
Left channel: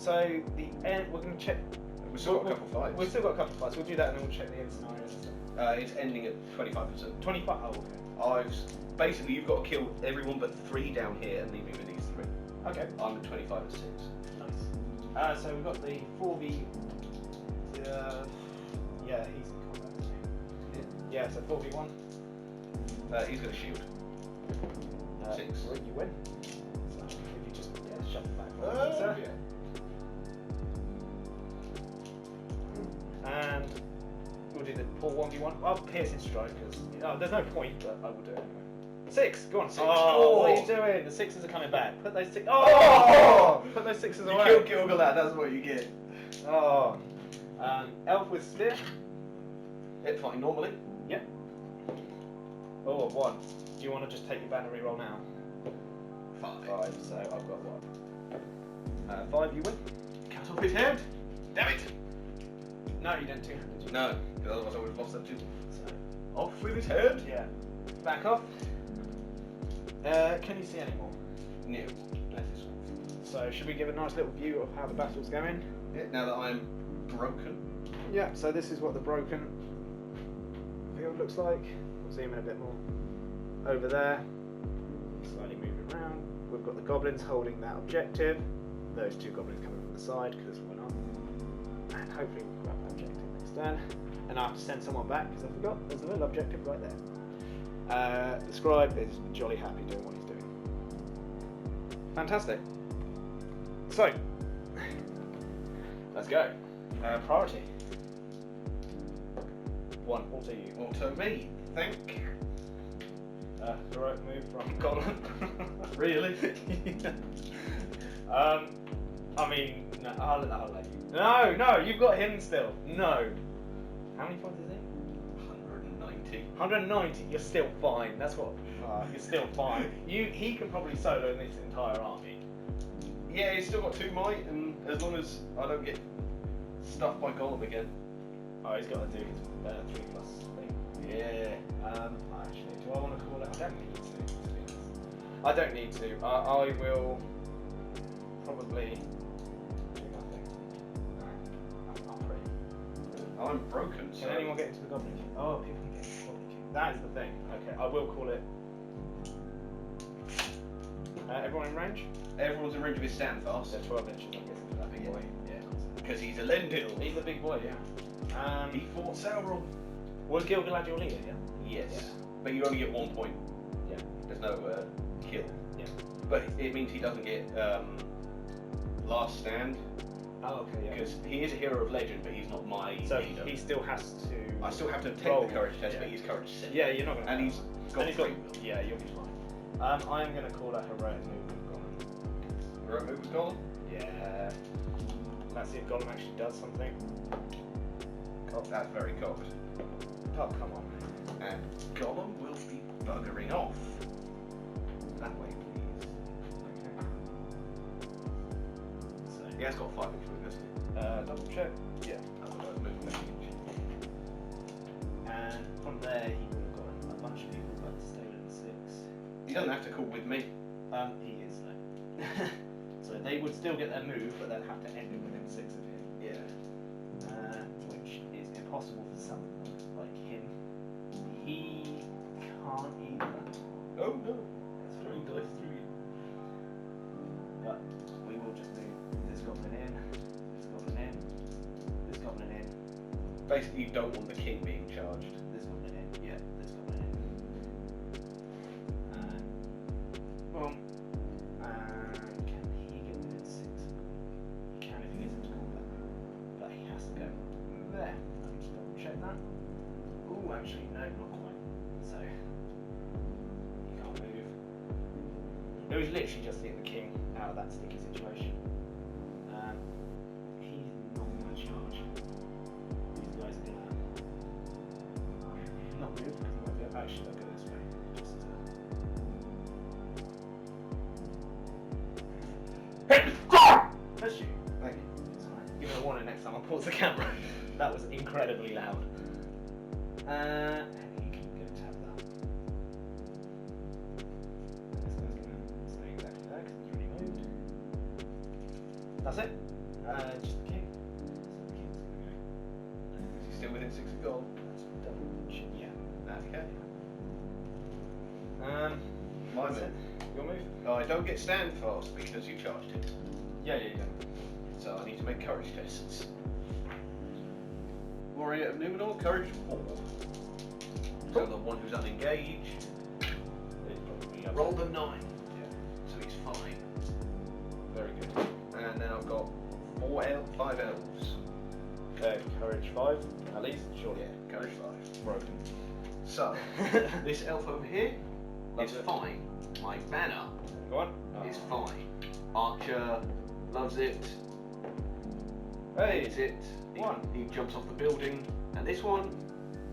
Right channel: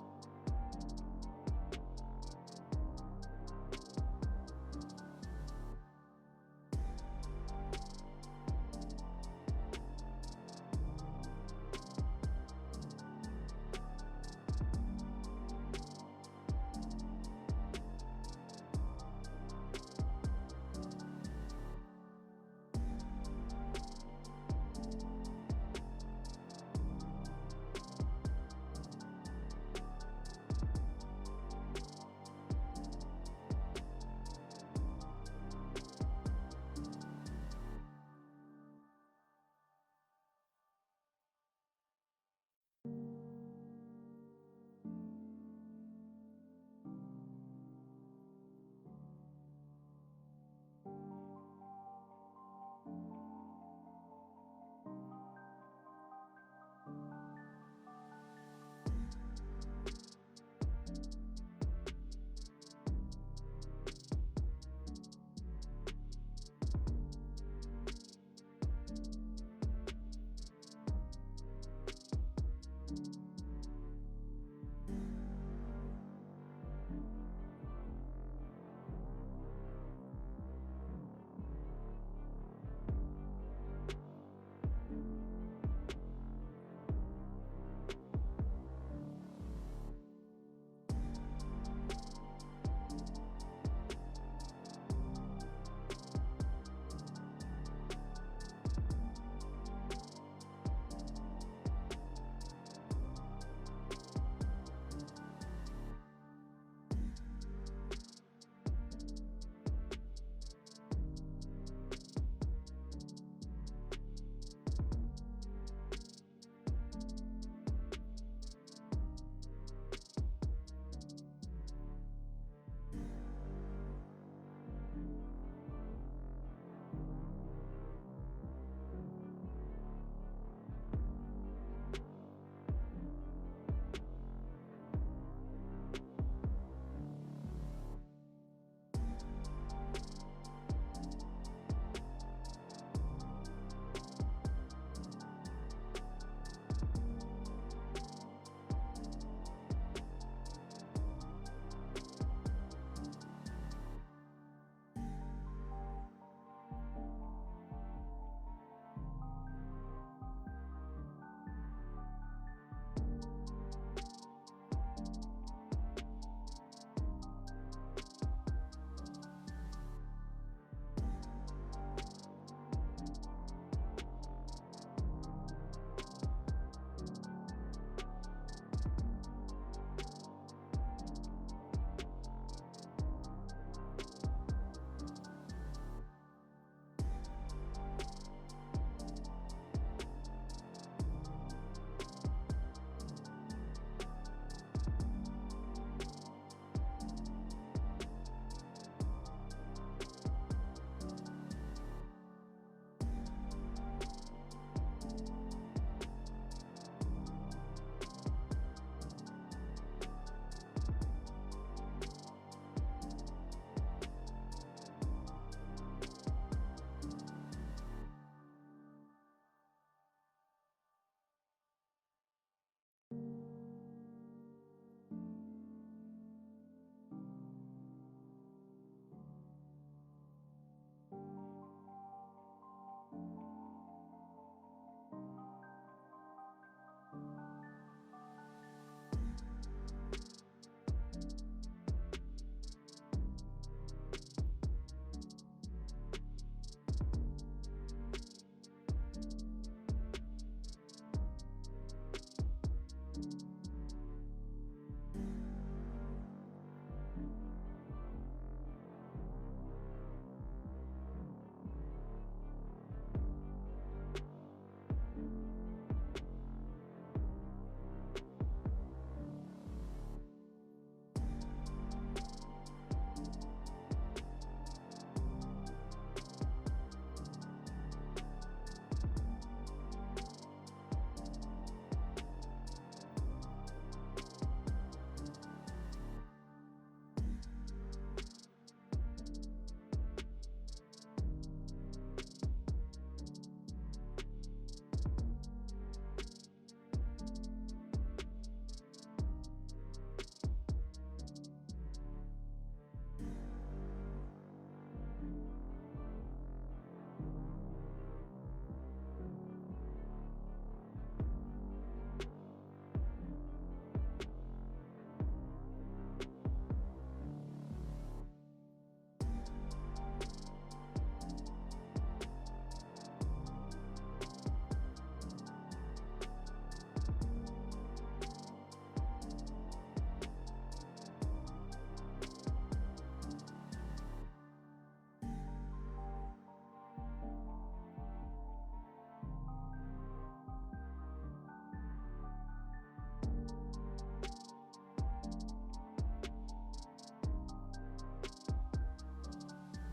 So the end. We're gonna check. We've still got a couple of fights. We've still got a couple of fights. We'll do that and then we'll check the end scenarios and stuff. It's ending at 25%. 25. Oh, okay. Basically, you've got to kill everyone but 3 down here and leave me with these 3. Okay. I'm at 25 and 6. Nice. So we've got the 4v. Yeah, he's in combat. Yeah, so 4v1. He's got a shield. 6. Well, you win. So if you just shut the back. Yeah. And we'll do the 4-1v1. I'll pierce his strike because there's no point, but I will do it anyway. 6, go on. 6. Oh, what are you doing? The 6s are coming back. Put those 6. Oh! Put those 6s away. You kill Gilgalad, that's what you get. Oh. Elf with spear. Hit fighting normally. Yep. Oh, 1. Do you want to just take your banner reroll now? 5. 5, so I've got 1. 5, you win. Cut off his head. Damn it. No, you didn't two-handed. No, because otherwise I would have lost that too. So, Off with his head. yeah. Back off. Can you see any more? No. So should we give a nice little view of how the battle's going? Yeah, now that I'm broken. Yeah, so this is what the broken field looks like. We'll zoom in a bit more. Over there, slightly moving around. We've got the goblins holding that objective. Those 2 goblins coming from the side because we're not. And hopefully we've got that objective next turn. And I have to send someone back because I forgot. There's a little objective right there. The scribe is jolly happy doing what he's doing. Fantastic. So, let's go. Priority. 1, also you. Also me. Think. Heroic move from Goblin. Really? I mean, no, I'll let you. No, you've got him still. No. How many points is he? 190. 190. You're still fine. That's what. You're still fine. He can probably solo this entire army. Yeah, he's still got 2 might, and as long as I don't get stuffed by Golem again. Oh, he's got to do his 3 plus thing. Yeah. Actually, do I want to call it? I don't need to. I will probably do nothing. No, I'm free. I'm broken, so... Can anyone get into the Goblin King? Oh, people can get into the Goblin King. That is the thing. Okay, I will call it. Everyone in range? Everyone's in range of his stand fast. There's 12 inches, I'm guessing, for that big boy. Yeah. Because he's a Lendil. He's a big boy, yeah. He fought Sauron. Was Gilgalad your leader, yeah? Yes. Yeah. But you only get 1 point. Yeah. There's no kill. Yeah. But it means he doesn't get last stand. Oh, okay, yeah. Because he is a hero of legend, but he's not my leader. He still has to. I still have to take roll. the courage test, Yeah. but he's courage 7. Yeah, you're not going to. And he's got 3. Yeah, you'll be fine. I am going to call that heroic move. Heroic move was Golem? Yeah. Let's see if Gollum actually does something. Oh, that's very cocked. Oh, come on. And Gollum will be buggering off. That way, please. Okay. He has got 5 inch weakness. Double check. Yeah. And from there, he would have got a bunch of people that stayed at 6. He doesn't have to call with me. still get their move, but they'll have to end it within 6 of him. Yeah. Which is impossible for some, like him. He can't either. Oh no! It's throwing dice through you. But we will just move this goblin in, this goblin in, this goblin in, Basically, you don't want the king being charged. this goblin in, yeah, this goblin in. And boom. And can he get within 6? He can if he isn't taller. But he has to go there. Let me just double check that. Ooh, actually, no, not quite. So, he can't move. It was literally just to get the king out of that sticky situation. He's not going to charge. These guys did not move. Actually, they'll go this way. Bless you. Thank you. Give me a warning next time I pause the camera. That was incredibly loud. And you can go tab that. This guy's gonna stay exactly there because he's already moved. That's it. Just the king. So the king's gonna go. Is he still within 6 of gold? That's double. Yeah. Okay. My That's move. it. Your move? Oh, I don't get stand fast because you charged him. Yeah. So I need to make courage tests. Warrior of Numenor, courage 4. So the one who's unengaged. Roll the 9. Yeah. So he's fine. Very good. And then I've got 5 elves. Okay, courage 5, at least, sure. Yeah, courage 5. Broken. So, this elf over here Loves is it. fine. My banner Go on. is fine. Archer loves it. Hey, Hates it. One. He jumps off the building. And this one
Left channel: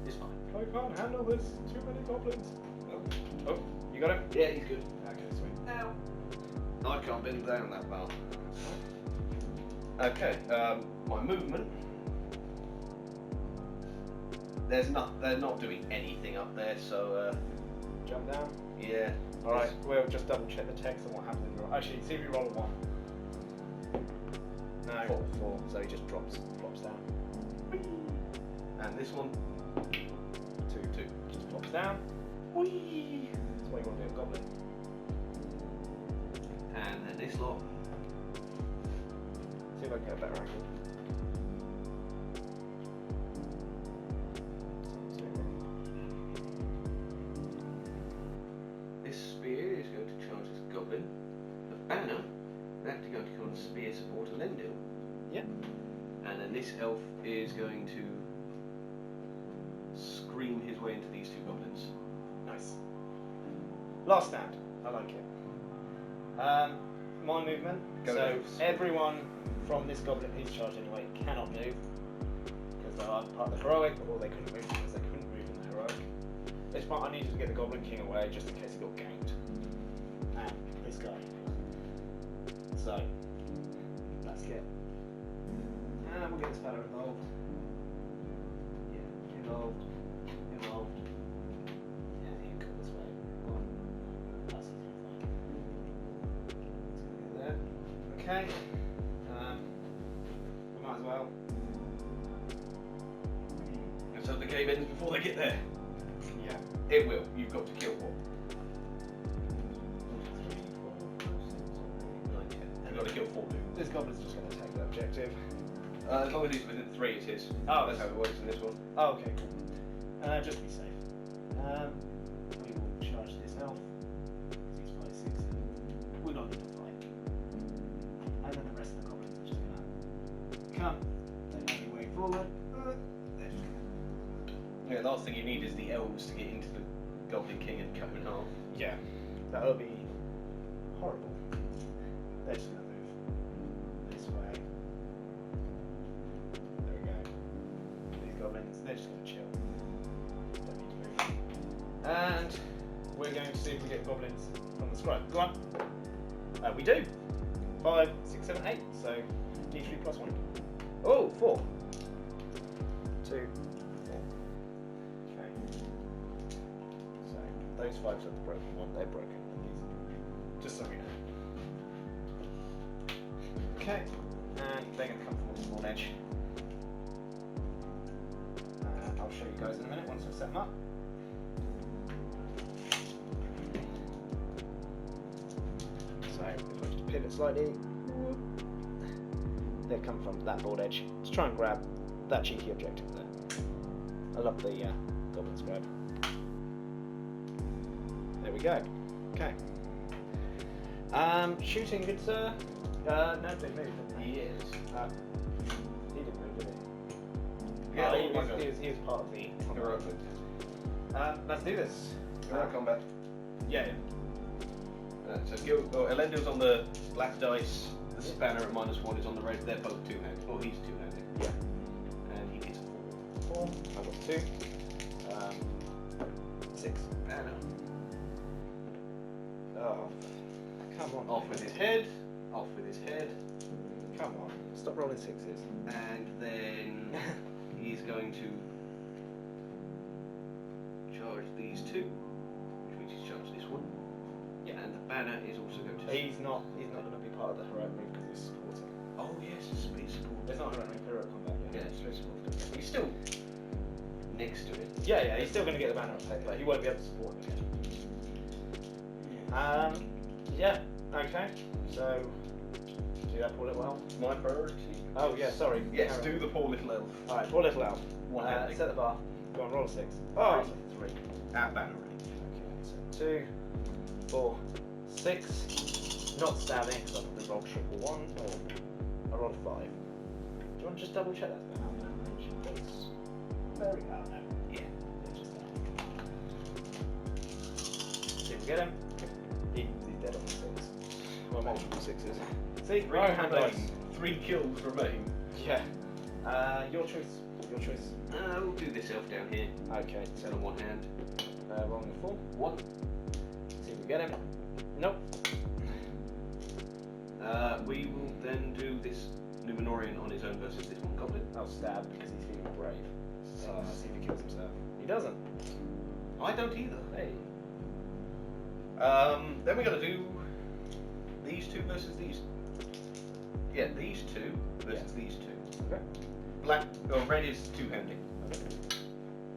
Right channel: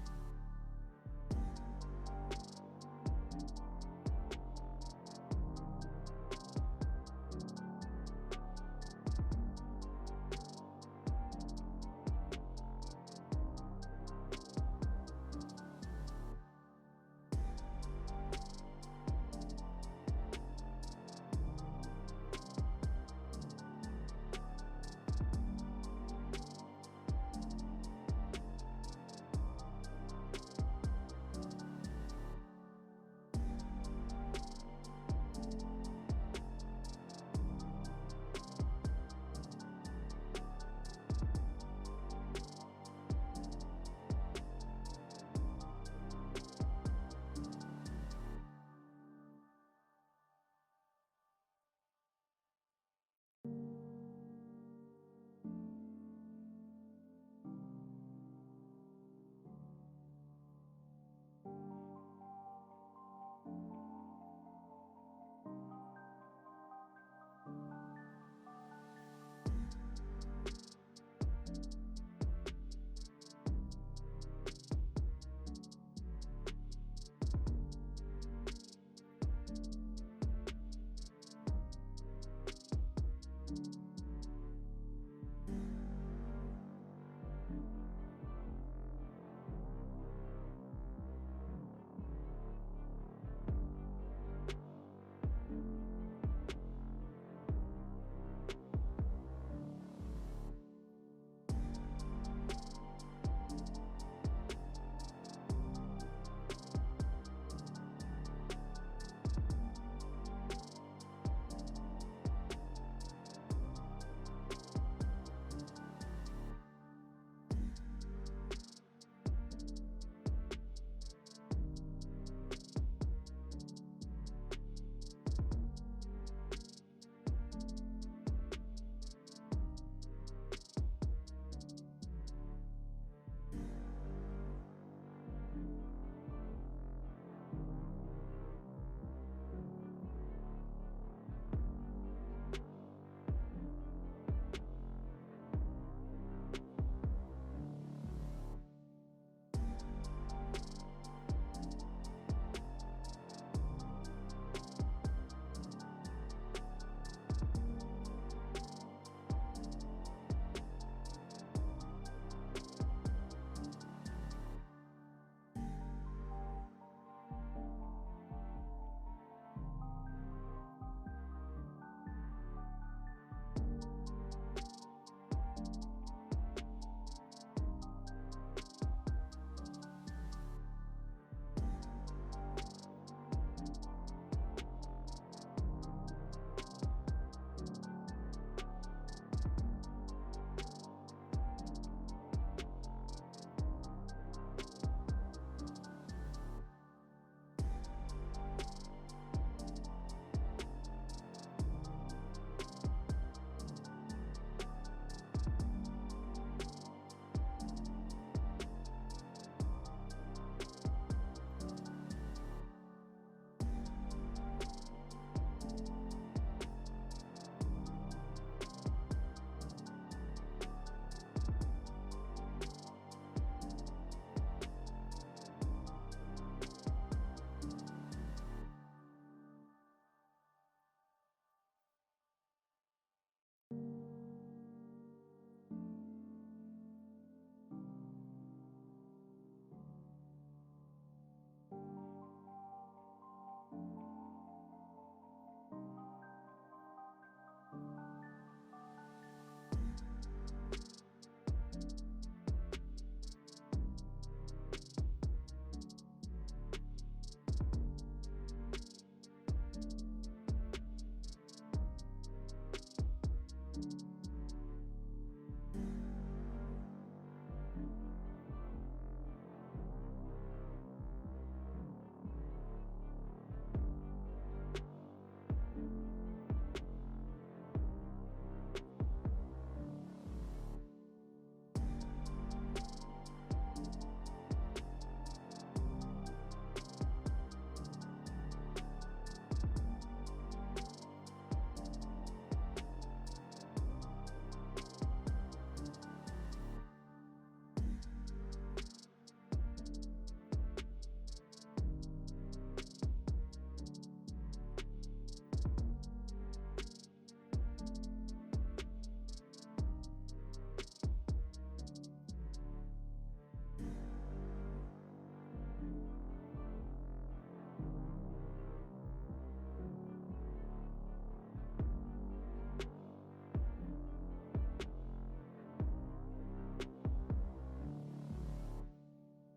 is fine. I can't handle this. Too many goblins. Oh, you got him? Yeah, he's good. Okay, sweet. Now, I can't bend down that far. Okay, my movement. They're not doing anything up there, so Jump down. yeah. Alright, we'll just double check the text and what happens. Actually, see if you roll a 1. No, 4. So he just drops down. And this one, 2. Just drops down. Whee! That's why you want to be a goblin. and then this lot. See if I can get a better angle. This spear is going to charge this goblin. The banner is actually going to become a spear support and Lendil. Yeah. And then this elf is going to scream his way into these 2 goblins. Nice. Last stand. I like it. My movement. Go so elves. everyone from this goblin who's charged anyway cannot move because they're either part of the heroic or they couldn't move because they couldn't move in the heroic. This part I needed to get the Goblin King away just in case he got ganked. And this guy. So let's get. And we'll get this fella involved. Yeah, involved. Yeah, he can come this way. That's there. Okay. We might as well. So the game ends before they get there. Yeah. It will. You've got to kill one. You've got to kill 4 people. This goblin's just going to take the objective. As long as he's within 3, it's his. Oh, That's how it works in this one. Oh, okay, cool. Just to be safe. We will charge this elf. He's 5, 6. We're not going to fight. And then the rest of the goblins are just going to come. They make their way forward. They're just gonna... Yeah, last thing you need is the elves to get into the Goblin King and cut him in half. Yeah, that'll be horrible. They're just going to move this way. There we go. These goblins, they're just going to chill. Don't need to move. And we're going to see if we get goblins from the scribe. Go on. We do. 5, 6, 7, 8. So each be +1. Oh, 4. 2, 4. Okay. So those 5s are the broken one. They're broken. Just so we know. pivot slightly. They've come from that board edge. Let's try and grab that cheeky objective there. I love the Goblin's grab. There we go. Okay. Shooting, good sir. No, they moved. He is. He didn't move, did he? Yeah, he was part of the. Heroic. Let's do this. Heroic combat. Yeah. So Elendil's on the black dice. The spanner at -1 is on the red. They're both two-handed. Well, he's two-handed. Yeah. And he is 4. I got 2. 6. banner. Oh, come on. Off with his head. Off with his head. Come on. Stop rolling 6s. And then he's going to charge these two, which is charge this one. Yeah. And the banner is also going to. He's not going to be part of the heroic move because he's supporting. Oh yes, it's space support. It's not heroic combat. Yeah, it's space support. He's still next to it. Yeah, he's still going to get the banner effect, but he won't be able to support it. Yeah, okay. So, do that poor little elf. My priority. Oh, yeah, sorry. Yes, do the poor little elf. Alright, poor little elf. One-handed. Set the bar. Go on, roll a 6. Oh, 3. At banner ready. Okay, 2, 4, 6. Not stabbing, because I probably rolled triple 1. Or I rolled a 5. Do you want to just double check that? Very well, no. Yeah. Did we get him? He's dead on the 6. Well, multiple 6s. See, Three right hand remain. dice. 3 kills remain. Yeah. Your choice. Your choice. We'll do this elf down here. Okay. Set on one hand. Rolling a 4. 1. See if we get him. Nope. We will then do this Numenorian on his own versus this one Goblin. I'll stab because he's feeling brave. See if he kills himself. He doesn't. I don't either. Hey. Then we're going to do these two versus these. Yeah, these two versus these two. Okay. Black or red is two-handed.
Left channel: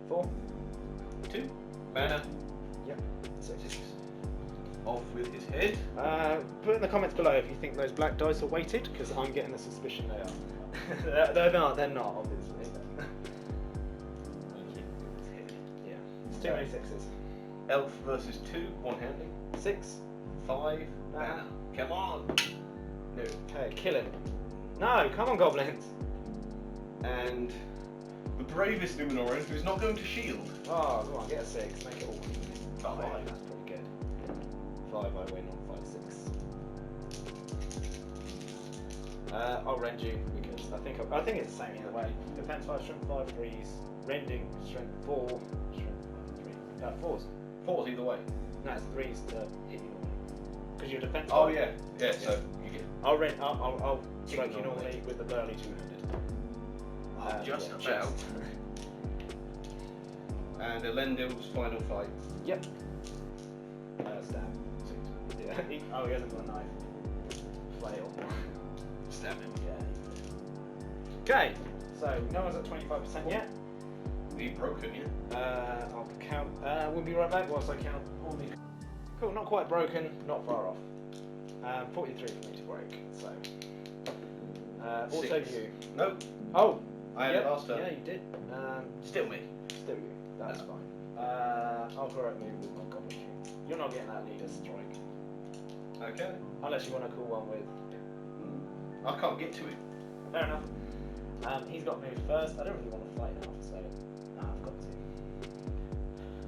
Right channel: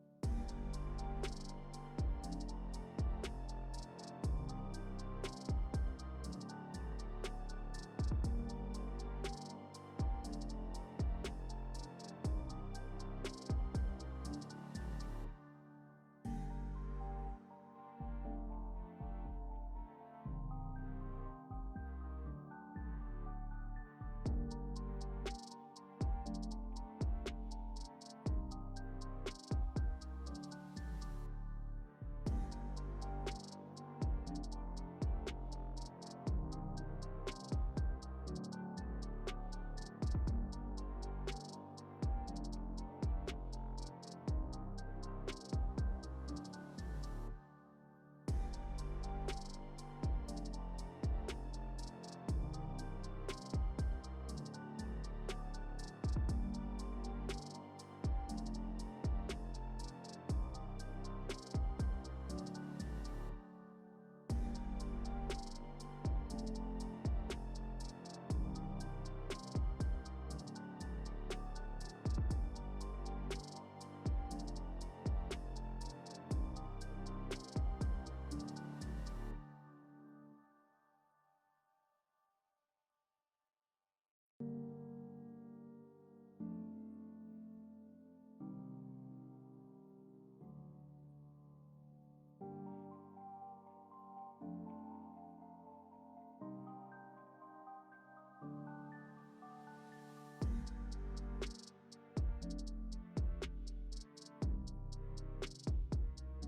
4. 2. Banner. Yep. 6. Off with his head. Put in the comments below if you think those black dice are weighted, because I'm getting the suspicion they are. They're not, obviously. Yeah. It's too many 6s. Elf versus 2, one-handed. 6. 5. Banner. Come on. No. Okay, kill him. No, come on, goblins. And the bravest Numenorian who's not going to shield. Oh, come on, get a 6. Make it all 5. That's pretty good. 5, I win on 5, 6. I'll rend you because I think it's the same either way. Defense 5, strength 5, 3s, rending, strength 4, strength 3. 4s. 4's either way. No, it's 3s to hit you. Because you're defense. Oh yeah. Yeah, so you get I'll strike you normally with the burly 2-handed. just Yeah, about. And Elendil's final fight. Yep. Stab. Yeah. He hasn't got a knife. Flail. Stab him. Yeah. Okay. So no one's at 25% yet. Be broken, yeah. I'll count. We'll be right back whilst I count all the. Cool. Not quite broken. Not far off. 43 for me to break. So. Also 6. you. Nope. Oh. I had it last time. Yeah, you did. Still me. Still you. That's No. fine. I'll correct move with my Goblin King. You're not getting that leader strike. Okay. Unless you want to call one with. I can't get to it. Fair enough. He's got moved first. I don't really want to fight now, so I've got to.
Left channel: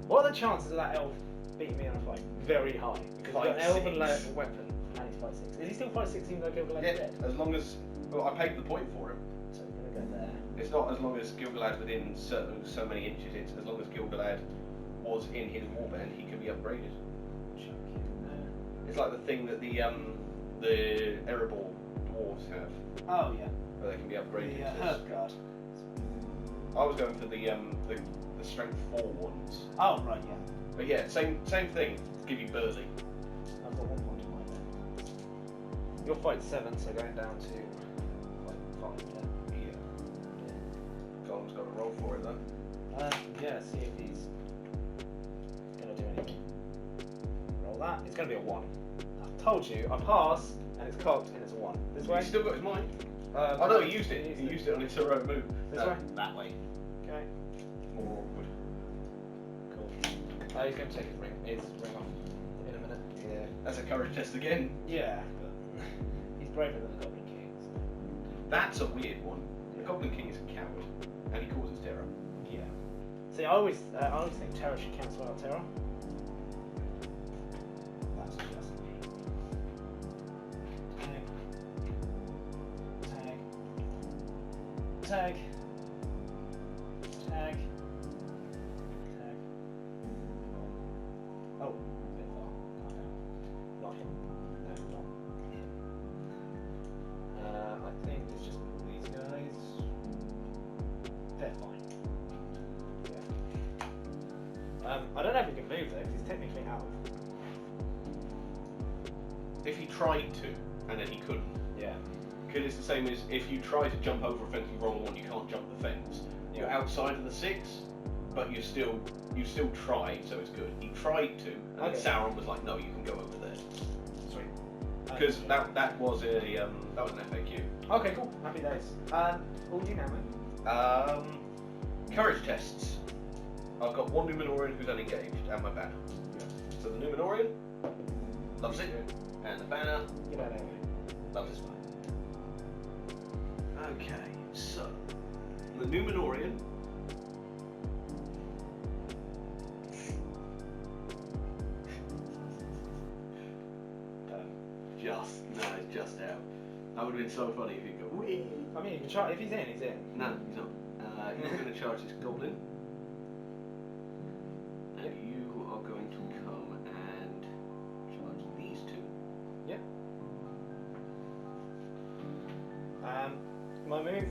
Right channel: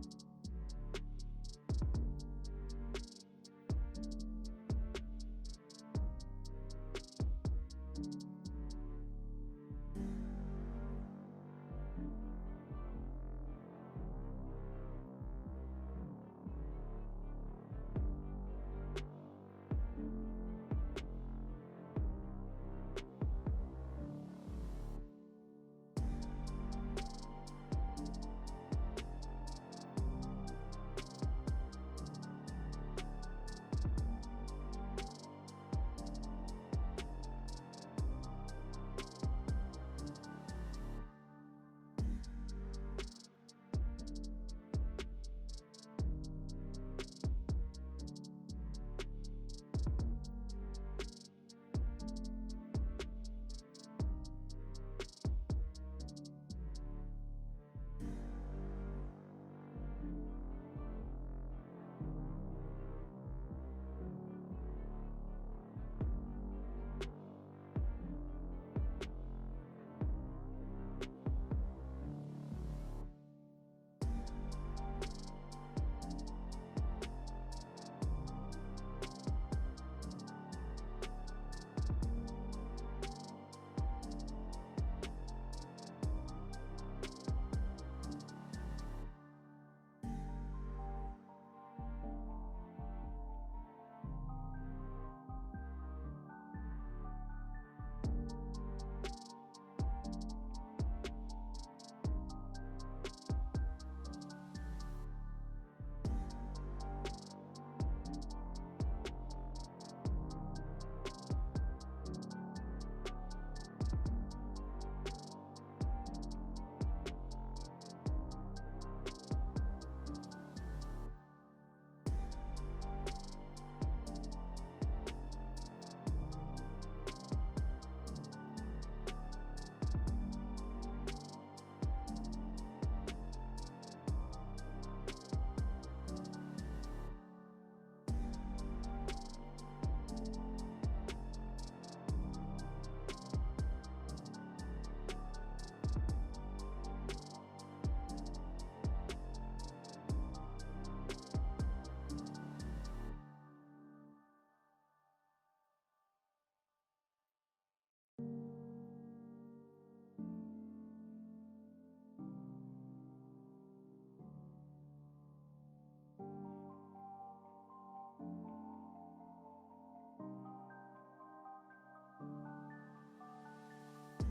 What are the chances of that elf beating me in a fight? Very high. Because he's got an elven weapon and he's 5'6". Is he still 5'6" even though Gilgalad's dead? As long as I paid the point for him. So we're gonna go there. It's not as long as Gilgalad within so many inches. It's as long as Gilgalad was in his warband, he can be upgraded. Chuck him there. It's like the thing that the Erebor dwarves have, Oh yeah. where they can be upgraded. The to- Herb Guard. I was going for the strength 4 ones. Oh right, yeah. But yeah, same thing. Give you burly. I've got 1 point in my head. Your fight's 7, so going down to like 5. Yeah. Golem's got to roll for it though. Yeah, see if he's gonna do anything. Roll that. It's gonna be a 1. I told you, I pass, and it's cocked, and it's a 1. This way? He's still got his mind. Oh no, he used it. He used it on his heroic move. This way? That way. Okay. More awkward. Cool. He's going to take his ring off in a minute. Yeah. That's a courage test again. Yeah, but he's braver than the Goblin King. That's a weird one. The Goblin King is a coward, and he causes terror. Yeah. See, I always think terror should cancel out terror. That's just me. Tag. Oh, a bit far. Not him. No, not. I think it's just these guys. They're fine. Yeah. I don't know if he can move though, because he's technically out. If he tried to, and then he couldn't. Yeah. Because it's the same as if you try to jump over a fence with the wrong one, you can't jump the fence. You're outside of the 6, but you still tried, so it's good. He tried to, and then Sauron was like, no, you can go over there. Sweet. Because that was an FAQ. Okay, cool. Happy days. All you now, mate. Courage tests. I've got one Numenorian who's unengaged, and my banner. So the Numenorian loves it, and the banner Get out of there, mate. loves his banner. Okay, so the Numenorian. Just out. That would have been so funny if he'd go, wee. I mean, you can try, if he's in, he's in. No, he's not. He's going to charge his Goblin. And you are going to come and charge these 2. Yep. My move,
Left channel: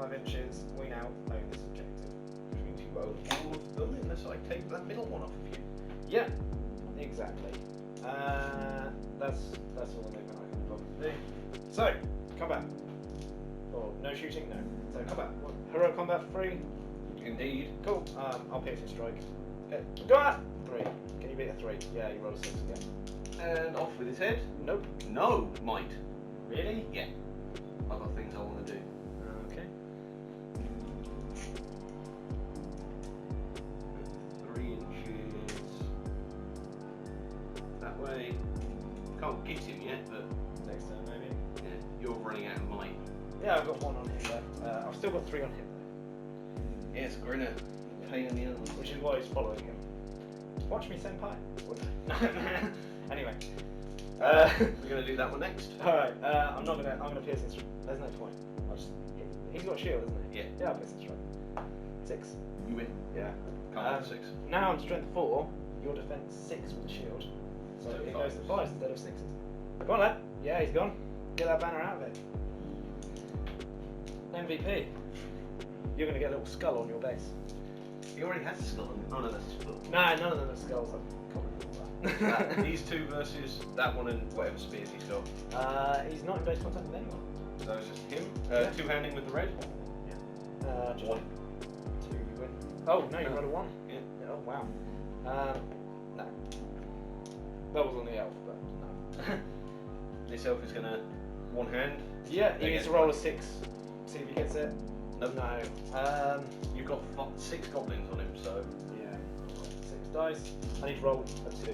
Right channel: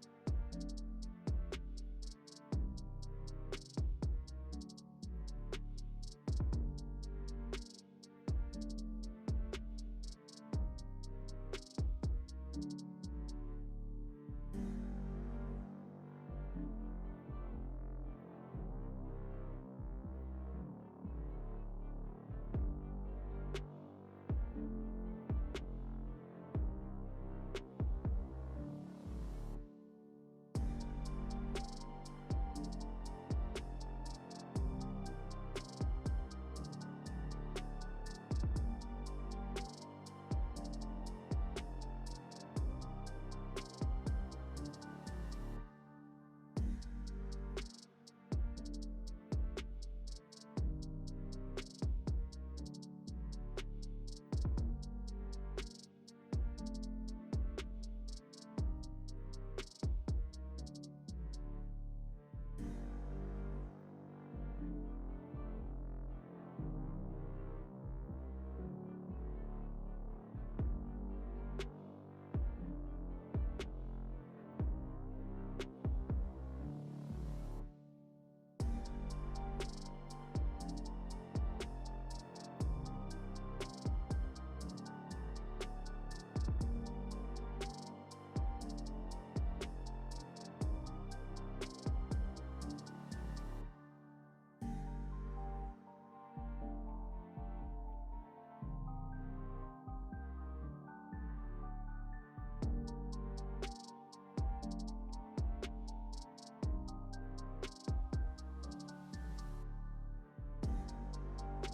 5 inches, we now own this objective. Which means you own all of them unless I take that middle one off of you. Yeah, exactly. That's all the movement I can probably do. So, combat. Or no shooting, no. So combat. Heroic combat for 3. Indeed. Cool. I'll piercing strike. Go on! 3. Can you beat a 3? Yeah, you roll a 6 again. And off with his head. Nope. No, might. Really? Yeah. I've got things I want to do. Okay. 3 inches. That way. Can't get him yet, but Next turn, maybe. yeah, you're running out of might. Yeah, I've got 1 on him there. I've still got 3 on him. Yes, we're in a pain in the ass. Which is why he's following him. Watch me, senpai. Anyway. We're going to do that one next. Alright, I'm gonna pierce his strike. There's no point. He's got shield, isn't he? Yeah. Yeah, I'll pierce his strike. 6. You win. Yeah. Can't have 6. Now I'm strength 4, your defense 6 with the shield. So So it five. goes to 5 instead of 6. Go on, lad. Yeah, he's gone. Get that banner out of it. MVP. You're gonna get a little skull on your base. He already has a skull. Oh no, that's his foot. Nah, none of them are skulls. These 2 versus that one and whatever spears he's got. He's not in base contact with anyone. So it's just him. Yeah. 2-handing with the red. Just 1. 2 win. Oh, no, you No. rolled a 1. Yeah. Oh, wow. No. That was on the elf, but no. This elf is going to 1 hand. Yeah, he needs to roll a 6. See if he gets it. Nope. No. You've got 6 goblins on him, so. Yeah. 6 dice. I need to roll a 2.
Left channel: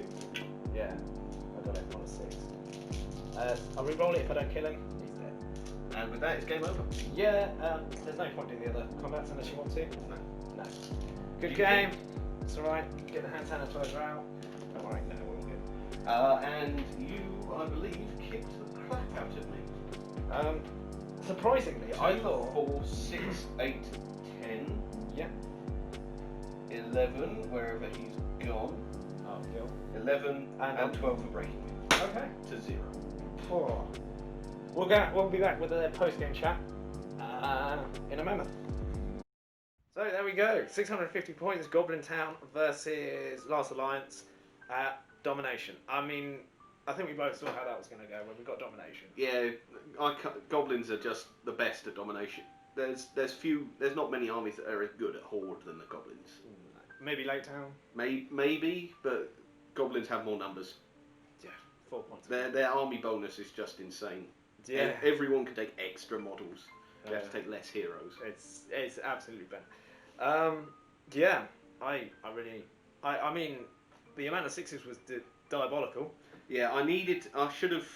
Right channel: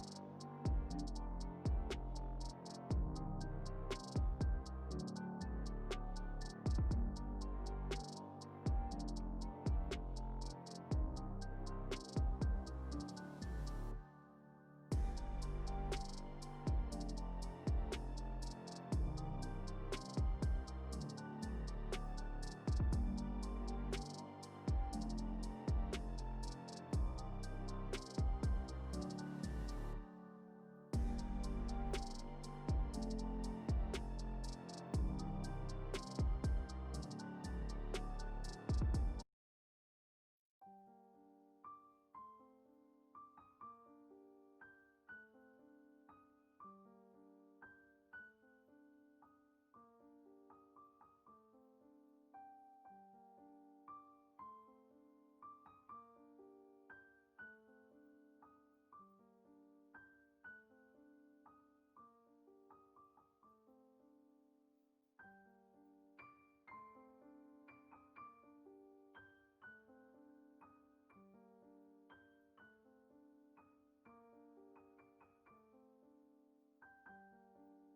Yeah. I got it on a 6. I'll re-roll it if I don't kill him. He's dead. And with that, it's game over. Yeah, there's no point doing the other combats unless you want to. No. No. Good You game. It's alright. Get the hand sanitizer out. Don't worry, no, we're all good. And you, I believe, kicked the crap out of me. Surprisingly, I thought. 4, 6, 8, 10. Yeah. 11, wherever he's gone. Oh, Gil. 11 and 12 for breaking me. Okay. To 0. Oh. We'll be back with a post-game chat in a moment. So there we go. 650 points. Goblin Town versus Last Alliance at Domination. I mean, I think we both saw how that was going to go when we got Domination. Yeah, goblins are just the best at domination. There's not many armies that are as good at horde than the goblins. Maybe Lake Town. Maybe, but goblins have more numbers. Yeah, 4 points. Their army bonus is just insane. Yeah. Everyone can take extra models. You have to take less heroes. It's absolutely better. Yeah, I mean, the amount of 6s was diabolical. Yeah, I should have.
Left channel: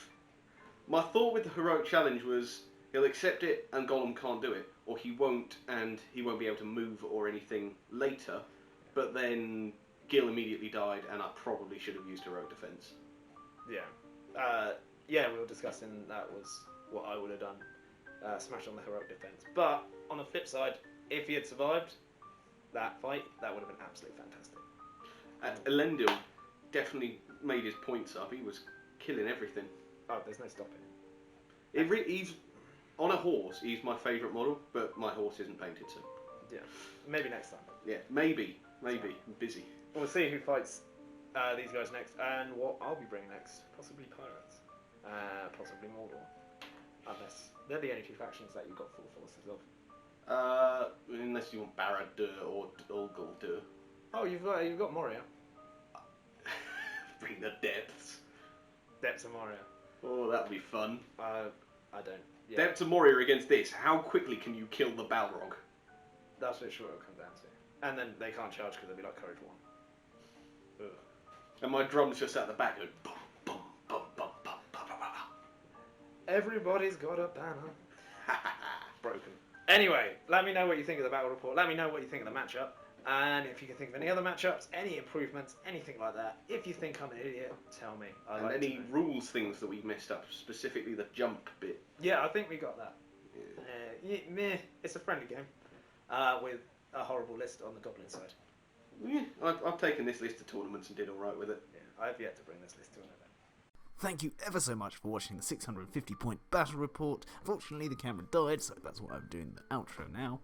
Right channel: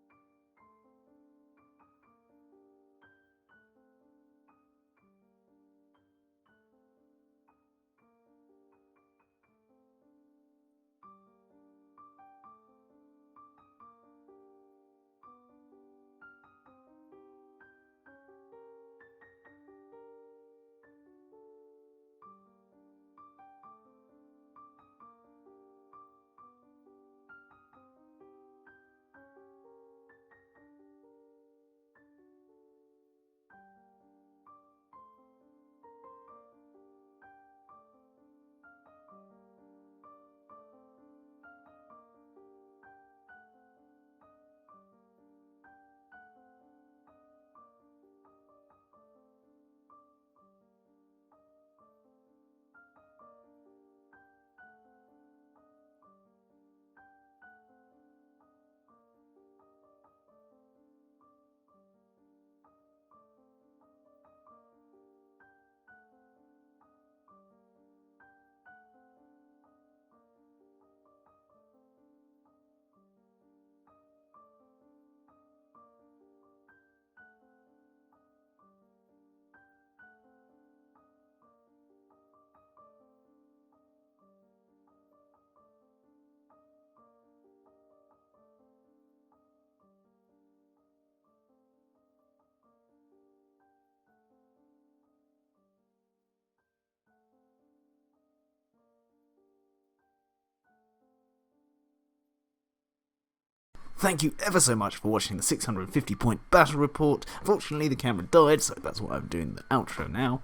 My thought with the heroic challenge was he'll accept it and Gollum can't do it, or he won't and he won't be able to move or anything later. But then Gil immediately died, and I probably should have used heroic defense. Yeah. Yeah, we were discussing that was what I would have done. Smash on the heroic defense. But on the flip side, if he had survived that fight, that would have been absolutely fantastic. Elendil definitely made his points up. He was killing everything. Oh, there's no stopping him. He's on a horse. He's my favourite model, but my horse isn't painted, so Yeah, maybe next time. yeah, maybe. I'm busy. We'll see who fights these guys next, and what I'll be bringing next. Possibly pirates, possibly Mordor, unless they're the only two factions that you've got full forces of. Unless you want Barad-dûr or Ulgul-dûr. Oh, you've got Moria. Bring the depths. Depths of Moria. Oh, that'd be fun. I don't. Yeah. Depths of Moria against this. How quickly can you kill the Balrog? That's what it'll come down to. And then they can't charge because they'll be like Courage 1. Ugh. And my drum's just at the back going bum, bum, bum, bum, bum, bum, bum, bum. Everybody's got a banner. Broken. Anyway, let me know what you think of the battle report. Let me know what you think of the matchup. And if you can think of any other matchups, any improvements, anything like that. If you think I'm an idiot, tell me. And any rules things that we've messed up, specifically the jump bit. Yeah, I think we got that. Yeah. It's a friendly game with a horrible list on the Goblin side. Yeah, I've taken this list to tournaments and did alright with it. Yeah, I've yet to bring this list to an event. Thank you ever so much for watching the 650 point battle report. Unfortunately, the camera died, so that's why I'm doing the outro now.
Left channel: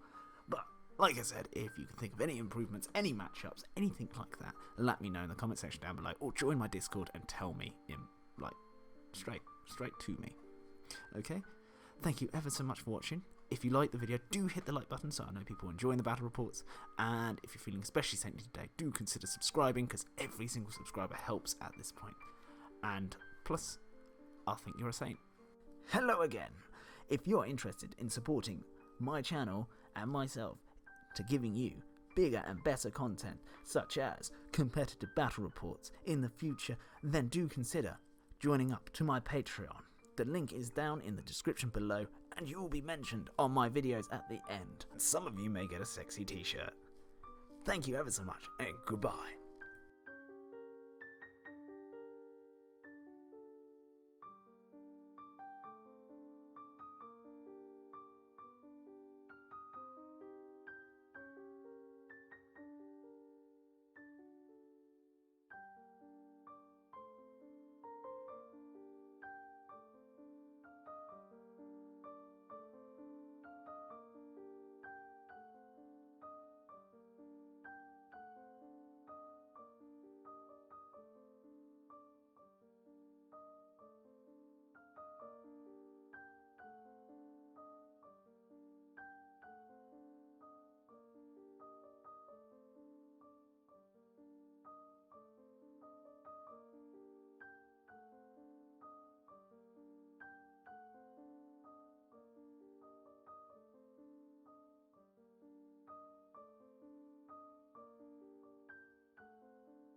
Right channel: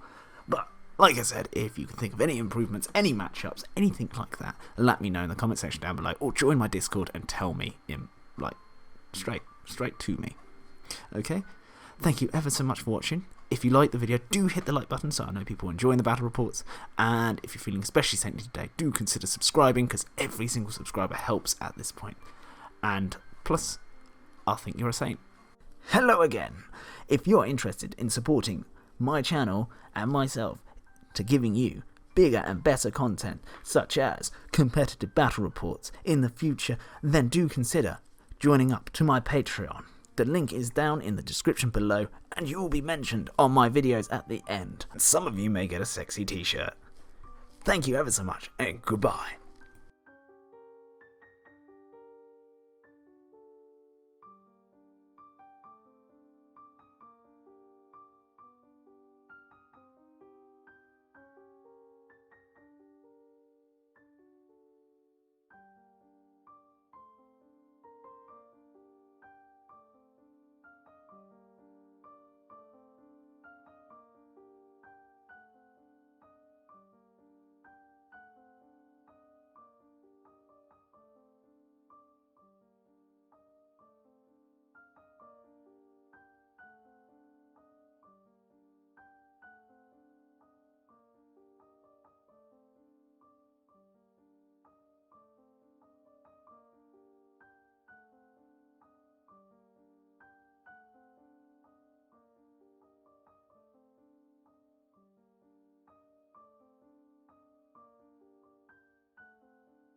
But like I said, if you can think of any improvements, any matchups, anything like that, let me know in the comment section down below, or join my Discord and tell me in straight to me. Okay? Thank you ever so much for watching. If you like the video, do hit the like button so I know people are enjoying the battle reports. And if you're feeling especially saintly today, do consider subscribing, because every single subscriber helps at this point. And plus, I think you're a saint. Hello again. If you're interested in supporting my channel and myself to giving you bigger and better content, such as competitive battle reports in the future, then do consider joining up to my Patreon. The link is down in the description below, and you will be mentioned on my videos at the end. And some of you may get a sexy t-shirt. Thank you ever so much, and goodbye.